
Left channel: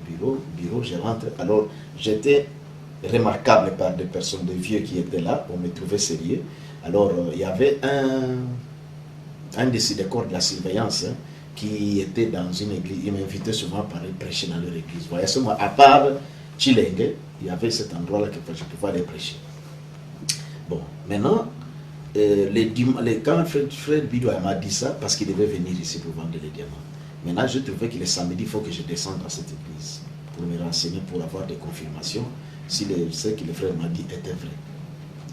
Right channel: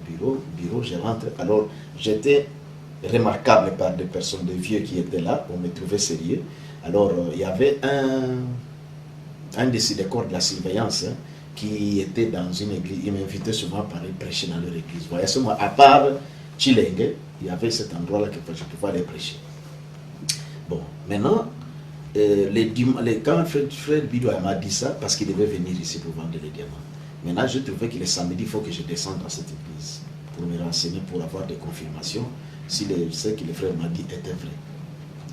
bureau, je rentre. Alors, j'étais remarquable par des personnes, des vieux qui étaient là, on me trouvait sérieux. Alors, il y avait un des corps de la surveillance qui était dans une église. Il m'invitait souvent par aller prêcher dans leur église. Vous voyez, seulement à part Tchilenge, il y avait cet endroit-là que je pouvais aller prêcher. Bon, maintenant, quand Frère Bidouaya m'a dit ça, parce qu'il devait venir ici pour vendre les diamants, Maintenant, je trouvais que le samedi, il faut que je descende dans cette église pour me renseigner, pour avoir des confirmations si ce que le frère m'a dit était vrai.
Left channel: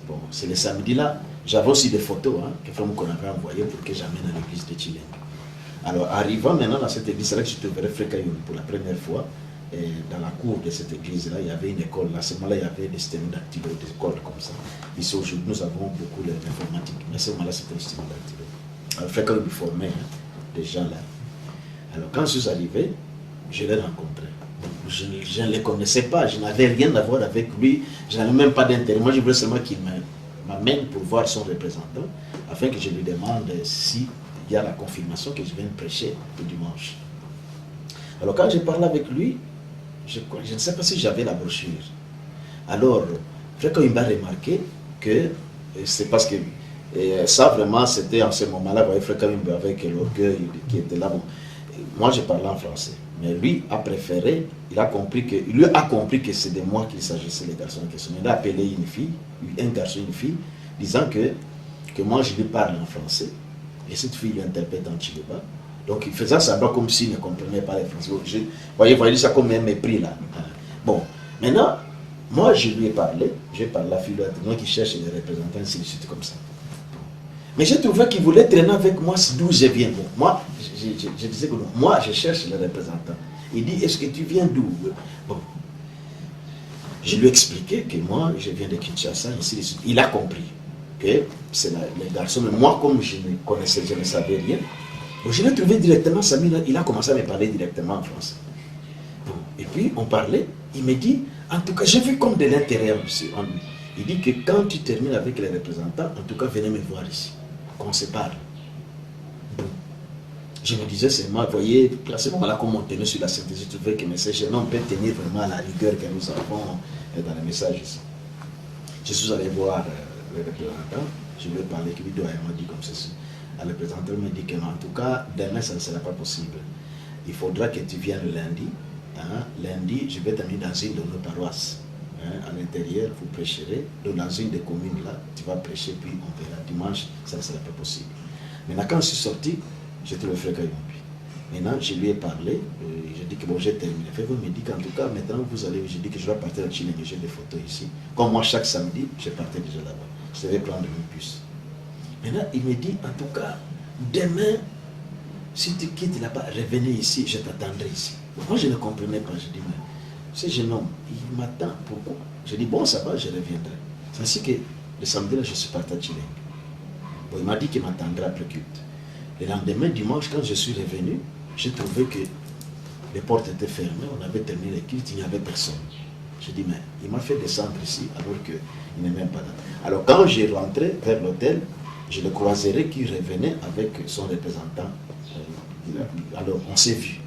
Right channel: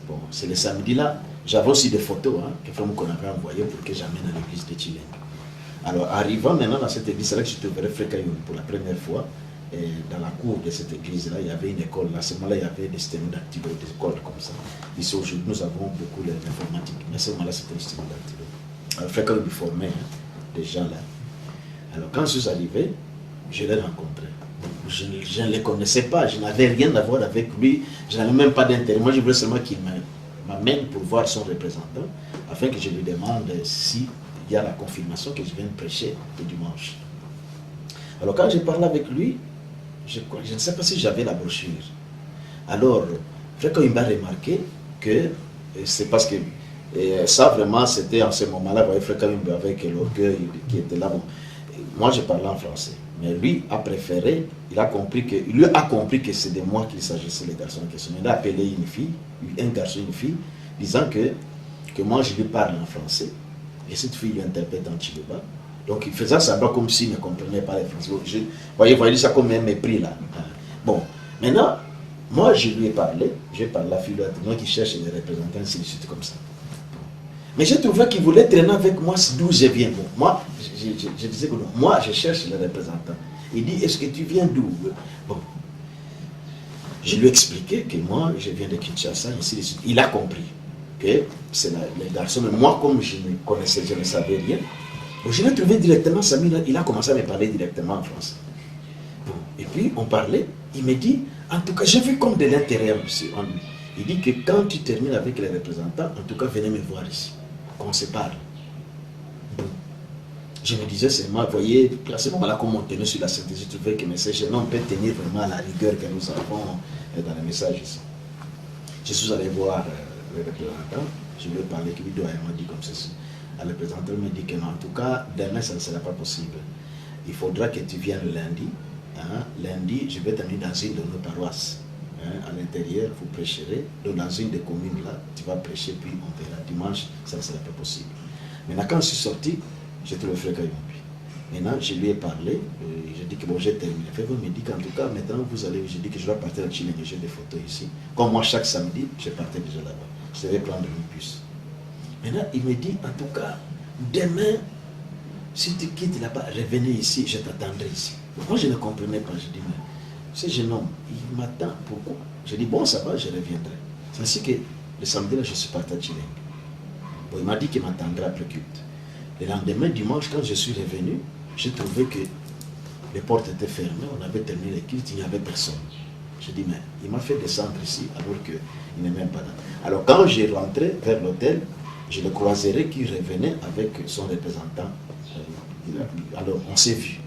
Bon, c'est le samedi là, j'avais aussi des photos que frère qu'on avait envoyées pour que j'amène à l'église de Chileng. Alors, arrivant maintenant dans cette église, c'est là que je trouverai frère Kayum pour la première fois. Et dans la cour de cette église-là, il y avait une école. Là, à ce moment-là, il y avait des systèmes d'activité, des écoles comme ça. Ici, aujourd'hui, nous avons beaucoup d'informatique. Mais à ce moment-là, c'était un système d'activité. Alors, frère Kayum formait des gens là. Alors, quand je suis arrivé, je l'ai rencontré. Je ne les connaissais pas, je n'avais rien à voir avec lui, je n'avais même pas d'intérêt. Moi, je voulais seulement qu'il m'amène pour voir son représentant, afin que je lui demande s'il y a la confirmation que je viens de prêcher le dimanche. Alors, quand j'ai parlé avec lui, je ne sais pas si j'avais la brochure. Alors, frère, quand il m'a remarqué que c'est parce que ça, vraiment, c'était en ce moment-là, vous voyez, frère, quand il avec l'orgueil qui était là. Bon, moi, je parlais en français. Mais lui a préféré, lui a compris que c'est de moi qu'il s'agissait, les garçons en question. Il a appelé une fille, un garçon, une fille, disant que moi je lui parle en français, et cette fille lui interprète en Chiluba. Donc il faisait semblant comme s'il ne comprenait pas le français. Vous voyez ça comme un mépris là. Bon, maintenant, moi je lui ai parlé, j'ai parlé à la fille, moi qui cherche les représentants, ainsi de suite comme ça. Mais j'ai trouvé qu'il voulait traîner avec moi d'où je viens. Bon, moi, je disais que non, moi, je cherche le représentant. Il dit, est-ce que tu viens d'où? Bon, je lui ai expliqué que moi, je viens de Kinshasa, ainsi de suite. Il a compris que c'est les garçons. Mais moi, comme je ne connaissais, je ne savais rien, bon, je l'ai trouvé directement, Samir, il a commencé à me parler directement en français. Bon, et puis, on parlait, il me dit, en tout cas, j'ai vu comme de l'intérêt en lui. Il dit que quand tu termines avec les représentants, en tout cas, venez me voir ici. Qu'on se parle. Bon. Je me disais seulement, vous voyez, à ce moment-là, comme on tenait sur la synthèse, je trouvais que ce jeune homme peut tenir vraiment à la rigueur que nous avons dans les messages ici. Je suis allé voir le représentant, je lui ai parlé, qu'il m'a dit comme ceci. Le représentant m'a dit que non, en tout cas, demain, ça ne sera pas possible. Il faudra que tu viennes lundi. Lundi, je vais t'amener dans une de nos paroisses. À l'intérieur, vous prêcherez. Donc, dans une des communes là, tu vas prêcher, puis on verra. Dimanche, ça ne sera pas possible. Maintenant, quand je suis sorti, j'ai trouvé frère Kayumbi. Maintenant, je lui ai parlé. J'ai dit que bon, j'ai terminé. Frère me dit qu'en tout cas, maintenant, vous allez. J'ai dit que je vais partir à Chileng, j'ai des photos ici. Comme moi, chaque samedi, je partais déjà là-bas. Je devais prendre une bus. Maintenant, il me dit, en tout cas, demain, si tu quittes là-bas, revenez ici, je t'attendrai ici. Moi, je ne comprenais pas. Je dis, mais ce jeune homme, il m'attend, pourquoi? Je dis, bon, ça va, je reviendrai. C'est ainsi que le samedi, là, je suis parti à Chileng. Bon, il m'a dit qu'il m'attendra après culte. Le lendemain, dimanche, quand je suis revenu, j'ai trouvé que les portes étaient fermées, on avait terminé le culte, il n'y avait personne. Je dis, mais il m'a fait descendre ici alors qu'il n'est même pas là. Alors, quand j'ai rentré vers l'hôtel, je le croiserai qui revenait avec son représentant. Alors, on s'est vu.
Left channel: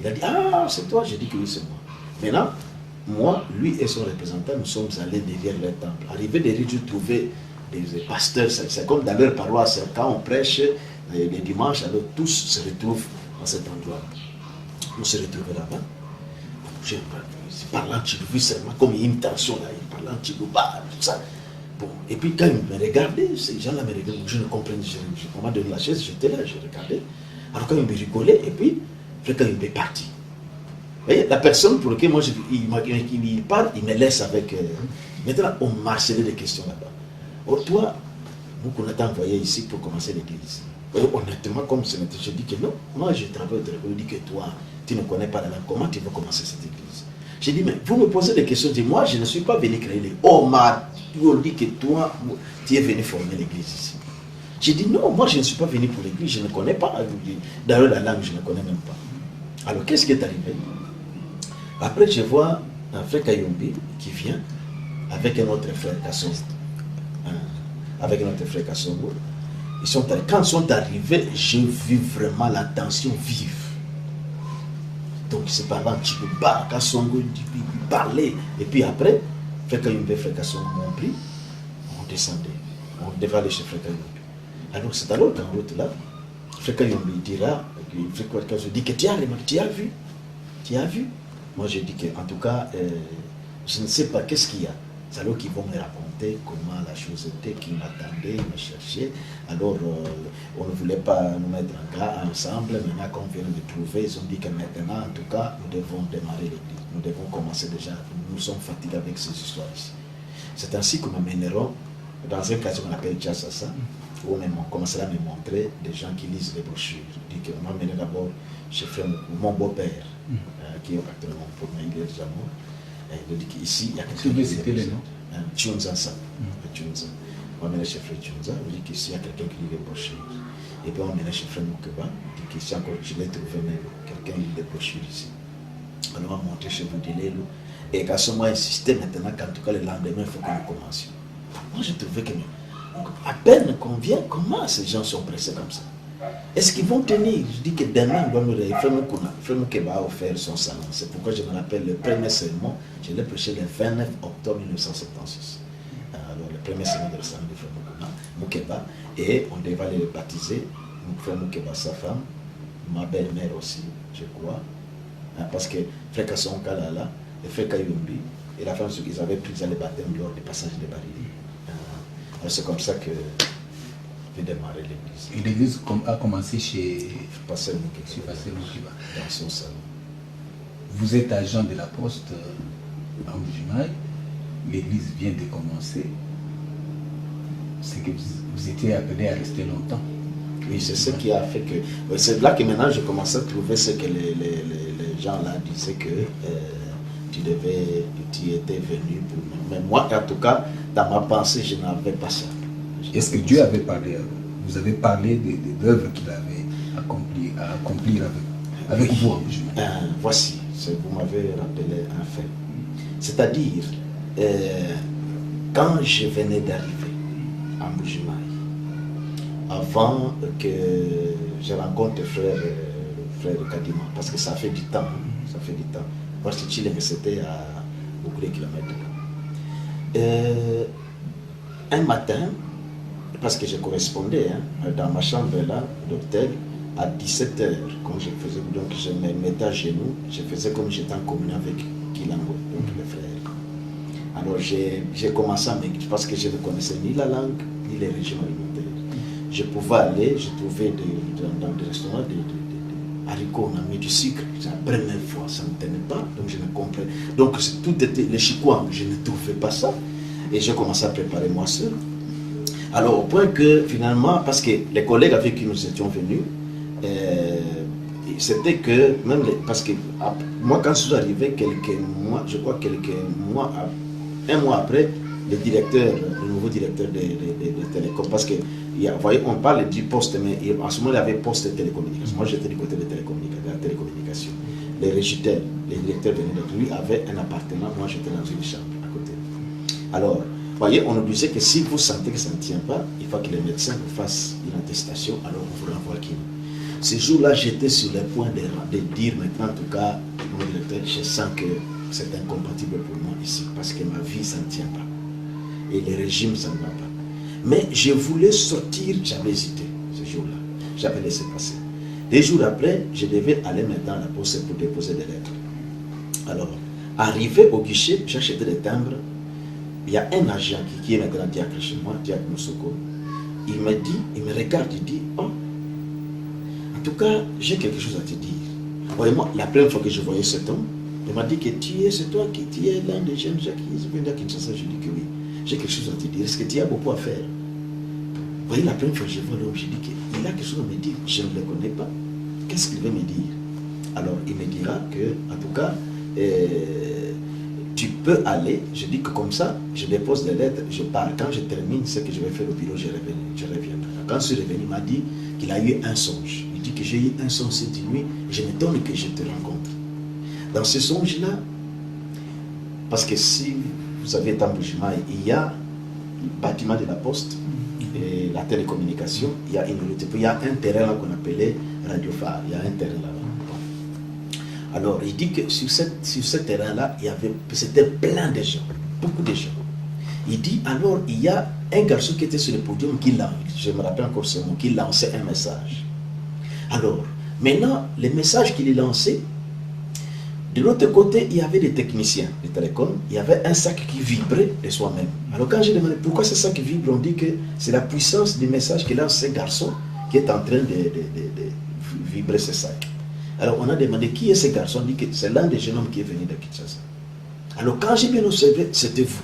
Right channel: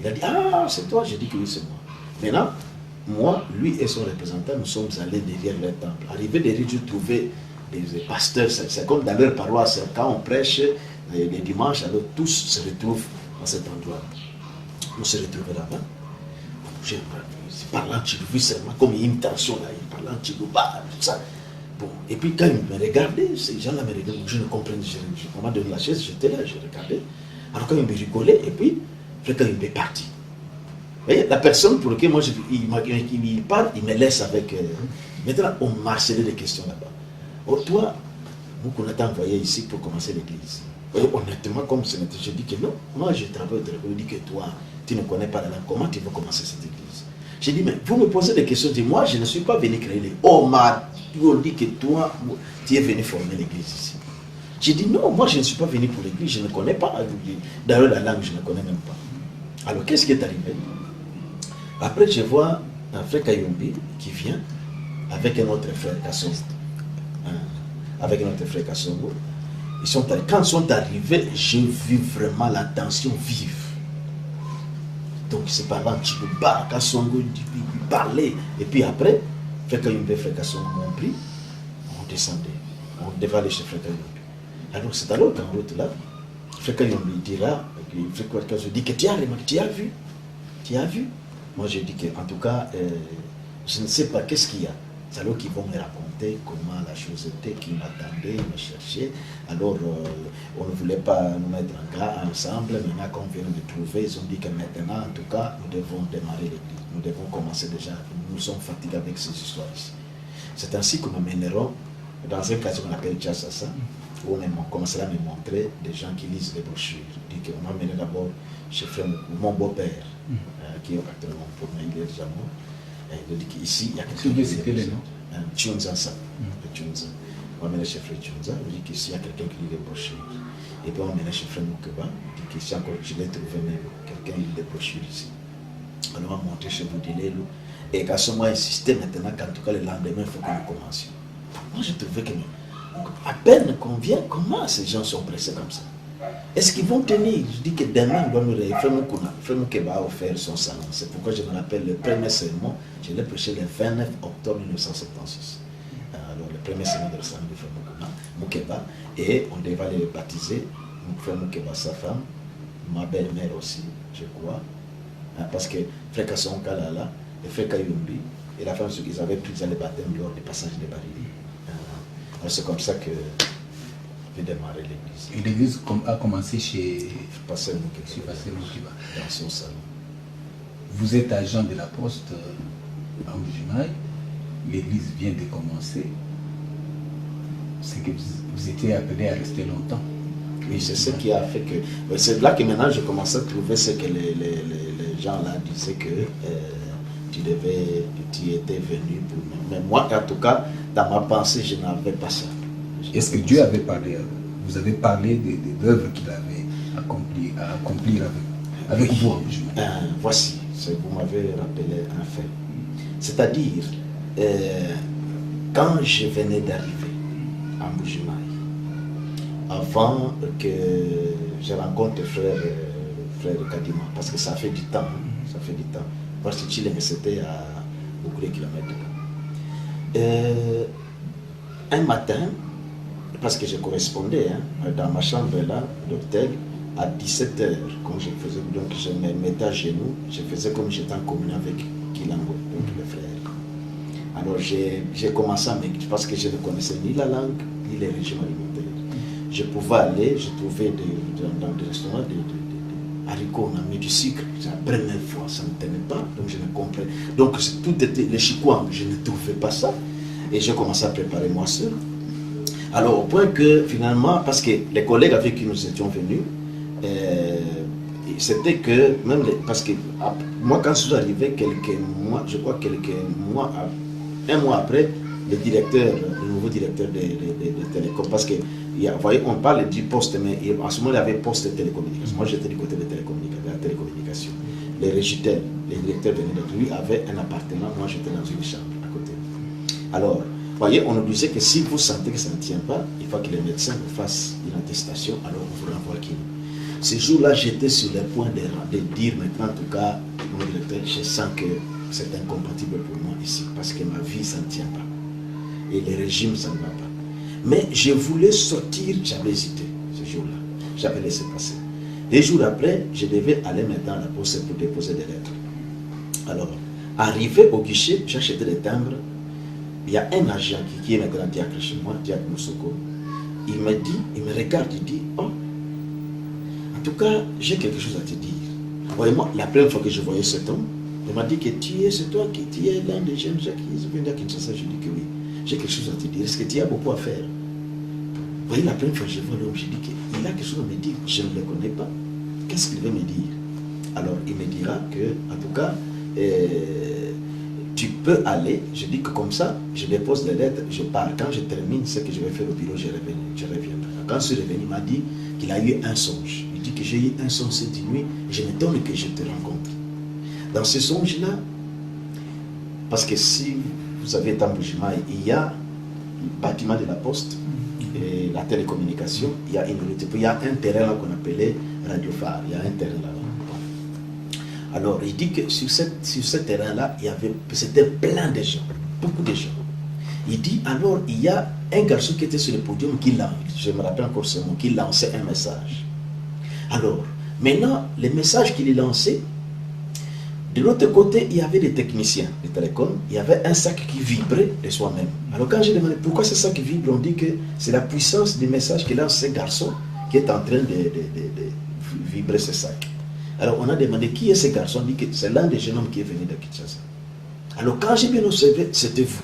Il a dit, ah, c'est toi? J'ai dit que oui, c'est moi. Maintenant, moi, lui et son représentant, nous sommes allés derrière leur temple. Arrivé derrière, je trouvais des pasteurs, c'est comme dans leur paroisse, quand on prêche les dimanches, alors tous se retrouvent dans cet endroit. On se retrouvait là-bas. Je parlais en Chiluba, seulement comme il y a une tension là, il parlait en Chiluba, tout ça. Bon, et puis quand ils me regardaient, ces gens-là me regardaient, je ne comprenais pas. On m'a donné la chaise, j'étais là, je regardais. Alors quand ils me rigolaient, et puis, quand il est parti. Et la personne pour laquelle moi il parle, il me laisse avec. Maintenant, on marcelait des questions là-bas. Oh, toi, nous qu'on t'a envoyé ici pour commencer l'église. Honnêtement, comme ce n'était, je dis que non, moi je travaille de l'église, je dis que toi, tu ne connais pas la langue, comment tu veux commencer cette église? J'ai dit, mais vous me posez des questions, je dis, moi je ne suis pas venu créer l'église. Oh, m'a dit que toi, tu es venu former l'église ici. J'ai dit, non, moi je ne suis pas venu pour l'église, je ne connais pas. D'ailleurs, la langue, je ne connais même pas. Alors, qu'est-ce qui est arrivé? Après, je vois un frère Kayumbi qui vient avec un autre frère Kassongo. Avec un autre frère Kassongo. Quand ils sont arrivés, j'ai vu vraiment la tension vive. Donc, c'est par là, Chiluba, Kassongo, il parlait. Et puis après, frère Kayumbi et frère Kassongo m'ont pris, on descendait. On devait aller chez frère Kayumbi. Alors, c'est alors qu'en route là, frère Kayumbi dira, frère Kassongo dit que tu as vu? Tu as vu? Moi, je dis que, en tout cas, je ne sais pas qu'est-ce qu'il y a. C'est alors qu'ils vont me raconter. raconté comment la chose était, qu'il m'attendait, il me cherchait. Alors, on ne voulait pas nous mettre ensemble. Maintenant, quand on vient de trouver, ils ont dit que maintenant, en tout cas, nous devons démarrer l'église. Nous devons commencer déjà. Nous sommes fatigués avec ces histoires ici. C'est ainsi que nous mènerons dans un quartier qu'on appelle Tchassassa, où on commencera à me montrer des gens qui lisent les brochures. Je dis qu'on m'a mené d'abord chez mon beau-père, qui est actuellement pour moi, il est déjà mort. Il dit qu'ici, il y a quelqu'un qui lit les brochures. Tchunza, ça. Tchunza. On m'a mené chez Frère Tchunza, il dit qu'ici, il y a quelqu'un qui lit les brochures. Et puis on m'a mené chez Frère Moukeba, il dit qu'ici encore, je l'ai trouvé même, quelqu'un lit les brochures ici. On m'a montré chez Boudilelo. Et qu'à ce moment, insisté maintenant qu'en tout cas, le lendemain, il faut que nous commencions. Moi, je trouvais que à peine qu'on vient, comment ces gens sont pressés comme ça? Est-ce qu'ils vont tenir? Je dis que demain, Frère Moukeba a offert son salon. C'est pourquoi je me rappelle le premier sermon, je l'ai prêché le 29 octobre 1976. Alors, le premier sermon de le salon de Frère Moukeba, et on devait aller le baptiser. Frère Moukeba, sa femme, ma belle-mère aussi, je crois. Parce que Frère Kasson Kalala, et Frère Kayumbi, et la femme, ils avaient pris les baptêmes lors du passage des barrières. C'est comme ça que j'ai démarré l'église. Et l'église a commencé chez Pasteur Moukeba, dans son salon. Vous êtes agent de la poste en Mbujimayi. L'église vient de commencer. C'est que vous étiez appelé à rester longtemps. Oui, c'est ce qui a fait que... C'est là que maintenant je commençais à trouver ce que les gens là disaient que tu étais venu pour nous. Mais moi, en tout cas, dans ma pensée, je n'avais pas ça. Est-ce que Dieu avait parlé, vous avez parlé des œuvres qu'il avait à accomplir avec vous en Mbujimayi? Voici, vous m'avez rappelé un fait. C'est-à-dire, quand je venais d'arriver à Mbujimayi, avant que je rencontre frère Kadima, parce que ça fait du temps, parce que Chile, c'était à beaucoup de kilomètres. Un matin, parce que je correspondais dans ma chambre là, d'hôtel, à 17h, quand je faisais, donc je me mettais à genoux, je faisais comme j'étais en communion avec Kilango, donc le frère. Alors j'ai commencé à m'écrire, parce que je ne connaissais ni la langue, ni les régimes alimentaires. Je pouvais aller, je trouvais dans des restaurants des haricots, on a mis du sucre. C'est la première fois, ça ne tenait pas, donc je ne comprenais. Donc tout était les chikwang, je ne trouvais pas ça. Et j'ai commencé à préparer moi seul. Alors au point que finalement, parce que les collègues avec qui nous étions venus, c'était que, même parce que moi quand je suis arrivé, je crois un mois après, le nouveau directeur de Télécom, parce que vous voyez, on parle du poste, mais en ce moment il y avait poste de télécommunication. Moi j'étais du côté de la télécommunication. Les régitels, les directeurs venaient de lui, avaient un appartement, moi j'étais dans une chambre à côté. Alors, vous voyez, on nous disait que si vous sentez que ça ne tient pas, il faut que les médecins vous fassent une attestation, alors on vous renvoie qui. Ce jour-là, j'étais sur le point de dire maintenant, en tout cas, mon directeur, je sens que c'est incompatible pour moi ici, parce que ma vie, ça ne tient pas. Et le régime, ça ne va pas. Mais je voulais sortir, j'avais hésité ce jour-là. J'avais laissé passer. Des jours après, je devais aller maintenant à la poste pour déposer des lettres. Alors, arrivé au guichet, j'ai acheté des timbres. Il y a un agent qui est maintenant diacre chez moi, diacre Moussoko. Il me regarde, il dit, oh, en tout cas, j'ai quelque chose à te dire. Voyez-moi, la première fois que je voyais cet homme, il m'a dit que c'est toi qui es l'un des jeunes gens qui viennent à Kinshasa. Je dis que oui, j'ai quelque chose à te dire. Est-ce que tu as beaucoup à faire? Vous voyez, la première fois que je vois l'homme, je dis qu'il a quelque chose à me dire. Je ne le connais pas. Qu'est-ce qu'il veut me dire? Alors, il me dira que, en tout cas, tu peux aller. Je dis que comme ça, je dépose les lettres, je pars. Quand je termine ce que je vais faire au bureau, je reviendrai. Quand je suis revenu, il m'a dit qu'il a eu un songe. Il dit que j'ai eu un songe cette nuit, et je m'étonne que je te rencontre. Dans ce songe-là, parce que si vous avez été en Mbujimayi, il y a le bâtiment de la poste, et la télécommunication, il y a une route. Il y a un terrain là qu'on appelait Radio Phare, il y a un terrain là-bas. Alors, il dit que sur ce terrain-là, c'était plein de gens, beaucoup de gens. Il dit, alors, il y a un garçon qui était sur le podium, je me rappelle encore ce mot, qui lançait un message. Alors, maintenant, le message qu'il lançait, De l'autre côté, il y avait des techniciens de télécom, il y avait un sac qui vibrait de soi-même. Alors quand j'ai demandé pourquoi ce sac vibre, on dit que c'est la puissance du message que lance ce garçon qui est en train de vibrer ce sac. Alors on a demandé qui est ce garçon, on dit que c'est l'un des jeunes hommes qui est venu de Kinshasa. Alors quand j'ai bien observé, c'était vous.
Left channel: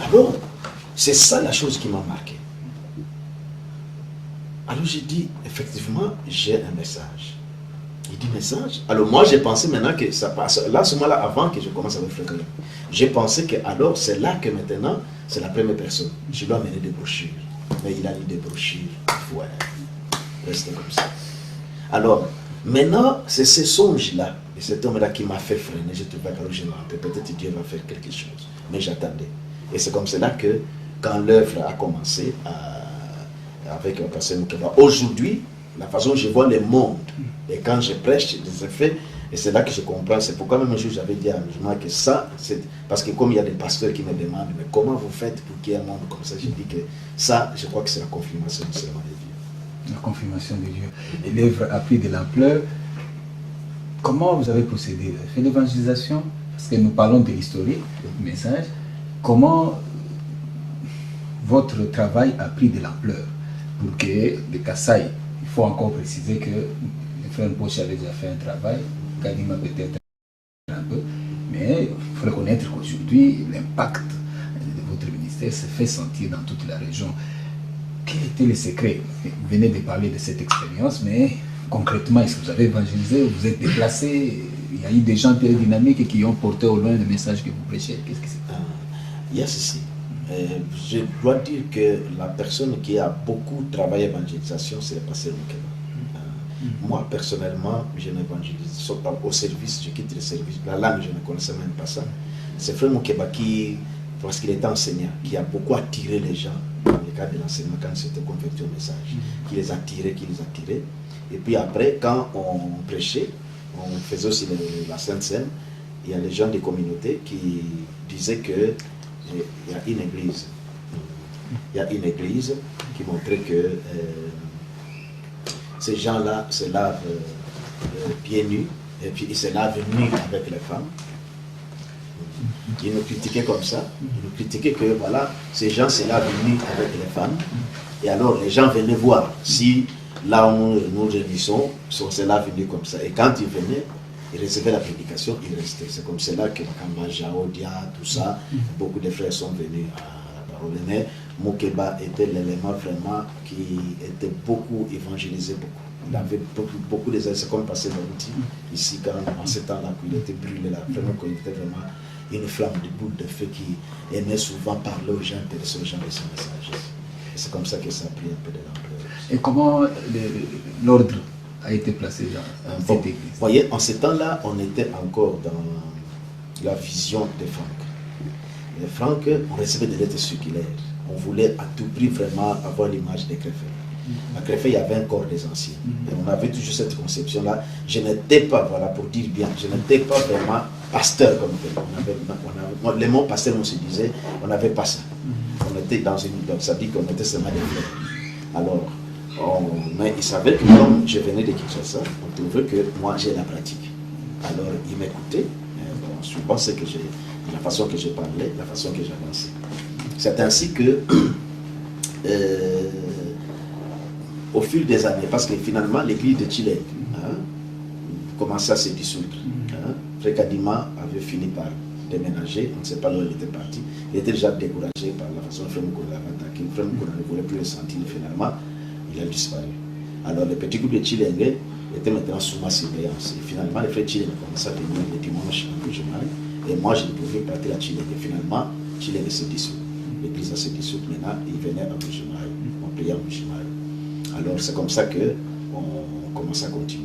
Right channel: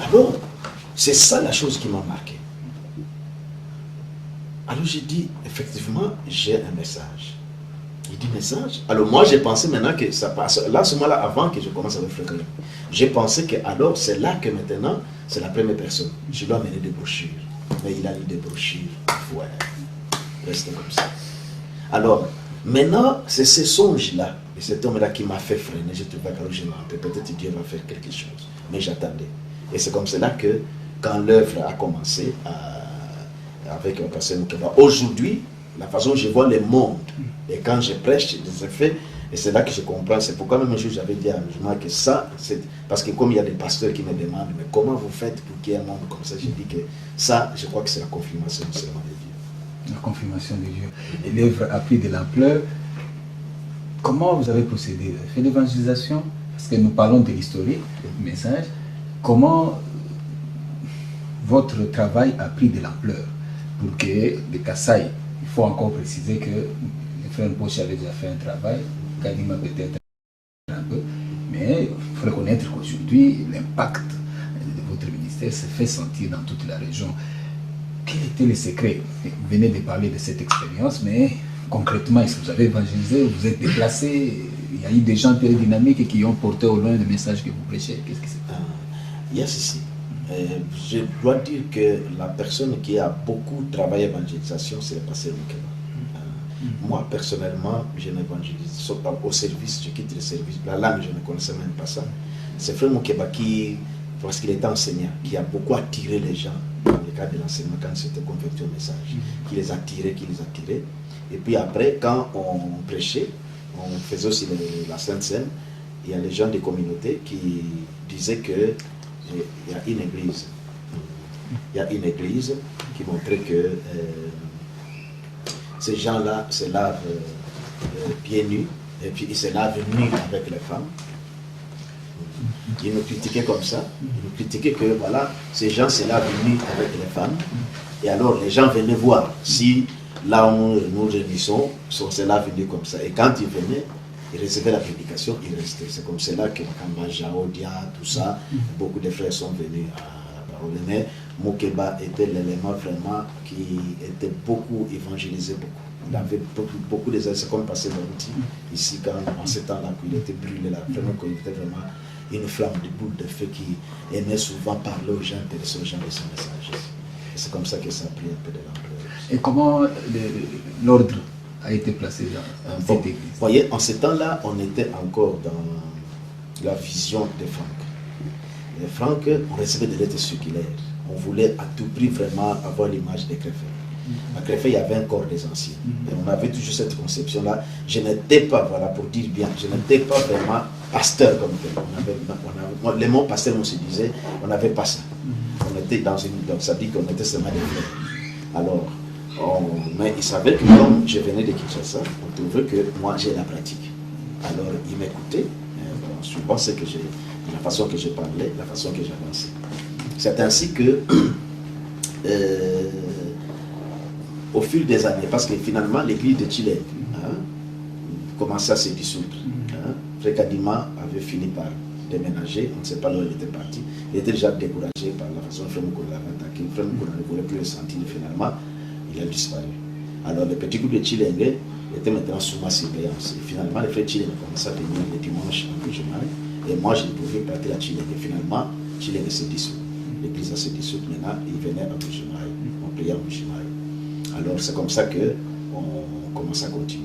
Alors, c'est ça la chose qui m'a marqué. Alors j'ai dit, effectivement, j'ai un message. Il dit message. Alors moi j'ai pensé maintenant que ça passe. Là, ce moment-là, avant que je commence avec Frère Kayembe, j'ai pensé que alors c'est là que maintenant, c'est la première personne. Je dois amener des brochures. Mais il a mis des brochures. Ouais. Reste comme ça. Alors, maintenant, c'est ce songe-là, et cet homme-là qui m'a fait freiner. Je trouvais que je m'en peut-être Dieu va faire quelque chose. Mais j'attendais. Et c'est comme cela que, quand l'œuvre a commencé avec le pasteur Moukeba, aujourd'hui, la façon dont je vois le monde, et quand je prêche, des effets, et c'est là que je comprends. C'est pourquoi même un jour j'avais dit à Moujma que ça, c'est parce que comme il y a des pasteurs qui me demandent, mais comment vous faites pour qu'il y ait un monde comme ça, je dis que ça, je crois que c'est la confirmation du serment de Dieu. La confirmation de Dieu. Et l'œuvre a pris de l'ampleur. Comment vous avez procédé? Vous avez fait l'évangélisation? Parce que nous parlons de l'historique, du message. Comment votre travail a pris de l'ampleur pour que le Kasaï, il faut encore préciser que le frère Poche avait déjà fait un travail, Kadima peut-être un peu, mais il faut reconnaître qu'aujourd'hui, l'impact de votre ministère se fait sentir dans toute la région. Quel était le secret? Vous venez de parler de cette expérience, mais concrètement, est-ce que vous avez évangélisé, vous êtes déplacé? Il y a eu des gens très dynamiques qui ont porté au loin le message que vous prêchez. Qu'est-ce que c'est? Il y a ceci. Je dois dire que la personne qui a beaucoup travaillé l'évangélisation, c'est le pasteur Moukeba. Moi, personnellement, je n'évangélise pas au service, je quitte le service. La langue, je ne connaissais même pas ça. C'est Frère Moukeba qui, parce qu'il était enseignant, qui a beaucoup attiré les gens dans le cadre de l'enseignement quand il s'était converti au message. Qui les attirait. Et puis après, quand on prêchait, on faisait aussi la Sainte Seine, il y a les gens des communautés qui disaient que il y a une église. Il y a une église qui montrait que ces gens-là se lavent pieds nus et puis ils se lavent nus avec les femmes. Ils nous critiquaient comme ça. Ils nous critiquaient que voilà, ces gens se lavent nus avec les femmes. Et alors les gens venaient voir si là où nous réunissons, on se lave nus comme ça. Et quand ils venaient, ils recevaient la prédication, ils restaient. C'est comme cela que Makamba, Jaodia, tout ça, beaucoup de frères sont venus à parole. Mais Moukeba était l'élément vraiment qui était beaucoup évangélisé, beaucoup. Il avait beaucoup de... C'est comme passé l'outil ici, quand en ce temps-là, il était brûlé là. Vraiment, il était vraiment une flamme de boule de feu qui aimait souvent parler aux gens, intéresser aux gens de son message. C'est comme ça que ça a pris un peu de l'ampleur. Et comment l'ordre a été placé dans cette église? Vous voyez, en ce temps-là, on était encore dans la vision de Franck. Et Franck, on recevait des lettres circulaires. On voulait à tout prix vraiment avoir l'image des Créfets. À Créfet, il y avait un corps des anciens. Et on avait toujours cette conception-là. Je n'étais pas, voilà, pour dire bien, je n'étais pas vraiment pasteur comme tel. Les mots pasteur, on se disait, on n'avait pas ça. On était dans une... Donc ça dit qu'on était seulement des frères. Alors, mais il savait que comme je venais de Kinshasa, on trouvait que moi j'ai la pratique. Alors il m'écoutait, suivant ce que j'ai, la façon que je parlais, la façon que j'avançais. C'est ainsi que, au fil des années, parce que finalement l'église de Chile commençait à se dissoudre. Frère Kadima avait fini par déménager, on ne sait pas où il était parti. Il était déjà découragé par la façon dont Frère Moukona l'avait attaqué. Frère Moukona ne voulait plus le sentir finalement. Il a disparu. Alors le petit groupe de Chilenge était maintenant sous ma surveillance. Et finalement, les frères Chilenge commençaient à venir le dimanche à Bujumaï. Et moi, je ne pouvais pas partir à Chilenge. Et finalement, Chilenge s'est dissout. L'église s'est dissoute maintenant. Il venait à Bujumaï. On priait à Bujumaï. Alors c'est comme ça qu'on commence à continuer.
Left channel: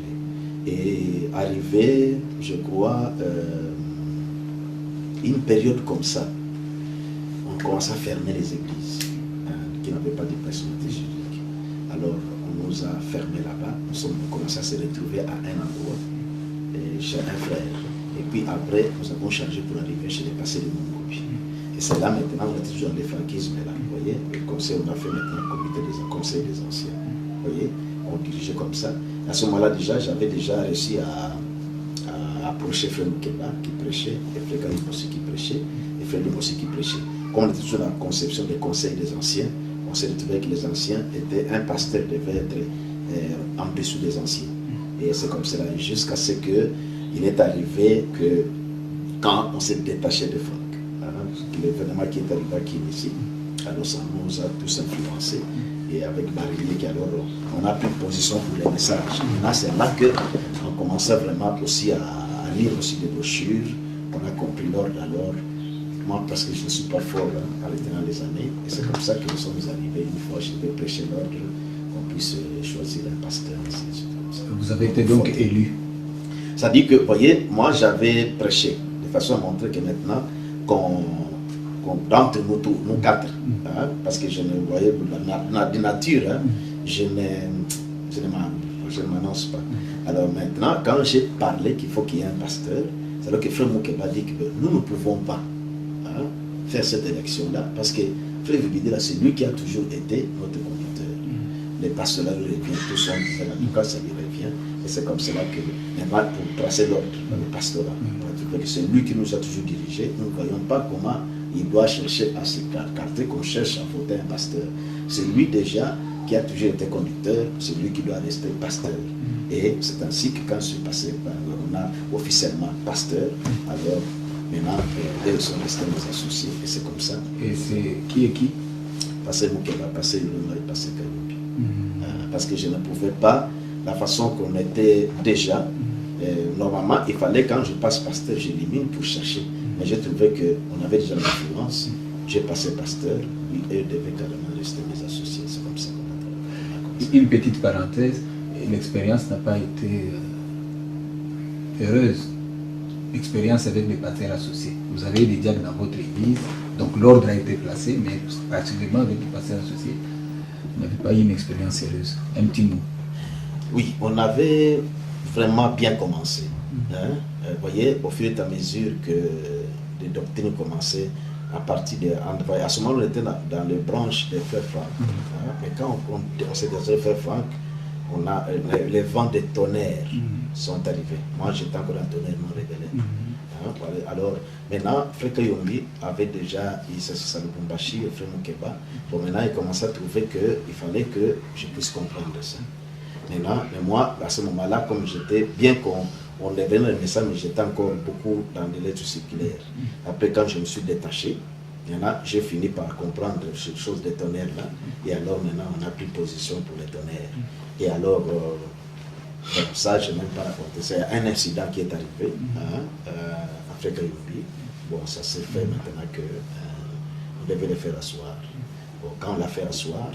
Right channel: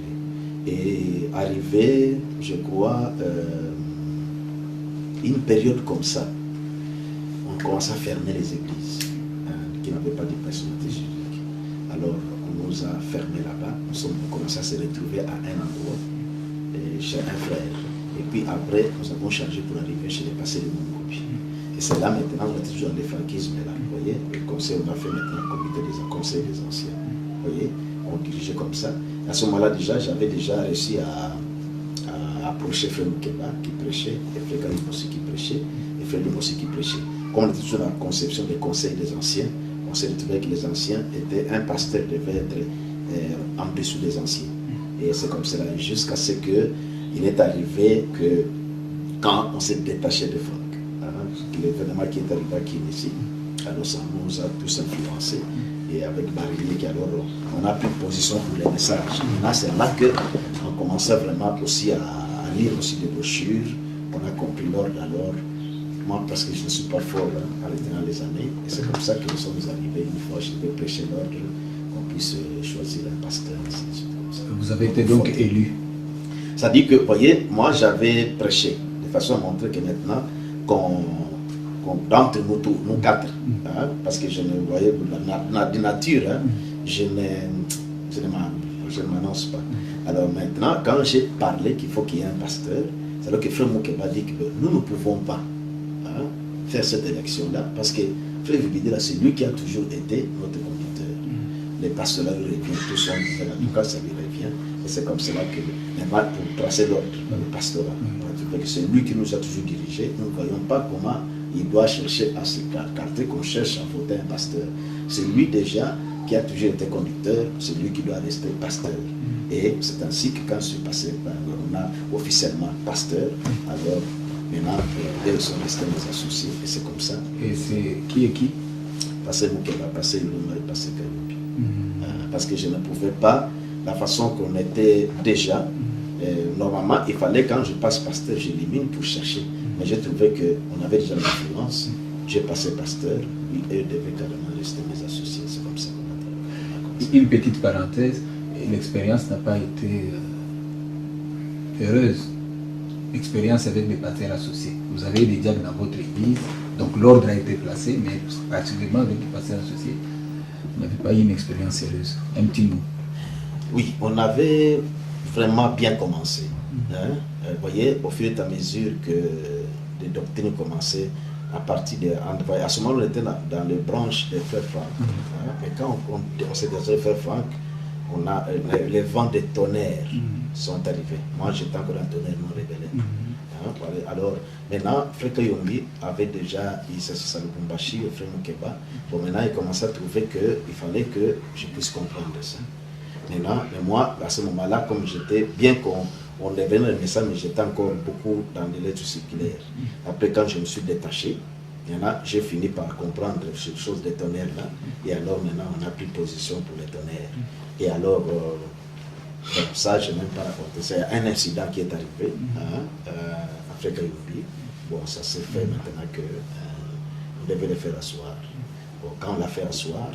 Et arrivé, je crois, une période comme ça, on commence à fermer les églises qui n'avaient pas de personnalité juridique. Alors, on nous a fermés là-bas. On commence à se retrouver à un endroit, chez un frère. Et puis après, nous avons changé pour arriver chez les passés de Mongobi. Et c'est là maintenant, on est toujours dans les franquismes là. Vous voyez, le conseil, on a fait maintenant le comité des conseils des anciens. Vous voyez, on dirigeait comme ça. À ce moment-là, déjà, j'avais déjà réussi à approché Frère Moukeba qui prêchait, et Frère Karim aussi qui prêchait, et Frère Lim aussi qui prêchait. Comme on était toujours dans la conception des conseils des anciens, on s'est retrouvé que les anciens étaient, un pasteur devait être en dessous des anciens. Et c'est comme cela, jusqu'à ce qu'il est arrivé que quand on s'est détaché de Franck, l'événement qui est arrivé à Kinesi, alors ça nous a tous influencés. Et avec Barilier, alors on a pris position pour les messages. Là, c'est là qu'on commençait vraiment aussi à lire aussi des brochures. On a compris l'ordre alors. Moi, parce que je ne suis pas fort en retenant les années. Et c'est comme ça que nous sommes arrivés une fois, je devais prêcher l'ordre, qu'on puisse choisir un pasteur. Vous avez été donc élu. Ça dit que, vous voyez, moi j'avais prêché, de façon à montrer que maintenant, d'entre nous quatre, parce que je ne voyais de nature, je ne m'annonce pas. Alors maintenant, quand j'ai parlé qu'il faut qu'il y ait un pasteur, c'est alors que Frère Moukeba dit que nous ne pouvons pas faire cette élection-là, parce que Frère Vibidela, c'est lui qui a toujours été notre conducteur. Les pasteurs lui reviennent, tout ça, en tout cas ça lui revient, et c'est comme cela que, maintenant, pour tracer l'ordre, le pastorat, c'est lui qui nous a toujours dirigés, nous ne voyons pas comment il doit chercher à s'écarter, qu'on cherche à voter un pasteur. C'est lui déjà qui a toujours été conducteur, c'est lui qui doit rester pasteur. Et c'est ainsi que quand je suis passé par, on a officiellement pasteur, alors maintenant, ils sont restés mes associés, et c'est comme ça. Et c'est qui est qui? Passer Moukeba, passer Iluma et passer Kaloubi. Parce que je ne pouvais pas, la façon qu'on était déjà, normalement, il fallait quand je passe pasteur, j'élimine pour chercher. Mais j'ai trouvé qu'on avait déjà l'influence, j'ai passé pasteur, lui, eux devaient carrément rester mes associés, c'est comme ça qu'on a travaillé. Une petite parenthèse, l'expérience n'a pas été heureuse. L'expérience avec les pasteurs associés. Vous avez des diacres dans votre église, donc l'ordre a été placé, mais particulièrement avec les pasteurs associés, vous n'avez pas eu une expérience heureuse. Un petit mot. Oui, on avait vraiment bien commencé. Vous voyez, au fur et à mesure que les doctrines commençaient, à partir de... À ce moment, on était dans les branches des frères Franck. Mais quand on s'est désolé frère Franck, on a les vents de tonnerre sont arrivés. Moi, j'étais encore un tonnerre non révélé. Alors, maintenant, Frère Kayombi avait déjà, il s'est le Bumbashi et Frère Moukeba. Bon, maintenant, il commençait à trouver qu'il fallait que je puisse comprendre ça. Maintenant, mais moi, à ce moment-là, comme j'étais, bien qu'on avait le message, mais j'étais encore beaucoup dans les lettres circulaires. Après, quand je me suis détaché, maintenant, j'ai fini par comprendre ces choses des tonnerres-là. Et alors, maintenant, on a pris position pour les tonnerres. Et alors, ça, je n'ai même pas raconté. C'est un incident qui est arrivé à Frère Kayombi. Bon, ça s'est fait maintenant qu'on devait le faire asseoir. Bon, quand on l'a fait asseoir,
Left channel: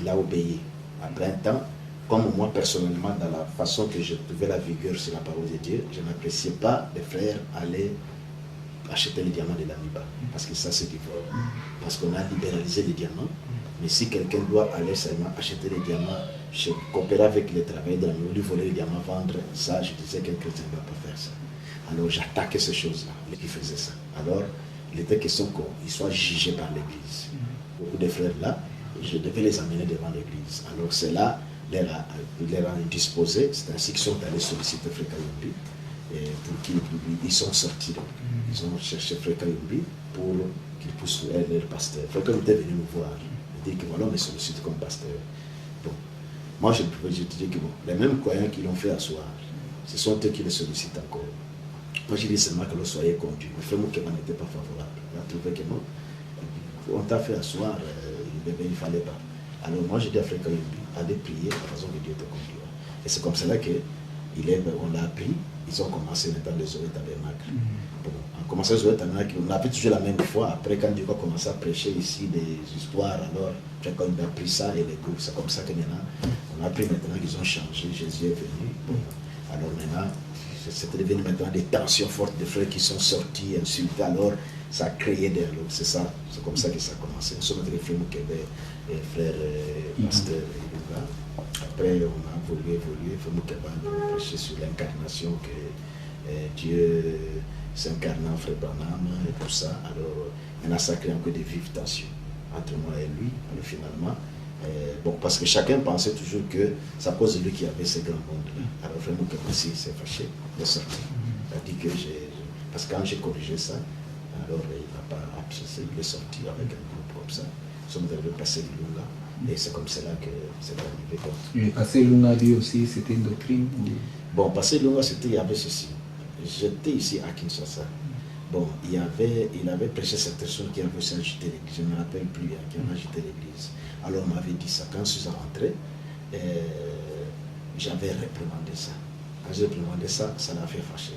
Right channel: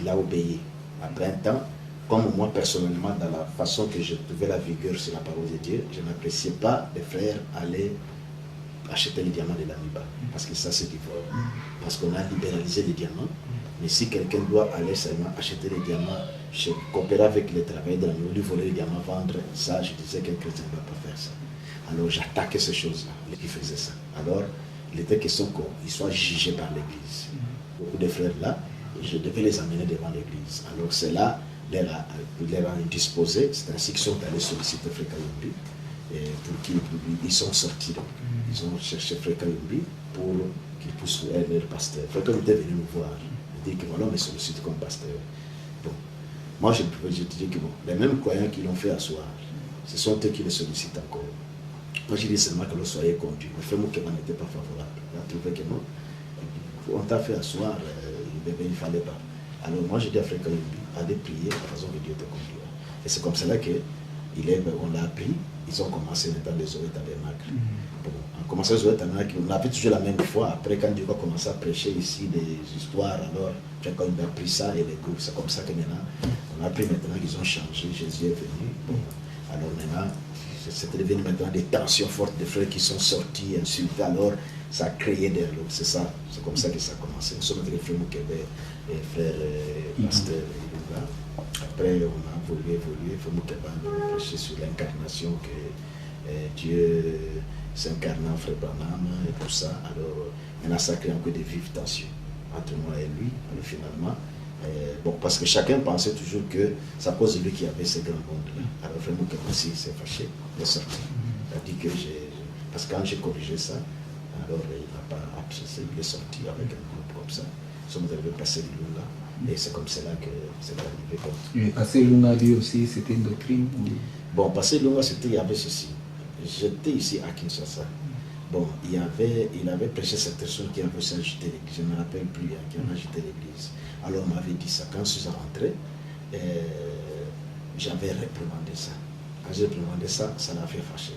il a obéi. Après un temps, comme moi personnellement, dans la façon que je trouvais la vigueur sur la parole de Dieu, je n'appréciais pas les frères aller acheter les diamants de l'Amiba. Parce que ça, c'est du vol. Parce qu'on a libéralisé les diamants. Mais si quelqu'un doit aller seulement acheter les diamants, coopérer avec les travailleurs de la lui voler les diamants, vendre, ça, je disais qu'un chrétien ne doit pas faire ça. Alors j'attaquais ces choses-là, les qui faisaient ça. Alors, il était question qu'ils soient jugés par l'Église. Beaucoup de frères là, je devais les amener devant l'Église. Alors c'est là, il les a disposés, c'est ainsi qu'ils sont allés solliciter Frère Kayombi, pour qu'ils sont sortis. Ils ont cherché Frère Kayombi pour qu'il puisse être leur pasteur. Frère Kayombi est venu me voir. Il dit que voilà, on me sollicite comme pasteur. Bon, moi je dis que bon, les mêmes croyants qui l'ont fait asseoir, ce sont eux qui les sollicitent encore. Moi je dis seulement que l'on soyez conduit. Le frère Moukeba n'était pas favorable. Il a trouvé que non, on t'a fait asseoir, il ne fallait pas. Alors moi je dis à Frère Kayombi, allez prier la façon que Dieu te conduira. Et c'est comme cela qu'on l'a appris. Ils ont commencé maintenant les Zoé Tabernacles. Bon, en commençant les Zoé Tabernacles, on a appris toujours la même fois. Après, quand Dieu a commencé à prêcher ici des histoires, alors quand on a appris ça et les groupes, c'est comme ça que maintenant, on a appris maintenant qu'ils ont changé. Jésus est venu. Bon, alors maintenant, c'est devenu maintenant des tensions fortes de frères qui sont sortis, insultés. Alors, ça a créé des lots. C'est ça, c'est comme ça que ça a commencé. Nous sommes avec les frères Moukeba et frères Pasteur Ilunga. Après, on a évolué, frère Moukeba a prêché sur l'incarnation que Dieu s'incarne en frère Branham et tout ça. Alors, maintenant, ça crée encore des vives tensions entre moi et lui. Alors, finalement, bon, parce que chacun pensait toujours que c'est à cause de lui qu'il y avait ce grand monde-là. Alors, frère Moukeba aussi s'est fâché. est sorti. Il a dit que parce que quand j'ai corrigé ça, alors il n'a pas apprécié, il est sorti avec un groupe comme ça. Nous sommes arrivés Passé Lunga. Et c'est comme cela que c'est arrivé. Mais Passé Lunga, lui aussi, c'était une doctrine ou... Bon, Passé Lunga, il y avait ceci. J'étais ici à Kinshasa. Bon, il avait prêché cette personne qui avait aussi agité l'église. Je ne me rappelle plus, qui avait agité l'église. Alors, on m'avait dit ça. Quand je suis rentré, j'avais réprimandé ça. Quand j'ai réprimandé ça, ça l'a fait fâcher.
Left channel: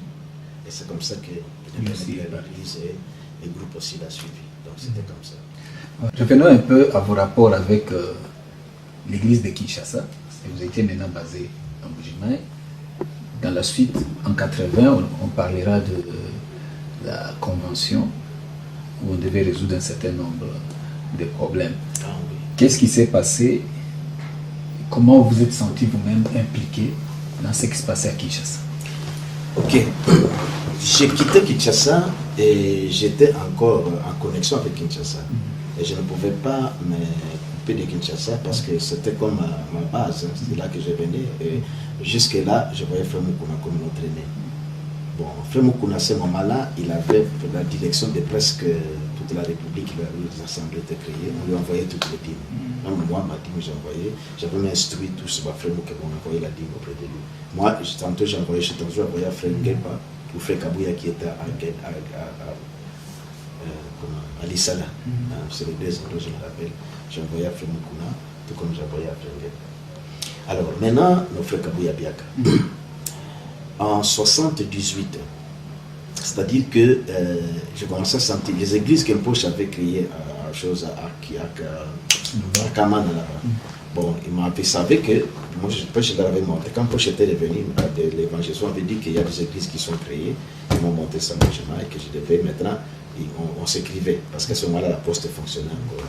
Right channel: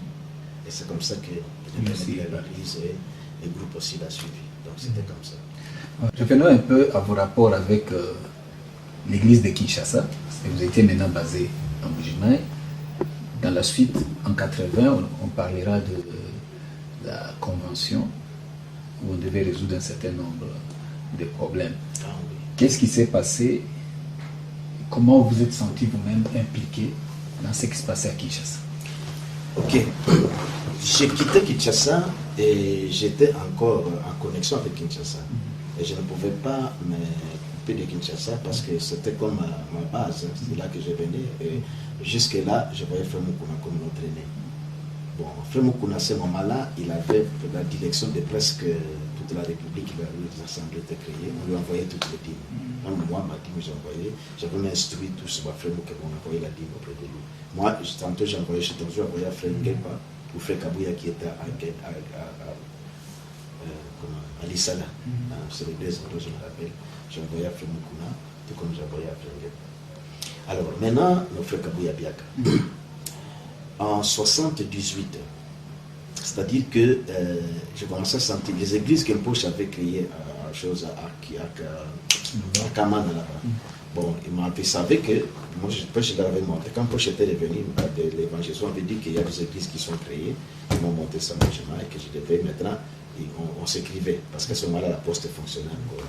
Et c'est comme ça que l'église et le groupe aussi l'a suivi. Donc, c'était comme ça. Revenons un peu à vos rapports avec l'église de Kinshasa. Vous étiez maintenant basé en Mbuji-Mayi. Dans la suite, en 80, on parlera de la convention où on devait résoudre un certain nombre de problèmes. Ah, oui. Qu'est-ce qui s'est passé? Comment vous êtes senti vous-même impliqué dans ce qui se passait à Kinshasa? Ok. J'ai quitté Kinshasa et j'étais encore en connexion avec Kinshasa. Et je ne pouvais pas me couper de Kinshasa parce que c'était comme ma base. C'est là que je venais. Et jusque-là, je voyais Frère Mukuna comme notre aîné. Bon, Frère Mukuna, à ce moment-là, il avait la direction de presque toute la République. Les assemblées étaient créées. On lui envoyait toutes les dîmes. Même moi, ma dîme, j'avais instruit tous Frère Mukuna, on envoyait la dîme auprès de lui. Moi, tantôt, j'envoyais à Frère Ngepa ou Frère Kabouya qui était à Lissala. C'est les deux endroits, je me rappelle. J'ai envoyé à Frère Mukuna, tout comme j'ai envoyé à Frère Ngepa. Alors, maintenant, nos frères Kabouya Biaka. En 78, c'est-à-dire que j'ai commencé à sentir les églises qu'Impoche avait créées à Kamana là-bas. Bon, il m'avait savait que moi je l'avais monté. Quand Poche était revenu de l'évangélisation, on avait dit qu'il y a des églises qui sont créées, ils m'ont monté ça moi et que je devais maintenant, on s'écrivait, parce qu'à ce moment-là la poste fonctionnait encore.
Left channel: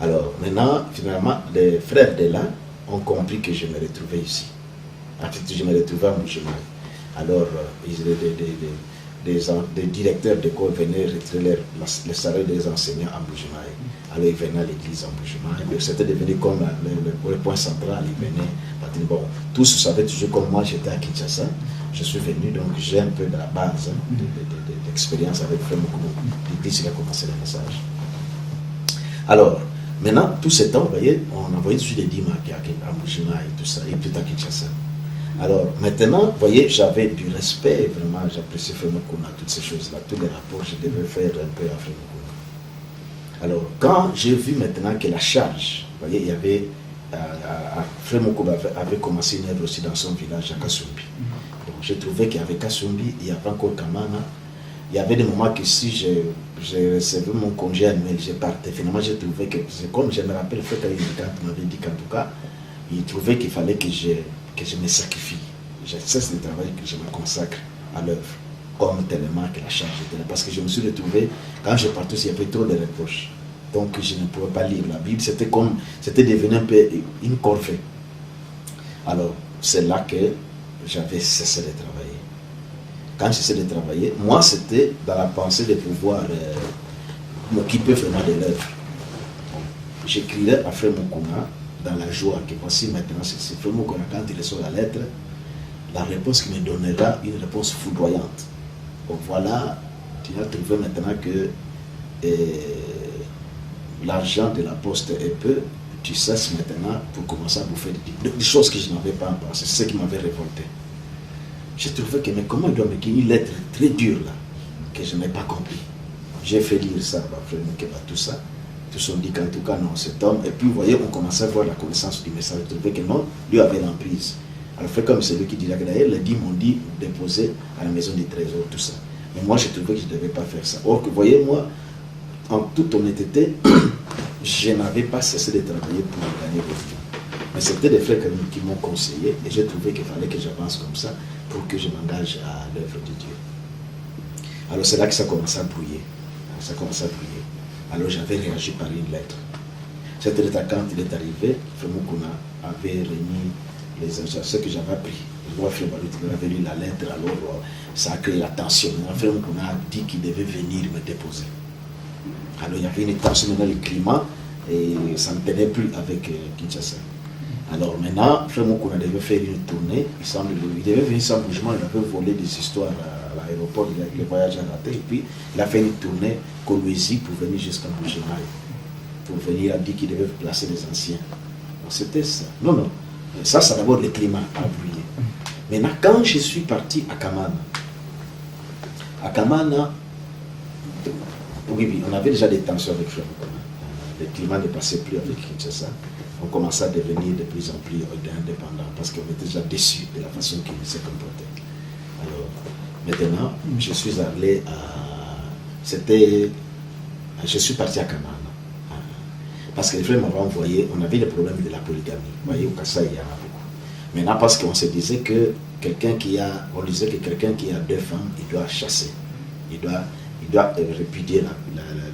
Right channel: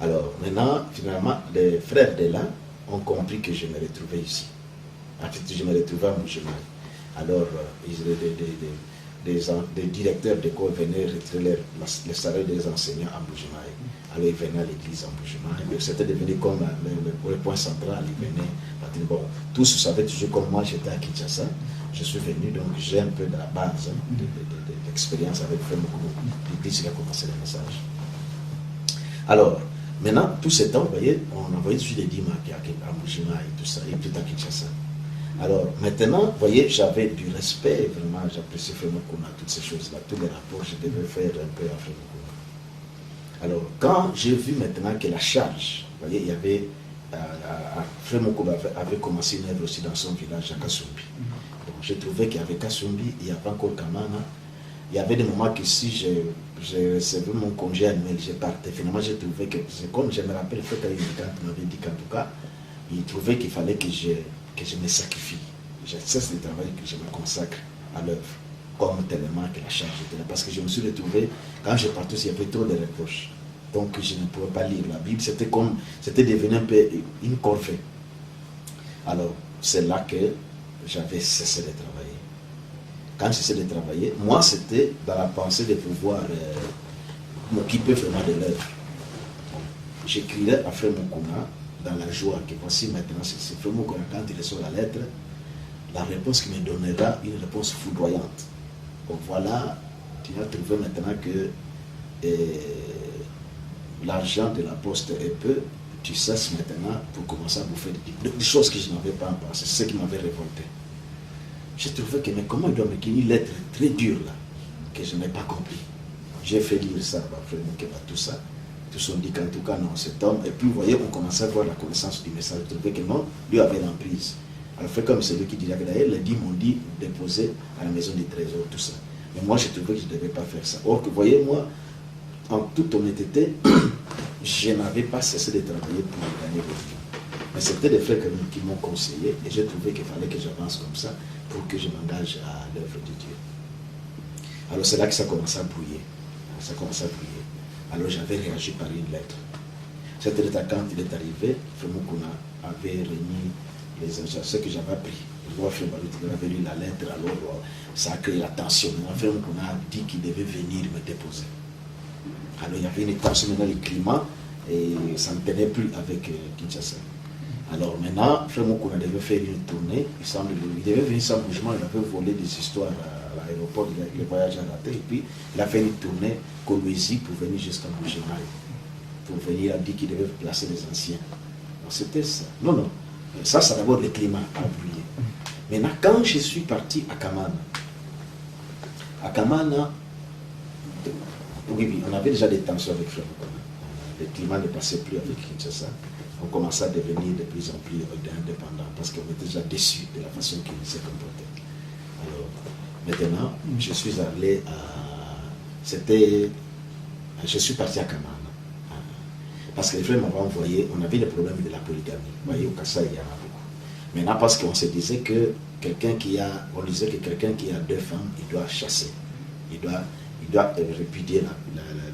Alors maintenant, finalement, les frères de là ont compris que je me retrouvais ici. En fait, je me retrouvais à Mbuji-Mayi. Alors, des directeurs d'école venaient retirer les salaires des enseignants à Mbuji-Mayi. Alors, ils venaient à l'église à Mbuji-Mayi. C'était devenu comme le point central. Ils venaient. Bon, tous savaient toujours comme moi, j'étais à Kinshasa. Je suis venu, donc j'ai un peu de la base d'expérience avec Frère Mukuna. L'église, il a commencé le message. Alors, maintenant, tout ce temps, vous voyez, on envoyait toujours des dîmes à Mbuji-Mayi et tout ça, et tout à Kinshasa. Alors, maintenant, vous voyez, j'avais du respect, vraiment, j'appréciais Frère Mukuna, toutes ces choses-là, tous les rapports, je devais faire un peu à Frère Mukuna. Alors, quand j'ai vu maintenant que la charge, vous voyez, il y avait, Frère Mukuna avait commencé une œuvre aussi dans son village, à Kasumbi. Donc, j'ai trouvé qu'il y avait Kasumbi, il y avait encore Kamana. Il y avait des moments que si j'ai recevé mon congé annuel, je partais. Finalement, j'ai trouvé que, comme je me rappelle, Frère Kayimikant m'avait dit qu'en tout cas, il trouvait qu'il fallait que je me sacrifie. Je cesse de travailler, que je me consacre à l'œuvre, comme tellement que la charge était là. Parce que je me suis retrouvé, quand je partais, il y avait trop de reproches. Donc je ne pouvais pas lire la Bible. C'était devenu un peu une corvée. Alors, c'est là que j'avais cessé de travailler. Quand j'ai cessé de travailler, moi, c'était dans la pensée de pouvoir m'occuper vraiment de l'œuvre. J'écrirais à Frère Mukuna dans la joie que voici maintenant, c'est Frère Mukuna, quand il reçoit la lettre, la réponse qu'il me donnera, une réponse foudroyante. Donc voilà, tu as trouvé maintenant que l'argent de la poste est peu, tu cesses maintenant pour commencer à bouffer des choses que je n'avais pas pensé, c'est ce qui m'avait révolté. J'ai trouvé que, mais comment il doit me donner une lettre très dure là, que je n'ai pas compris. J'ai fait lire ça, Frère Mukeba, tout ça. Tous ont dit qu'en tout cas, non, cet homme. Et puis, vous voyez, on commençait à voir la connaissance du message. Je trouvais que non, lui avait l'emprise. Alors, fait comme celui qui dit, d'ailleurs, les dîmes m'ont dit déposer à la maison du trésor, tout ça. Mais moi, je trouvais que je ne devais pas faire ça. Or, que, vous voyez, moi, en toute honnêteté, je n'avais pas cessé de travailler pour gagner le vie. Mais c'était des frères qui m'ont conseillé et j'ai trouvé qu'il fallait que j'avance comme ça pour que je m'engage à l'œuvre de Dieu. Alors, c'est là que ça commençait à brouiller. Ça commençait à brouiller. Alors j'avais réagi par une lettre. Cette lettre, quand il est arrivé, Frère Mukuna avait remis les instructions, ce que j'avais appris. Le roi Frère Balut avait lu la lettre, alors ça a créé la tension. Frère Mukuna a dit qu'il devait venir me déposer. Alors il y avait une tension dans le climat et ça ne tenait plus avec Kinshasa. Alors maintenant, frère Moukouna devait faire une tournée, il devait venir sans bougement, il avait volé des histoires à l'aéroport, les voyages à raté, et puis il a fait une tournée Kolwezi pour venir jusqu'à Moujimaï. Pour venir, il a dit qu'il devait placer les anciens. Donc c'était ça. Non. Ça, c'est d'abord le climat a brûlé. Maintenant, quand je suis parti à Kamana, oui, on avait déjà des tensions avec frère Moukouna. Le climat ne passait plus avec Kinshasa. On commençait à devenir de plus en plus indépendants parce qu'on était déjà déçus de la façon qu'il s'est comporté. Alors, maintenant, je suis allé à... Je suis parti à Kamana. Parce que les frères m'avaient envoyé, on avait le problème de la polygamie. Vous voyez, au Kassai, il y en a beaucoup. Maintenant, parce qu'on se disait que quelqu'un qui a 2 femmes, il doit chasser. Il doit répudier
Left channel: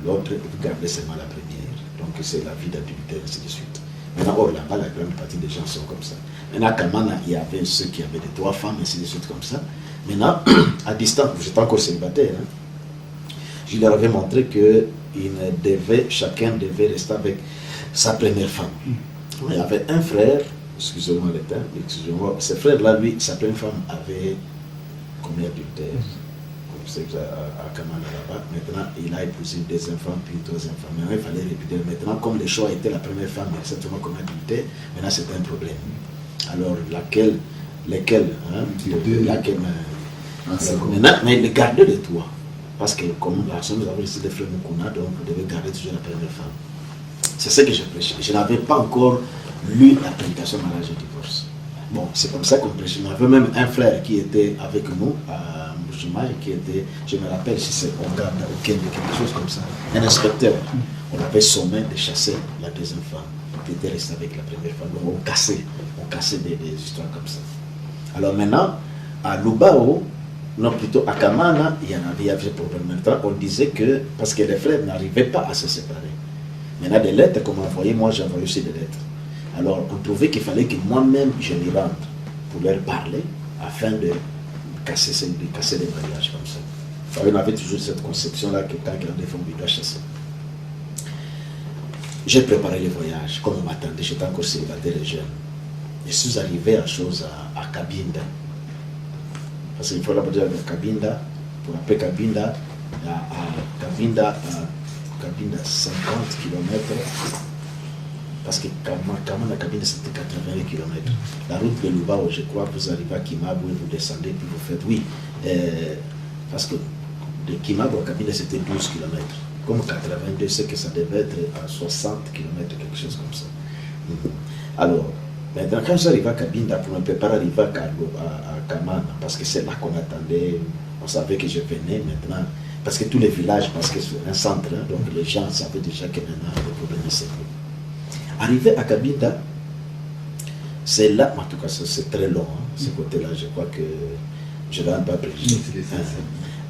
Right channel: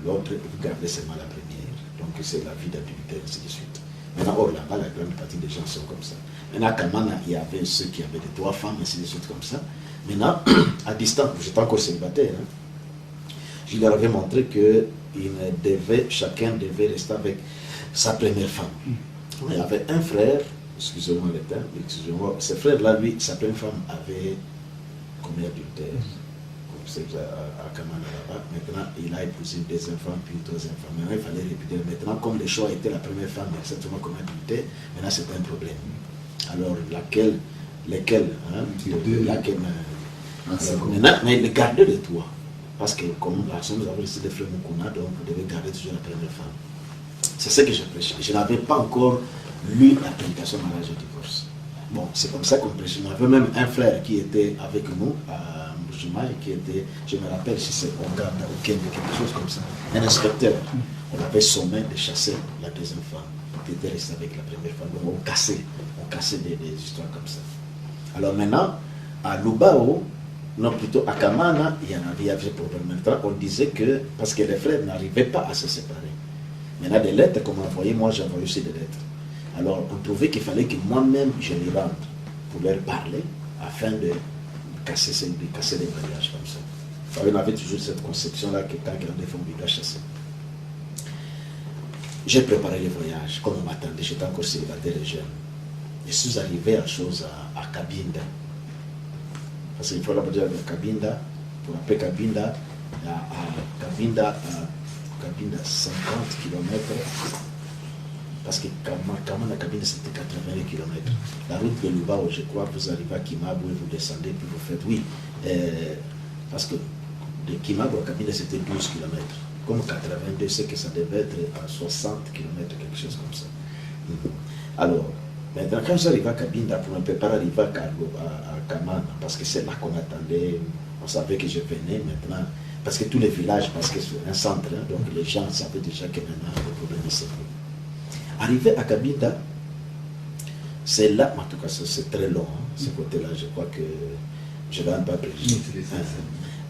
l'autre et garder seulement la première. Donc c'est la vie d'adultère, ainsi de suite. Maintenant, or là-bas, la grande partie des gens sont comme ça. Maintenant, à Kamana, il y avait ceux qui avaient 3 femmes, ainsi de suite, comme ça. Maintenant, à distance, j'étais encore célibataire, hein, je leur avais montré que chacun devait rester avec sa première femme. Il y avait un frère, excusez-moi le terme, ce frère-là, lui, sa première femme avait combien d'adultères? À Kamana là-bas. Maintenant, il a épousé une 2e femme, puis une 3e femme. Maintenant, il fallait répéter. Maintenant, comme le choix était la première femme, exactement comme adultère, maintenant c'était un problème. Alors, laquelle maintenant, mais le garder de toi. Parce que, comme nous avons décidé de faire Moukouna, donc vous devez garder toujours la première femme. C'est ce que j'ai prêché. Je n'avais pas encore lu la prédication mariage et divorce. Bon, c'est comme ça qu'on prêchait. On avait même un frère qui était avec nous à qui était, je me rappelle si c'est au garde au Kenya, quelque chose comme ça, un inspecteur. On avait sommé de chasser la 2e femme, qui était restée avec la première femme. Donc on cassait des histoires comme ça. Alors maintenant, à Lubao, non plutôt à Kamana, il y avait problème. Maintenant, on disait que, parce que les frères n'arrivaient pas à se séparer. Maintenant, des lettres qu'on m'envoyait, moi j'ai envoyé aussi des lettres. Alors on trouvait qu'il fallait que moi-même je m'y rende pour leur parler, afin de casser des mariages comme ça. On avait toujours cette conception-là que quand il y a des femmes, il doit chasser. J'ai préparé le voyage, comme on m'attendait, j'étais encore célibataire et jeune. Je suis arrivé à Cabinda. Parce qu'il faut la dire à Cabinda, pour appeler Cabinda, Cabinda 50 km. Parce que Kamana Cabinda c'était 80 km. La route de Lubao, je crois, vous arrivez à Kimabo et vous descendez, puis vous faites, oui. Parce que de Kimabo à Cabinda c'était 12 km. Comme 82, c'est que ça devait être à 60 km, quelque chose comme ça. Alors, maintenant, quand j'arrive à Cabinda, pour me préparer à arriver à Kamana, parce que c'est là qu'on attendait, on savait que je venais maintenant, parce que tous les villages, parce que c'est un centre, hein, donc les gens savaient déjà que maintenant le problème est sérieux. Arrivé à Cabinda, c'est là, en tout cas c'est très long, hein, ce côté-là, je crois que je ne vais pas préciser.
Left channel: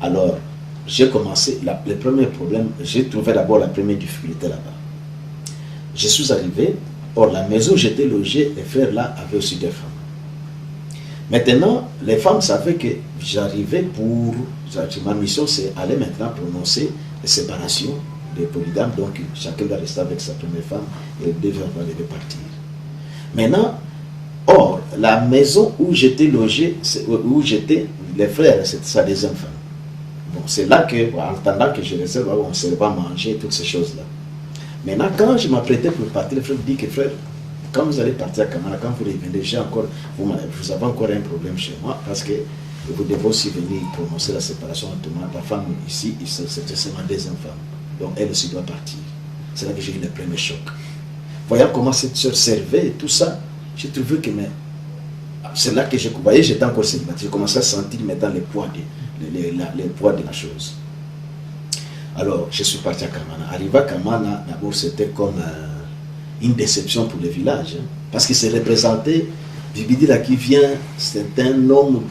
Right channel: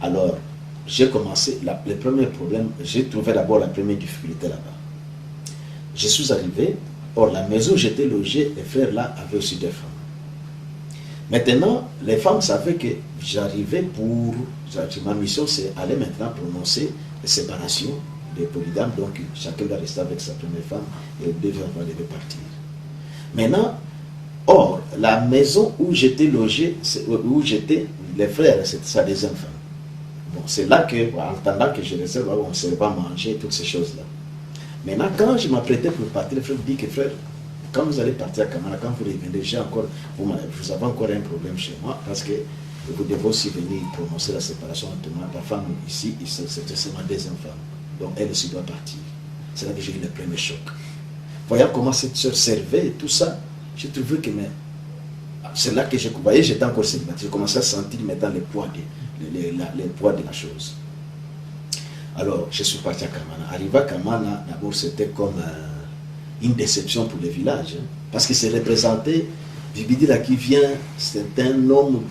Alors, j'ai commencé, le premier problème, j'ai trouvé d'abord la première difficulté là-bas. Je suis arrivé, or la maison où j'étais logé, les frères là avaient aussi des femmes. Maintenant, les femmes savaient que j'arrivais ma mission c'est aller maintenant prononcer les séparations des polygames, donc chacun doit rester avec sa première femme et les 2 femmes devaient partir. Maintenant, or, la maison où j'étais logé, les frères, c'était sa 2e femme. Bon, c'est là que, en attendant que je réserve, on ne savait pas manger, toutes ces choses-là. Maintenant, quand je m'apprêtais pour partir, le frère me dit que frère, quand vous allez partir à Kamana, quand vous revenez, vous avez encore un problème chez moi, parce que vous devez aussi venir prononcer la séparation entre moi. La femme ici, c'était seulement 2e femme. Donc elle aussi doit partir. C'est là que j'ai eu le premier choc. Voyant comment cette soeur servait et tout ça, j'ai trouvé que c'est là que vous voyez, j'étais encore célibataire. J'ai commencé à sentir maintenant le poids de la chose. Alors, je suis parti à Kamana. Arrivé à Kamana, d'abord, c'était comme une déception pour le village. Hein, parce que c'est représenté, Bibidi là qui vient, c'est un homme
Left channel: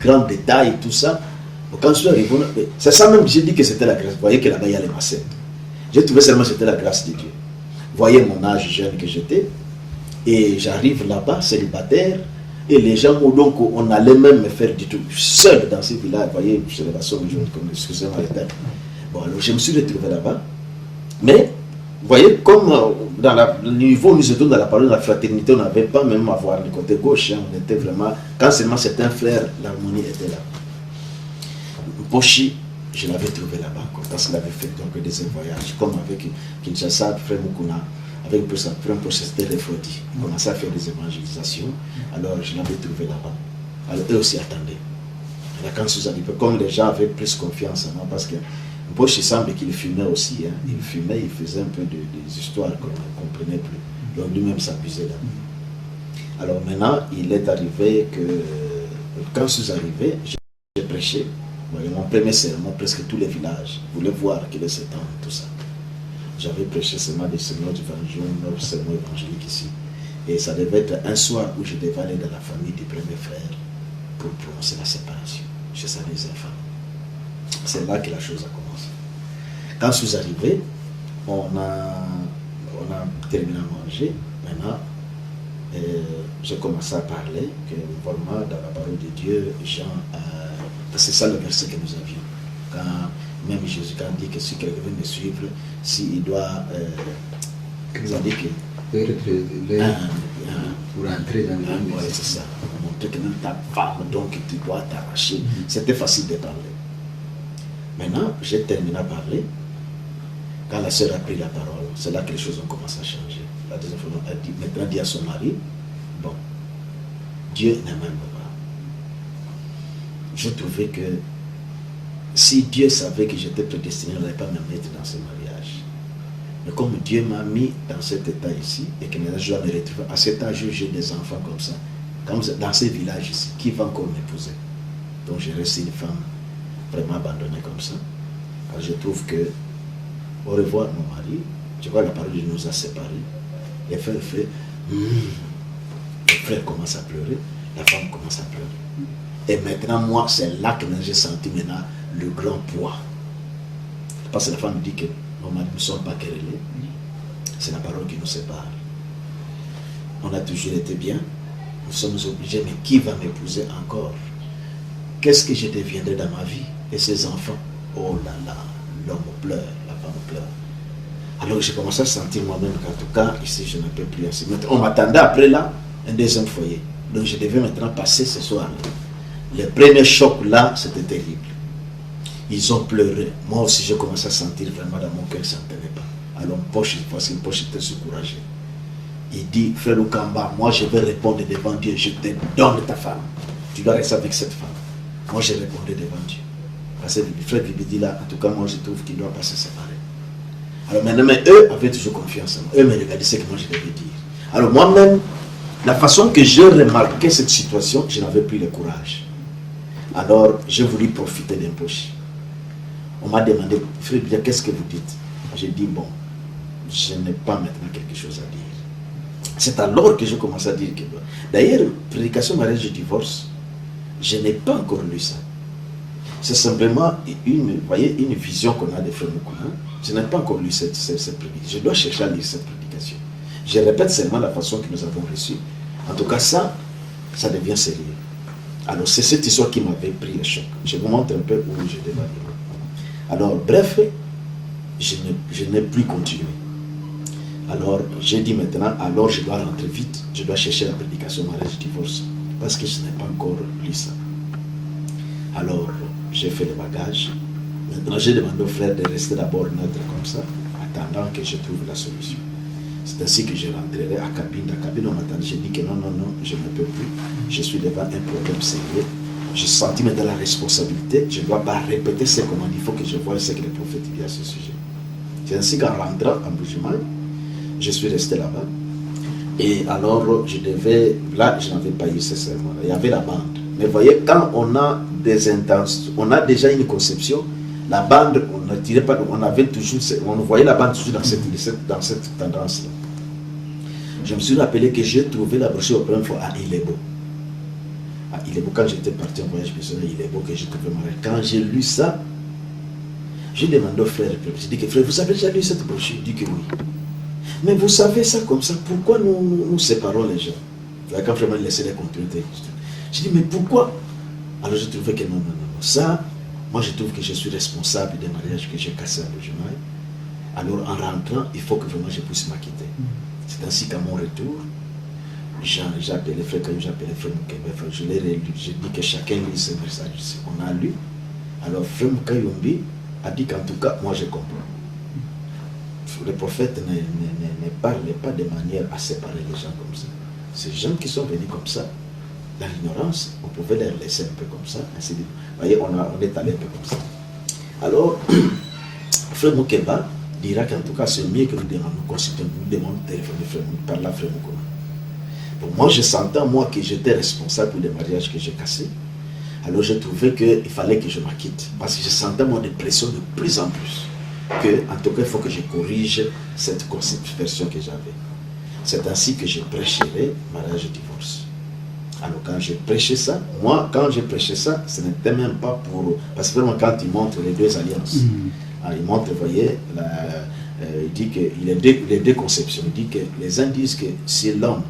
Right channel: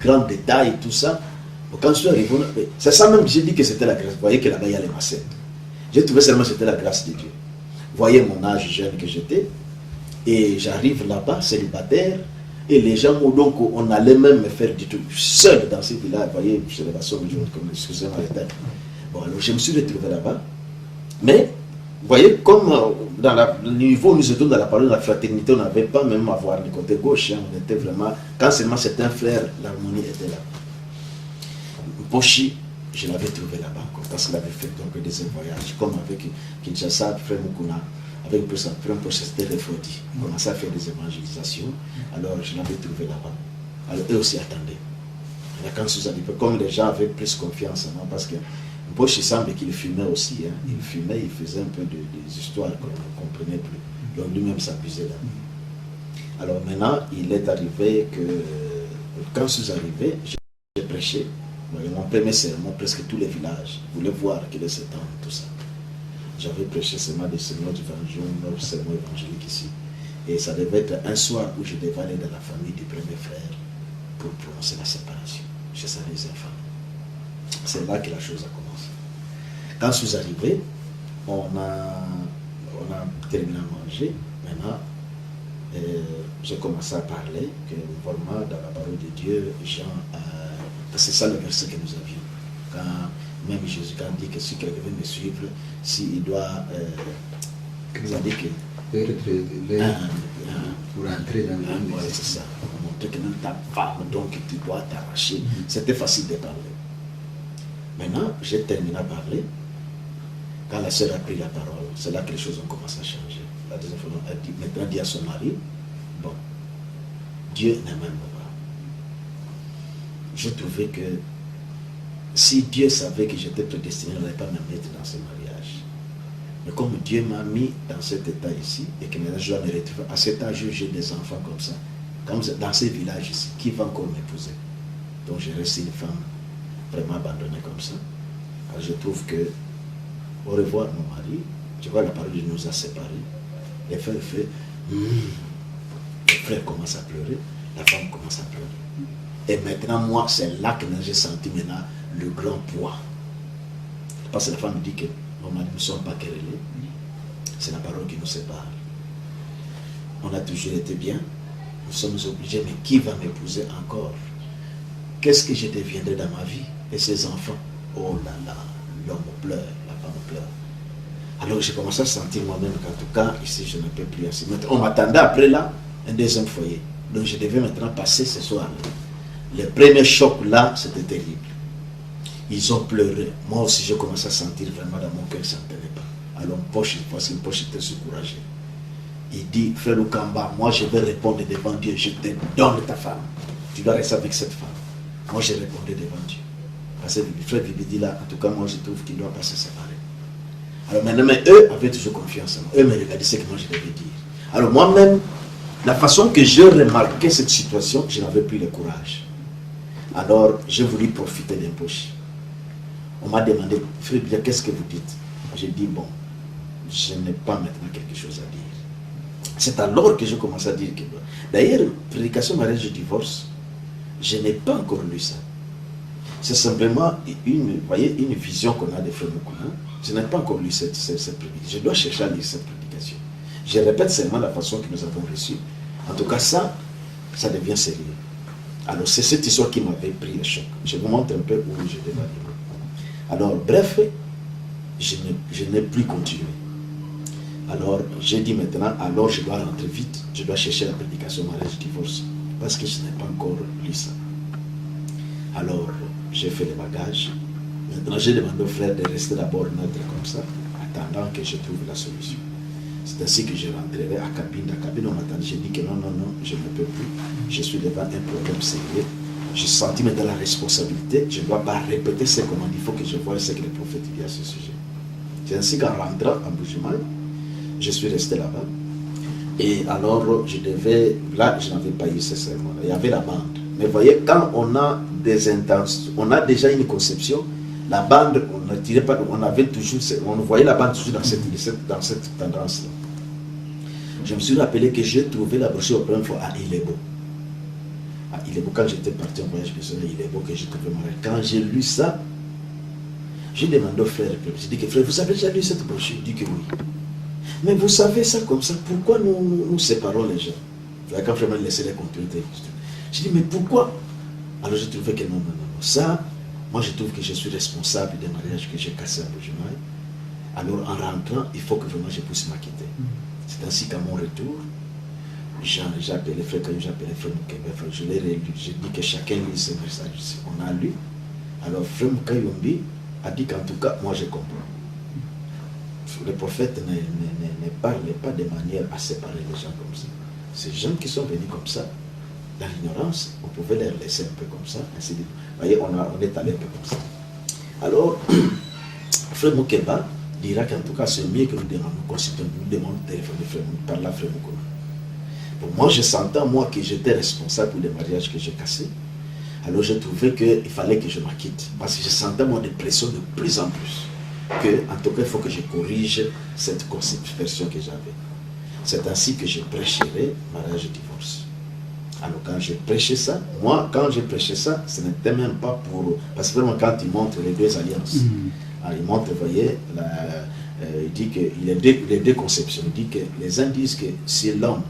grand détail, tout ça. Donc, quand je suis arrivé, c'est ça même que j'ai dit que c'était la grâce. Vous voyez que là-bas, il y a les macettes. J'ai trouvé seulement que c'était la grâce de Dieu. Vous voyez mon âge jeune que j'étais. Et j'arrive là-bas, célibataire. Et les gens, donc, on allait même me faire du tout seul dans ces villages. Vous voyez, je les comme excusez-moi le terme. Bon, alors je me suis retrouvé là-bas. Mais Vous voyez, comme dans le niveau où nous étions dans la parole de la fraternité, on n'avait pas même à voir le côté gauche. Hein, on était vraiment, quand seulement c'était un frère, l'harmonie était là. Pochi, je l'avais trouvé là-bas, parce qu'il avait fait donc des voyages, comme avec Kinshasa, frère Mukuna, avec un procès de Refodi. Il commençait à faire des évangélisations, alors je l'avais trouvé là-bas. Alors eux aussi attendaient. Alors quand je arrivé, comme les gens avaient plus confiance en moi, parce que Pochi semble qu'il fumait aussi, hein. Il fumait, il faisait un peu des histoires qu'on ne comprenait plus. Donc lui-même s'abusait là. Alors maintenant, il est arrivé que, quand je suis arrivé, j'ai prêché. Mon premier sermon, presque tous les villages voulaient voir qu'il est cet homme, tout ça. J'avais prêché seulement des sermons évangéliques ici. Et ça devait être un soir où je devais aller dans la famille du premier frère pour prononcer la séparation. Je savais les enfants. C'est là que la chose a commencé. Quand je suis arrivé, on a terminé à manger. Maintenant, j'ai commencé à parler que vraiment dans la parole de Dieu, Jean c'est ça le verset que nous avions. Quand même Jésus quand dit que si quelqu'un veut me suivre, s'il doit ça dit que pour entrer dans le ouais, c'est ça. Montrer que même ta femme, donc tu dois t'arracher. C'était facile de parler. Maintenant, j'ai terminé à parler. Quand la sœur a pris la parole, c'est là que les choses ont commencé à changer. La deuxième fois, elle dit, maintenant dit à son mari, bon, Dieu ne m'aime pas. Je trouvais que si Dieu savait que j'étais prédestiné, il n'allait pas me mettre dans ce mariage. Mais comme Dieu m'a mis dans cet état ici, et que maintenant je dois me retrouver, à cet âge j'ai des enfants comme ça, comme dans ces villages ici, qui va encore m'épouser? Donc j'ai resté une femme vraiment abandonnée comme ça. Alors je trouve que, au revoir mon mari, je vois la parole de Dieu nous a séparés. Les frères fait, le frère commence à pleurer, la femme commence à pleurer. Et maintenant, moi, c'est là que j'ai senti maintenant le grand poids. Parce que la femme dit que nos maris ne sont pas querellés. C'est la parole qui nous sépare. On a toujours été bien. Nous sommes obligés, mais qui va m'épouser encore? Qu'est-ce que je deviendrai dans ma vie? Et ces enfants? Oh là là, l'homme pleure, la femme pleure. Alors j'ai commencé à sentir moi-même qu'en tout cas, ici, je ne peux plus ainsi. On m'attendait après là, un deuxième foyer. Donc je devais maintenant passer ce soir-là. Le premier choc là, c'était terrible. Ils ont pleuré. Moi aussi, j'ai commencé à sentir vraiment dans mon cœur que ça ne tenait pas. Alors, Poche, parce que Poche était découragé. Il dit, frère Okamba, moi je vais répondre devant Dieu, je te donne ta femme. Tu dois rester avec cette femme. Moi, je répondais devant Dieu. Parce que le frère Bibi dit là, en tout cas, moi je trouve qu'il ne doit pas se séparer. Alors maintenant, mais eux avaient toujours confiance en moi. Eux me regardaient ce que moi je devais dire. Alors moi-même, la façon que j'ai remarqué cette situation, je n'avais plus le courage. Alors, j'ai voulu profiter d'un Poche. On m'a demandé, frère, qu'est-ce que vous dites? J'ai dit, bon, je n'ai pas maintenant quelque chose à dire. C'est alors que j'ai commencé à dire que... D'ailleurs, prédication, mariage et divorce, je n'ai pas encore lu ça. C'est simplement une vision qu'on a des frères Mukuna. Je n'ai pas encore lu cette prédication. Je dois chercher à lire cette prédication. Je répète seulement la façon que nous avons reçue. En tout cas, ça devient sérieux. Alors, c'est cette histoire qui m'avait pris le choc. Je vous montre un peu où je devais aller. Alors, bref, je n'ai plus continué. Alors, j'ai dit maintenant, alors je dois rentrer vite. Je dois chercher la prédication mariage divorce. Parce que je n'ai pas encore lu ça. Alors, j'ai fait le bagage. Maintenant, j'ai demandé au frère de rester d'abord neutre comme ça, attendant que je trouve la solution. C'est ainsi que je rentrerai à cabine. La cabine, on m'attendait. J'ai dit que non, je ne peux plus. Je suis devant un problème sérieux. J'ai senti maintenant la responsabilité. Je ne dois pas répéter ce qu'on m'a dit. Il faut que je voie ce que le prophète dit à ce sujet. C'est ainsi qu'en rentrant en Bujumaï, je suis resté là-bas. Et alors, là, je n'avais pas eu ce serment-là. Il y avait la bande. Mais vous voyez, quand on a des intentions, on a déjà une conception, la bande, on ne tirait pas, on avait toujours, on voyait la bande toujours dans cette tendance-là. Je me suis rappelé que j'ai trouvé la brochure au première fois à Ilebo. À Ilebo, quand j'étais parti en voyage personnel à Ilebo, que j'ai trouvé mariage. Quand j'ai lu ça, j'ai demandé au frère, j'ai dit que frère, vous avez déjà lu cette brochure? Il dit que oui. Mais vous savez ça comme ça, pourquoi nous séparons les gens? Quand vraiment laisser les continuités. J'ai dit, mais pourquoi? Alors j'ai trouvé que non. Ça, moi je trouve que je suis responsable des mariages que j'ai cassés à Bujumaï. Alors en rentrant, il faut que vraiment je puisse m'acquitter. C'est ainsi qu'à mon retour, j'ai appelé frère Kayou, j'ai appelé frère Moukembe. Je l'ai relu, j'ai dit que chacun lit ce message ici. On a lu. Alors frère Moukayombi a dit qu'en tout cas, moi je comprends. Le prophète ne parlait pas de manière à séparer les gens comme ça. Ces gens qui sont venus comme ça, dans l'ignorance, on pouvait les laisser un peu comme ça. Ainsi de... Vous voyez, on est allé un peu comme ça. Alors, frère Moukemba dira qu'en tout cas, c'est mieux que nous demandons de téléphoner frère Moukemba, par là frère Moukemba. Bon, moi, je sentais, moi, que j'étais responsable pour les mariages que j'ai cassés. Alors, je trouvais qu'il fallait que je m'acquitte. Parce que je sentais, moi, des pressions de plus en plus. Que, en tout cas, il faut que je corrige cette version que j'avais. C'est ainsi que je prêcherai mariage et divorce. Alors quand j'ai prêché ça, moi quand j'ai prêché ça, ce n'était même pas pour... Parce que vraiment quand il montre les deux alliances, il montre, vous voyez, il dit qu'il y a deux conceptions. Il dit que les uns disent que c'est l'homme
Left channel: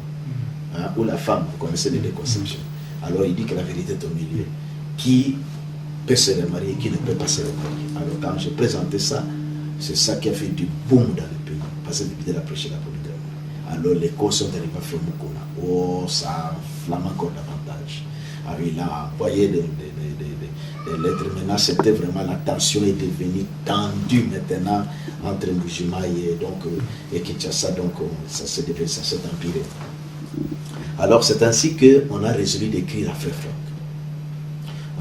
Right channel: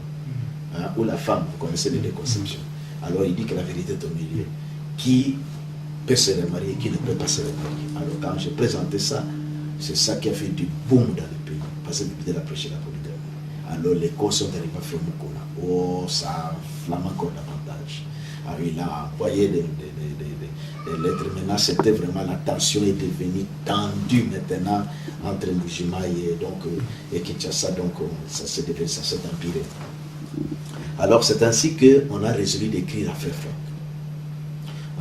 ou la femme, vous connaissez les deux conceptions. Alors il dit que la vérité est au milieu. Qui peut se remarier, qui ne peut pas se remarier. Alors quand j'ai présenté ça, c'est ça qui a fait du boom dans le pays. Parce que l'idée de prêcher la polygamie. Alors les causes sont arrivées à faire Moukouna. Oh, ça enflamme encore davantage. Alors il a envoyé des lettres. Maintenant, c'était vraiment, la tension est devenue tendue maintenant entre Mujima et Kinshasa. Donc ça s'est empiré. Alors c'est ainsi qu'on a résolu d'écrire à Frère Franck.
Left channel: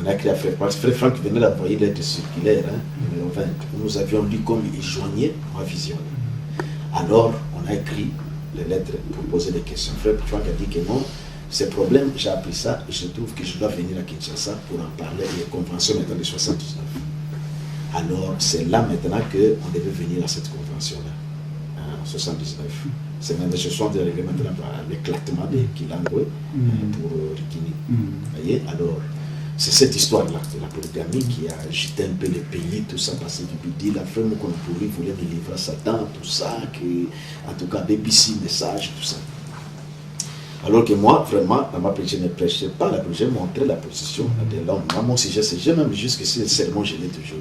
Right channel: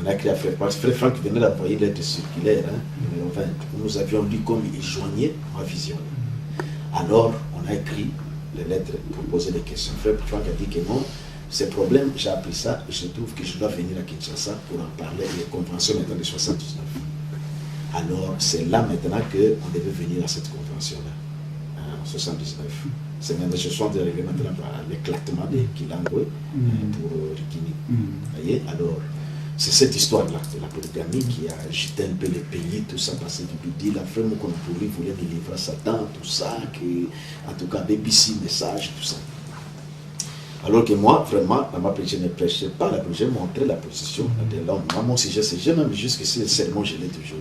On a écrit à Frère Franck. Frère Franck venait d'envoyer une lettre circulaire, numéro 20. Nous avions lu comme il joignait ma vision. Alors on a écrit les lettres pour poser des questions. Frère Franck a dit que non, ces problèmes, j'ai appris ça et je trouve que je dois venir à Kinshasa pour en parler. Les conventions maintenant de 79. Alors c'est là maintenant qu'on devait venir à cette convention-là, en 79. C'est même, je suis en train d'arriver maintenant à l'éclatement de Kilangwe pour Rikini. Voyez, alors c'est cette histoire-là de la polygamie qui a agité un peu le pays, tout ça, parce qu'il dit la femme qu'on voulait me livrer à Satan, tout ça, en tout cas, BBC, message, tout ça. Alors que moi, vraiment, dans ma prêche, je ne prêchais pas la position, j'ai montré la position de l'homme. Moi, mon sujet, c'est même jusqu'ici, le sermon, je l'ai toujours.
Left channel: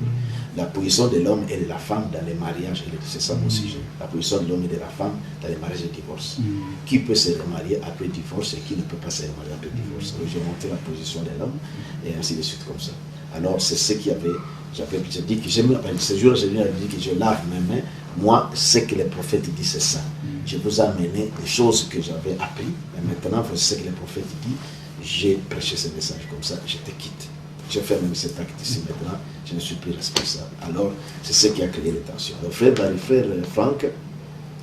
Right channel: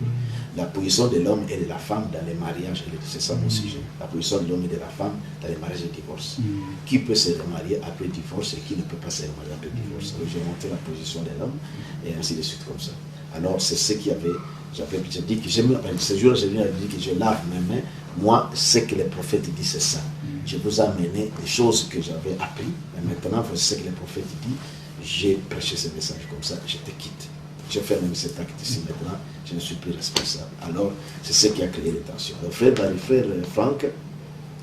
La position de l'homme et de la femme dans les mariages, c'est ça mon sujet. La position de l'homme et de la femme dans les mariages et divorce. Qui peut se remarier après divorce et qui ne peut pas se remarier après divorce. Alors, j'ai montré la position de l'homme et ainsi de suite comme ça. Alors, c'est ce qu'il y avait. J'ai dit que ce jour-là, j'ai dit que je lave mes mains. Moi, ce que les prophètes disent, c'est ça. Je vous ai amené des choses que j'avais apprises. Et maintenant, voici ce que les prophètes disent. J'ai prêché ce message comme ça, je te quitte. J'ai fait même cet acte ici maintenant, je ne suis plus responsable. Alors, c'est ce qui a créé les tensions. Alors, frère Franck,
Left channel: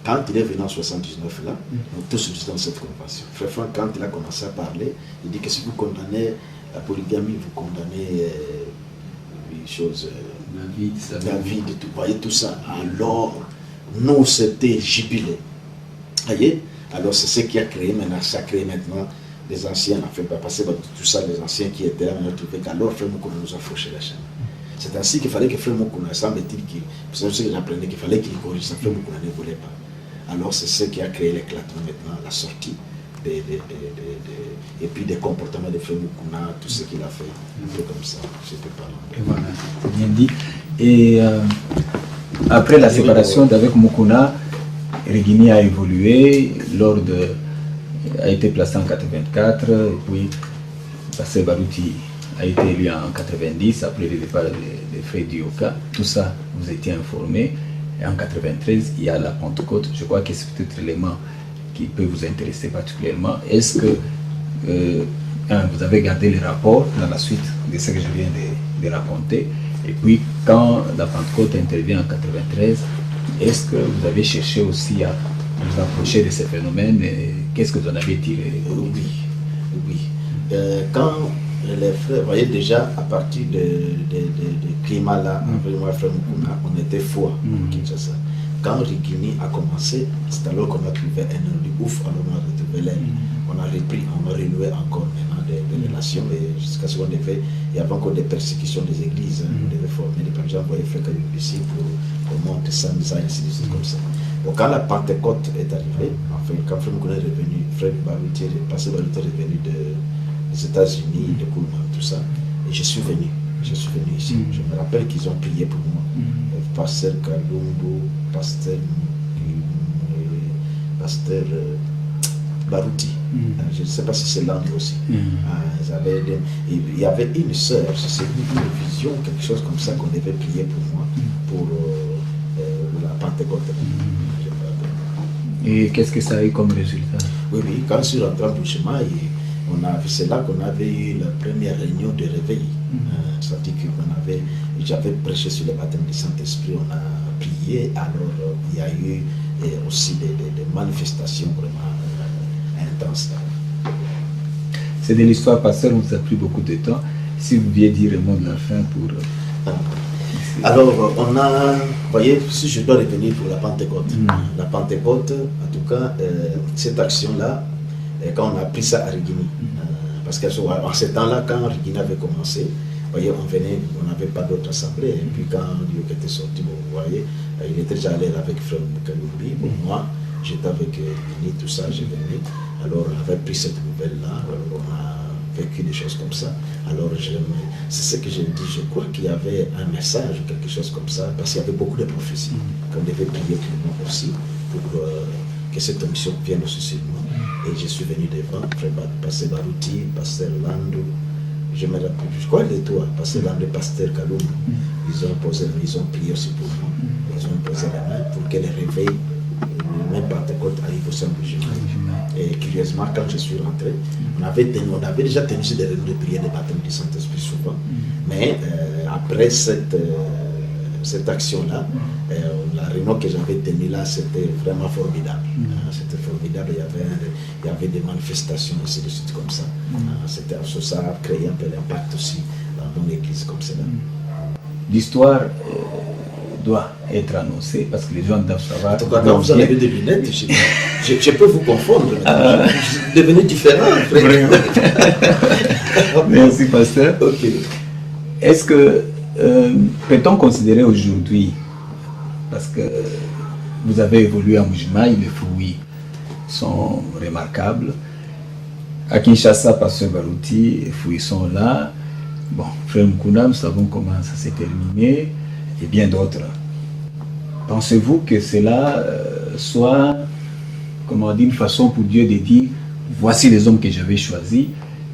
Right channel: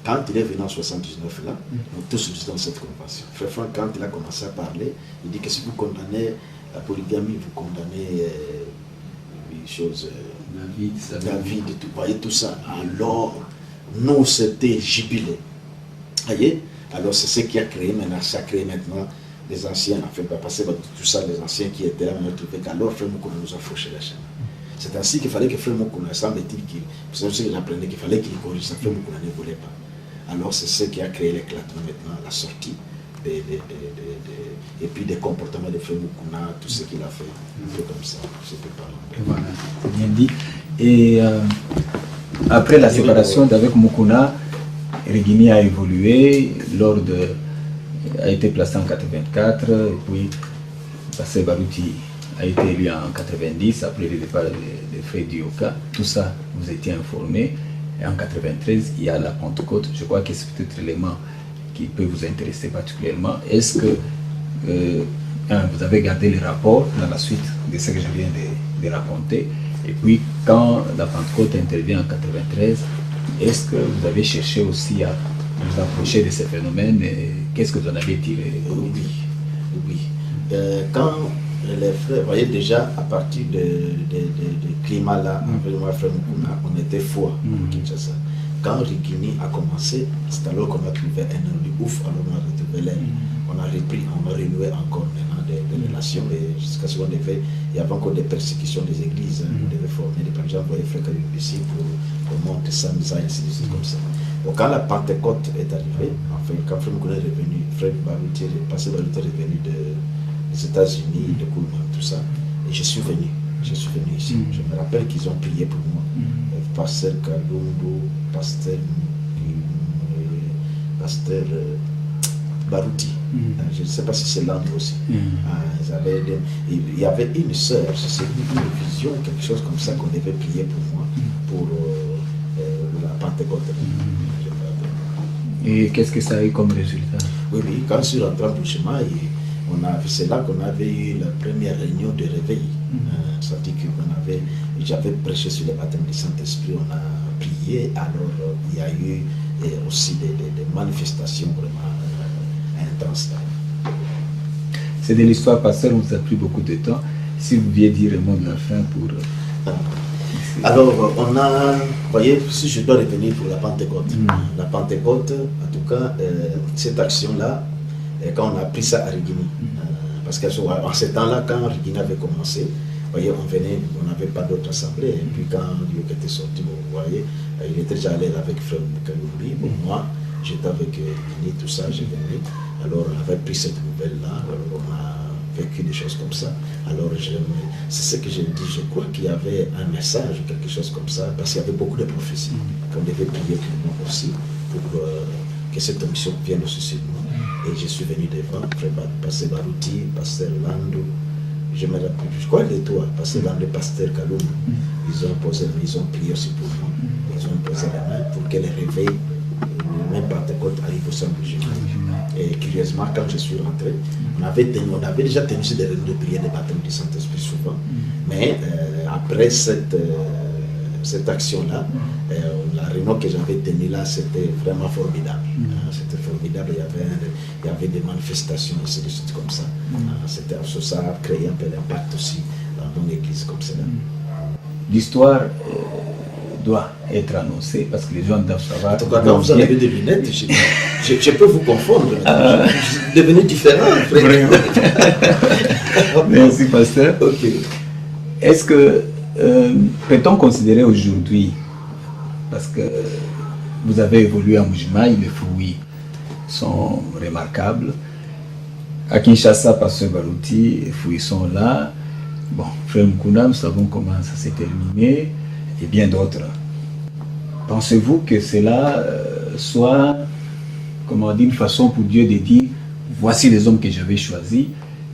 quand il est venu en 79 là, nous tous nous dans cette convention. Frère Franck, quand il a commencé à parler, il dit que si vous condamnez la polygamie, vous condamnez les choses, la vie de tout, voyez tout ça. Alors, nous, c'était jubilé. Voyez? Alors, c'est ce qui a créé maintenant, ça a créé maintenant les anciens, en fait, parce que tout ça, les anciens qui étaient là, on a trouvé qu'alors Frère Moukona nous a fauché la chaîne. C'est ainsi qu'il fallait que Frère Moukona, semble-t-il, vous savez ce que j'apprenais, qu'il fallait qu'il corrige ça, Frère Moukona ne voulait pas. Alors c'est ce qui a créé l'éclatement maintenant, la sortie, et puis des comportements de Frère Moukona, tout ce qu'il a fait, un peu comme ça, je peux parler. Voilà, c'est bien dit. Et après la séparation d'avec Moukona, Rigini a évolué a été placé en 84, et puis Pasteur Barouti a été élu en 90, après le départ de Frère Dioka. Tout ça, vous étiez informé. Et en 93, il y a la Pentecôte. Je crois que c'est peut-être l'élément qui peut vous intéresser particulièrement. Est-ce que vous avez gardé les rapports dans la suite de ce que je viens de raconter? Et puis, quand la Pentecôte intervient en 93, est-ce que vous avez cherché aussi à vous approcher de ces phénomènes? Qu'est-ce que vous en avez tiré? Oui. Quand les frères, vous voyez déjà, à partir de climat là, avec moi, frère Moukona, on était foi. Quand Rigini a commencé, c'est alors qu'on a trouvé un ennemi ouf, alors on a retrouvé l'aile. On a repris, on a renoué encore maintenant des relations, et jusqu'à ce qu'on devait, il y avait encore des persécutions des églises, on devait former des gens, vous voyez, frère ici pour monter ça, et ainsi de suite comme ça. Donc quand la Pentecôte est arrivée, enfin, quand Frère Moukona est revenu, Frère Barouti, Pasteur Barouti est revenu des États-Unis, de Koulman, tout ça, et je suis venu ici. Je me rappelle qu'ils ont prié pour moi. Pasteur Kalumbo, pasteur Barouti. Je ne sais pas si c'est l'angle aussi. Il y avait une sœur, c'est une vision, quelque chose comme ça qu'on devait prier pour moi, pour la Pentecôte. Et qu'est-ce que ça a eu comme résultat? Oui, quand je suis rentré en chemin, c'est là qu'on avait eu la première réunion de réveil. C'est-à-dire que j'avais prêché sur le baptême du Saint-Esprit, on a prié, alors il y a eu aussi des manifestations vraiment intenses. C'est de l'histoire, pasteur, on vous a pris beaucoup de temps. Si vous pouviez dire le mot de la fin pour... Alors, on a, vous voyez, si je dois revenir pour la Pentecôte, la Pentecôte, en tout cas, cette action-là, quand on a pris ça à Rigini, parce qu'en ce temps-là, quand Rigini avait commencé, vous voyez, on n'avait pas d'autre assemblée, et puis quand Dieu était sorti, vous voyez, il était déjà allé avec Frère Kalumbi, moi, j'étais avec Rigini, tout ça, j'ai venu, alors on avait pris cette nouvelle-là, alors on a vécu des choses comme ça. Alors c'est ce que je dis, je crois qu'il y avait un message ou quelque chose comme ça, parce qu'il y avait beaucoup de prophéties qu'on devait prier pour moi aussi, pour que cette mission vienne aussi sur moi. Et je suis venu devant, pasteur Barouti, pasteur Lando, je me rappelle, je crois les trois, pasteur Lando, pasteur Kalum, ils ont prié aussi pour moi, ils ont posé la main pour que les réveils, même Pentecôte arrive au sein du Jésus. Et curieusement, quand je suis rentré, on avait déjà tenu des réunions de prière des baptêmes du Saint-Esprit souvent, mais après cette action-là, la réunion que j'avais tenue là, c'était vraiment formidable. C'était formidable, il y avait des manifestations aussi, des choses comme ça. Ça a créé un peu d'impact aussi dans mon église comme cela. L'histoire doit être annoncée parce que les gens doivent savoir. En tout cas, quand vous avez des lunettes, je peux vous confondre. Je suis devenu différent. Merci, pasteur. Ok. Est-ce que peut-on considérer aujourd'hui, parce que vous avez évolué à Mbuji-Mayi, les fruits sont remarquables. À Kinshasa, pasteur Barouti, les fruits sont là. Bon, frère Mukunda, nous savons comment ça s'est terminé. Et bien d'autres. Pensez-vous que cela soit, comment dire, une façon pour Dieu de dire voici les hommes que j'avais choisis,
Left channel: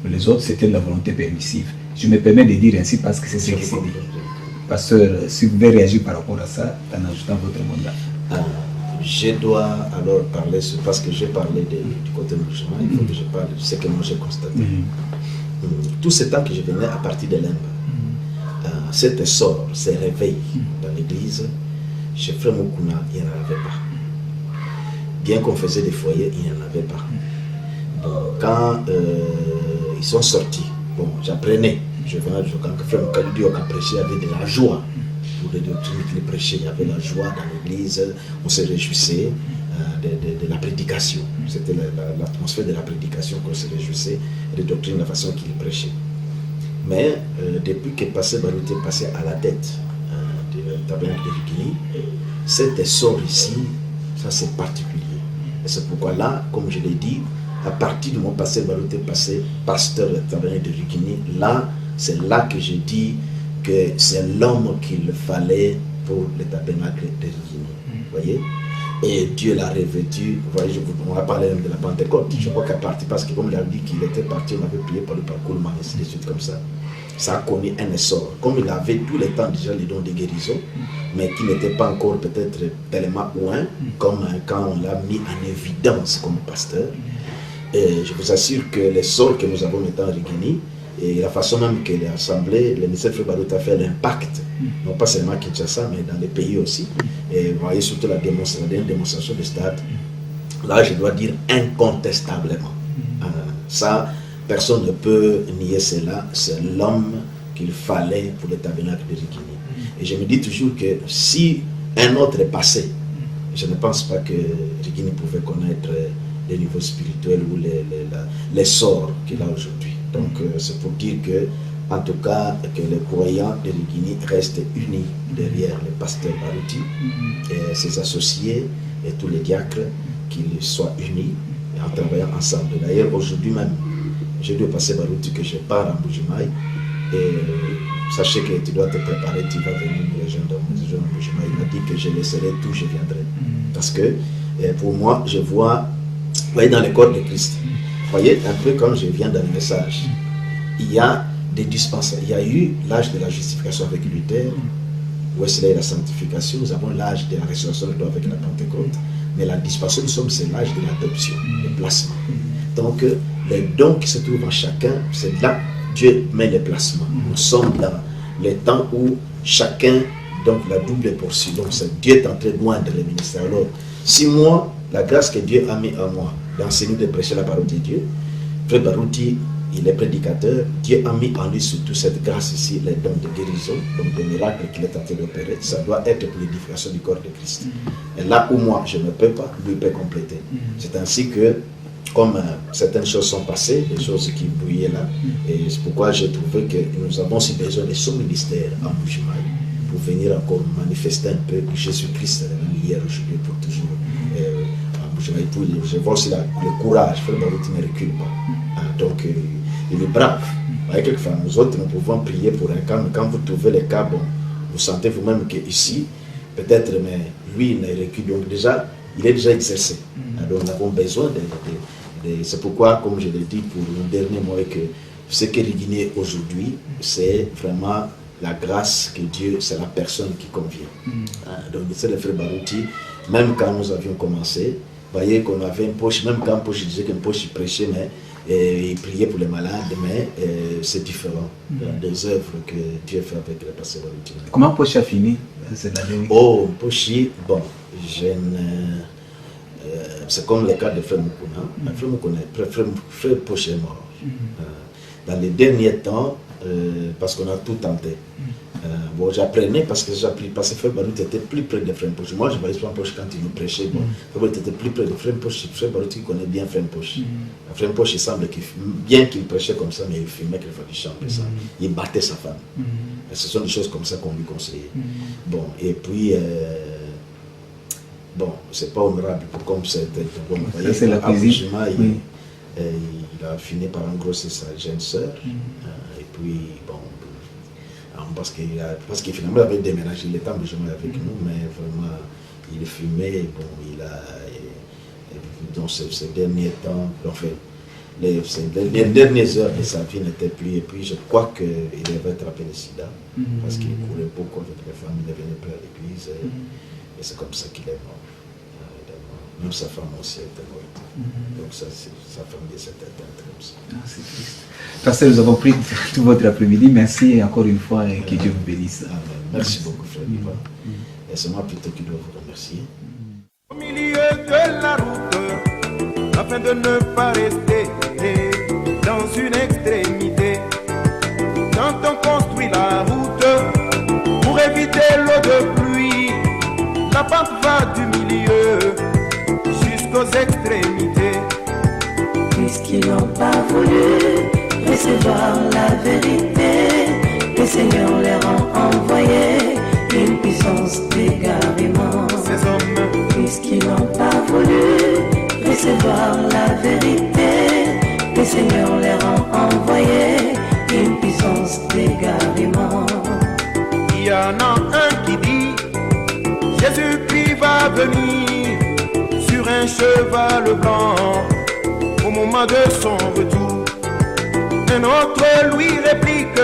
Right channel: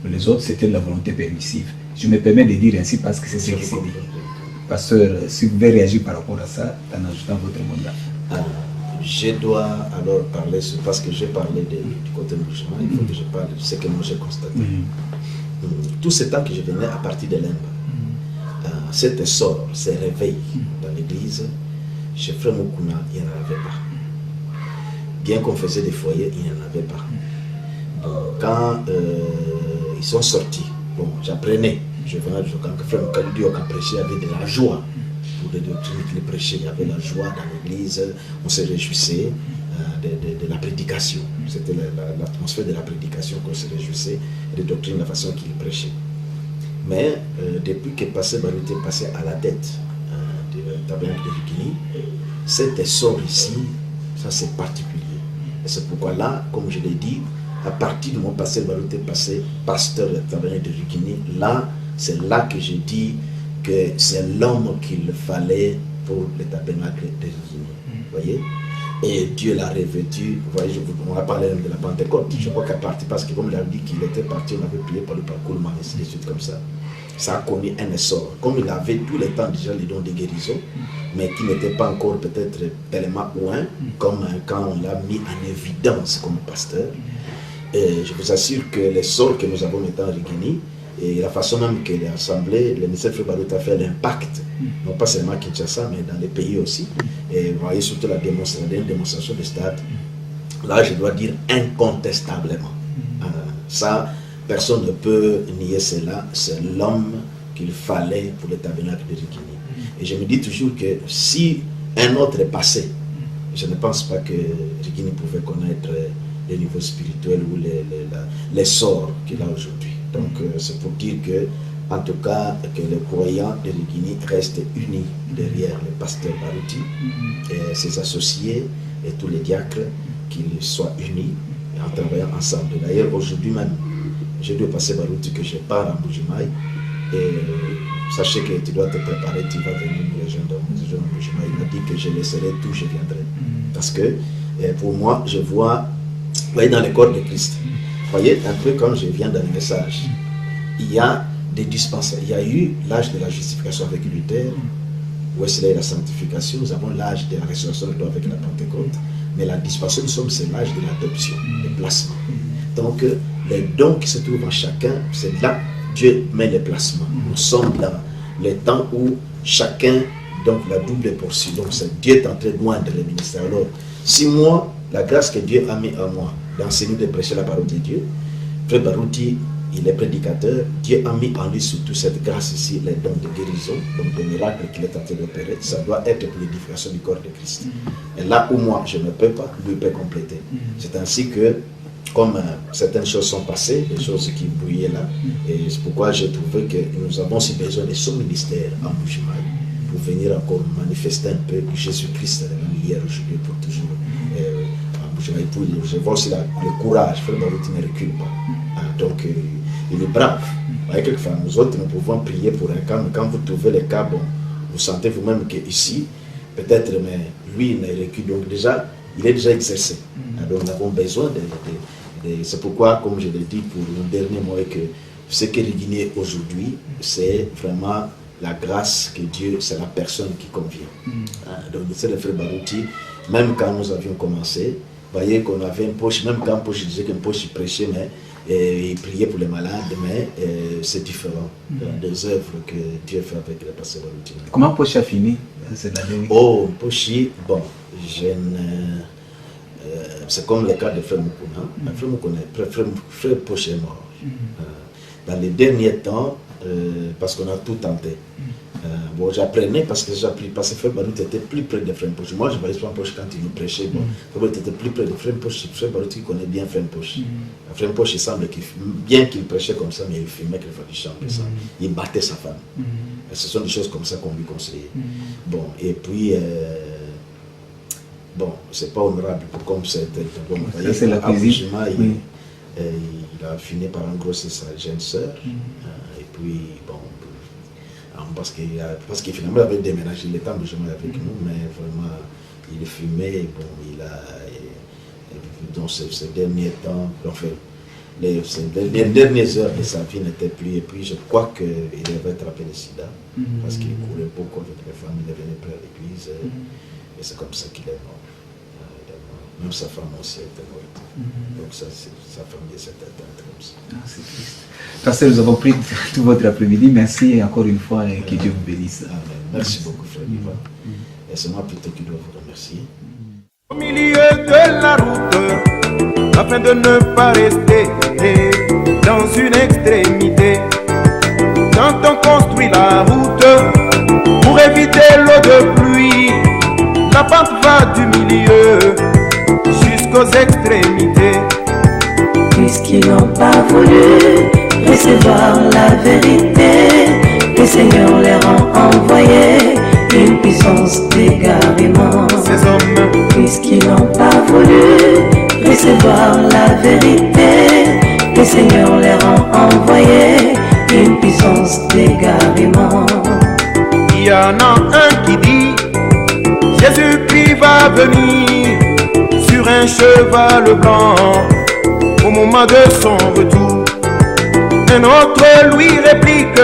mais les autres c'était de la volonté permissive. Je me permets de dire ainsi parce que c'est ce qui s'est dit. Pasteur, si vous pouvez réagir par rapport à ça, en ajoutant votre mandat. Je dois alors parler, parce que j'ai parlé du côté musulman, il faut que je parle de ce que moi j'ai constaté. Tout ce temps que je venais à partir de l'Inde, cet essor, ces réveils dans l'église, chez Frère Mukuna, il n'y en avait pas. Bien qu'on faisait des foyers, il n'y en avait pas. Donc, quand ils sont sortis, bon, j'apprenais, je venais quand Frère Mukuna a prêché, il y avait de la joie. Pour les doctrines qu'il prêchait, il y avait la joie dans l'église, on se réjouissait de la prédication. C'était l'atmosphère de la prédication qu'on se réjouissait, et des doctrines, la façon qu'il prêchait. Mais depuis que pasteur Barouti est passé à la tête du tabernacle de Rigini, cet essor ici, ça c'est particulier. Et c'est pourquoi là, comme je l'ai dit, à partir de mon pasteur Barouti est passé pasteur du tabernacle de Rigini, là, c'est là que je dis que c'est l'homme qu'il fallait pour le tabernacle de Rigini. Vous voyez? Et Dieu l'a revêtu. Vous voyez, on va parler de la Pentecôte. Je crois qu'à partir, parce que comme il a dit qu'il était parti, on avait prié par le parcours, ainsi de suite comme ça. Ça a connu un essor. Comme il avait tout le temps déjà les dons de guérison, mais qui n'était pas encore peut-être tellement loin, comme quand on l'a mis en évidence comme pasteur. Et je vous assure que l'essor que nous avons maintenant à Rigini, et la façon même que l'Assemblée, le ministère Frère Barouti a fait l'impact, non pas seulement à Kinshasa, mais dans les pays aussi. Et vous voyez surtout la démonstration de stade. Là, je dois dire incontestablement. Ça, personne ne peut nier cela. C'est l'homme qu'il fallait pour le tabernacle de Rigini. Et je me dis toujours que si un autre est passé, je ne pense pas que Rigini pouvait connaître les niveaux spirituels ou les sorts qu'il a aujourd'hui. Donc c'est pour dire que, en tout cas, que les croyants de Rigini restent unis derrière le pasteur Barouti et ses associés et tous les diacres, qu'ils soient unis en travaillant ensemble. D'ailleurs, aujourd'hui même, j'ai dit au pasteur Barouti que je pars en Mbuji-Mayi et sachez que tu dois te préparer, tu vas venir nous rejoindre dans mon engagement. Il m'a dit que je laisserai tout, je viendrai. Parce que pour moi, je vois, vous voyez, dans le corps de Christ, vous voyez, un peu comme je viens dans le message, il y a des dispensations. Il y a eu l'âge de la justification avec Luther, Wesley la sanctification, nous avons l'âge de la résurrection avec la Pentecôte, mais la dispensation, c'est l'âge de l'adoption, le placement. Donc, les dons qui se trouvent en chacun, c'est là que Dieu met les placements. Nous sommes dans les temps où chacun, donc la double portion, donc c'est Dieu est en train de moindre le ministère. Alors, si moi, la grâce que Dieu a mis en moi, d'enseigner, de prêcher la parole de Dieu, Frère Barouti, il est prédicateur, Dieu a mis en lui surtout cette grâce ici, les dons de guérison, donc des miracles qu'il est en train d'opérer, ça doit être pour l'édification du corps de Christ. Et là où moi je ne peux pas, lui peut compléter. C'est ainsi que, comme certaines choses sont passées, des choses qui brouillaient là, et c'est pourquoi j'ai trouvé que nous avons aussi besoin de son ministère en Bujimaï pour venir encore manifester un peu Jésus-Christ hier, aujourd'hui, pour toujours. Pour je vois aussi le courage, Frère Barouti ne recule pas. Donc, il est brave. Quelquefois, nous autres, nous pouvons prier pour un cas, mais quand vous trouvez le cas, bon, vous sentez vous-même qu'ici, peut-être, mais lui, il ne recule. Donc, déjà, il est déjà exercé. Donc, nous avons besoin de c'est pourquoi, comme je l'ai dit pour le dernier mot, que ce qui est rédigné aujourd'hui, c'est vraiment la grâce que Dieu, c'est la personne qui convient. Donc, c'est le Frère Barouti, même quand nous avions commencé, vous voyez qu'on avait une poche, même quand poche, je disais qu'une poche, il prêchait, mais il priait pour les malades, mais c'est différent des œuvres que Dieu fait avec les pasteurs. Comment Poche a fini? Oh, Poche, bon, c'est comme le cas de Frère Moukouna. Frère Moukouna, Frère Poche est mort. Dans les derniers temps, parce qu'on a tout tenté. Bon, j'apprenais parce que Frère Barouti était plus près de Frère Poche. Moi, je voyais Frère Poche quand il nous prêchait. Bon, Frère Barouti était plus près de Frère Poche. Frère Barouti connaît bien Frère Poche. Frère Poche, il semble bien qu'il prêchait comme ça, mais il filmait qu'il fallait chanter ça. Il battait sa femme. Ce sont des choses comme ça qu'on lui conseillait. Bon, et puis, bon, c'est pas honorable comme c'était. Bon, c'est la cuisine. Il a fini par engrosser sa jeune sœur. Et puis, bon, parce qu'il finalement avait déménagé, il était en logement avec nous, mais vraiment, il fumait, bon, dans ces derniers temps, enfin, les dernières heures de sa vie n'étaient plus, et puis je crois qu'il avait attrapé le sida, parce qu'il courait beaucoup avec les femmes, il devenait près à l'église, et c'est comme ça qu'il est mort. Même sa femme aussi était morte. Donc ça, sa famille s'est éteinte comme ça. C'est triste. Pasteur, nous avons pris tout votre après-midi. Merci encore une fois et que Dieu vous bénisse. Amen. Merci beaucoup, Frère Ivan. Et c'est moi plutôt qui dois vous remercier. Au milieu de la route, afin de ne pas rester dans une extrémité, quand on construit la route pour éviter l'eau de pluie, la pente va du milieu jusqu'aux extrémités. Puisqu'ils n'ont pas voulu recevoir la vérité, le Seigneur leur a envoyé une puissance d'égarement. Ces hommes, puisqu'ils n'ont pas voulu recevoir la vérité, le Seigneur leur a envoyé une puissance d'égarement. il y en a un qui dit Jésus-Christ va venir sur un cheval blanc au moment de son retour. Un autre lui réplique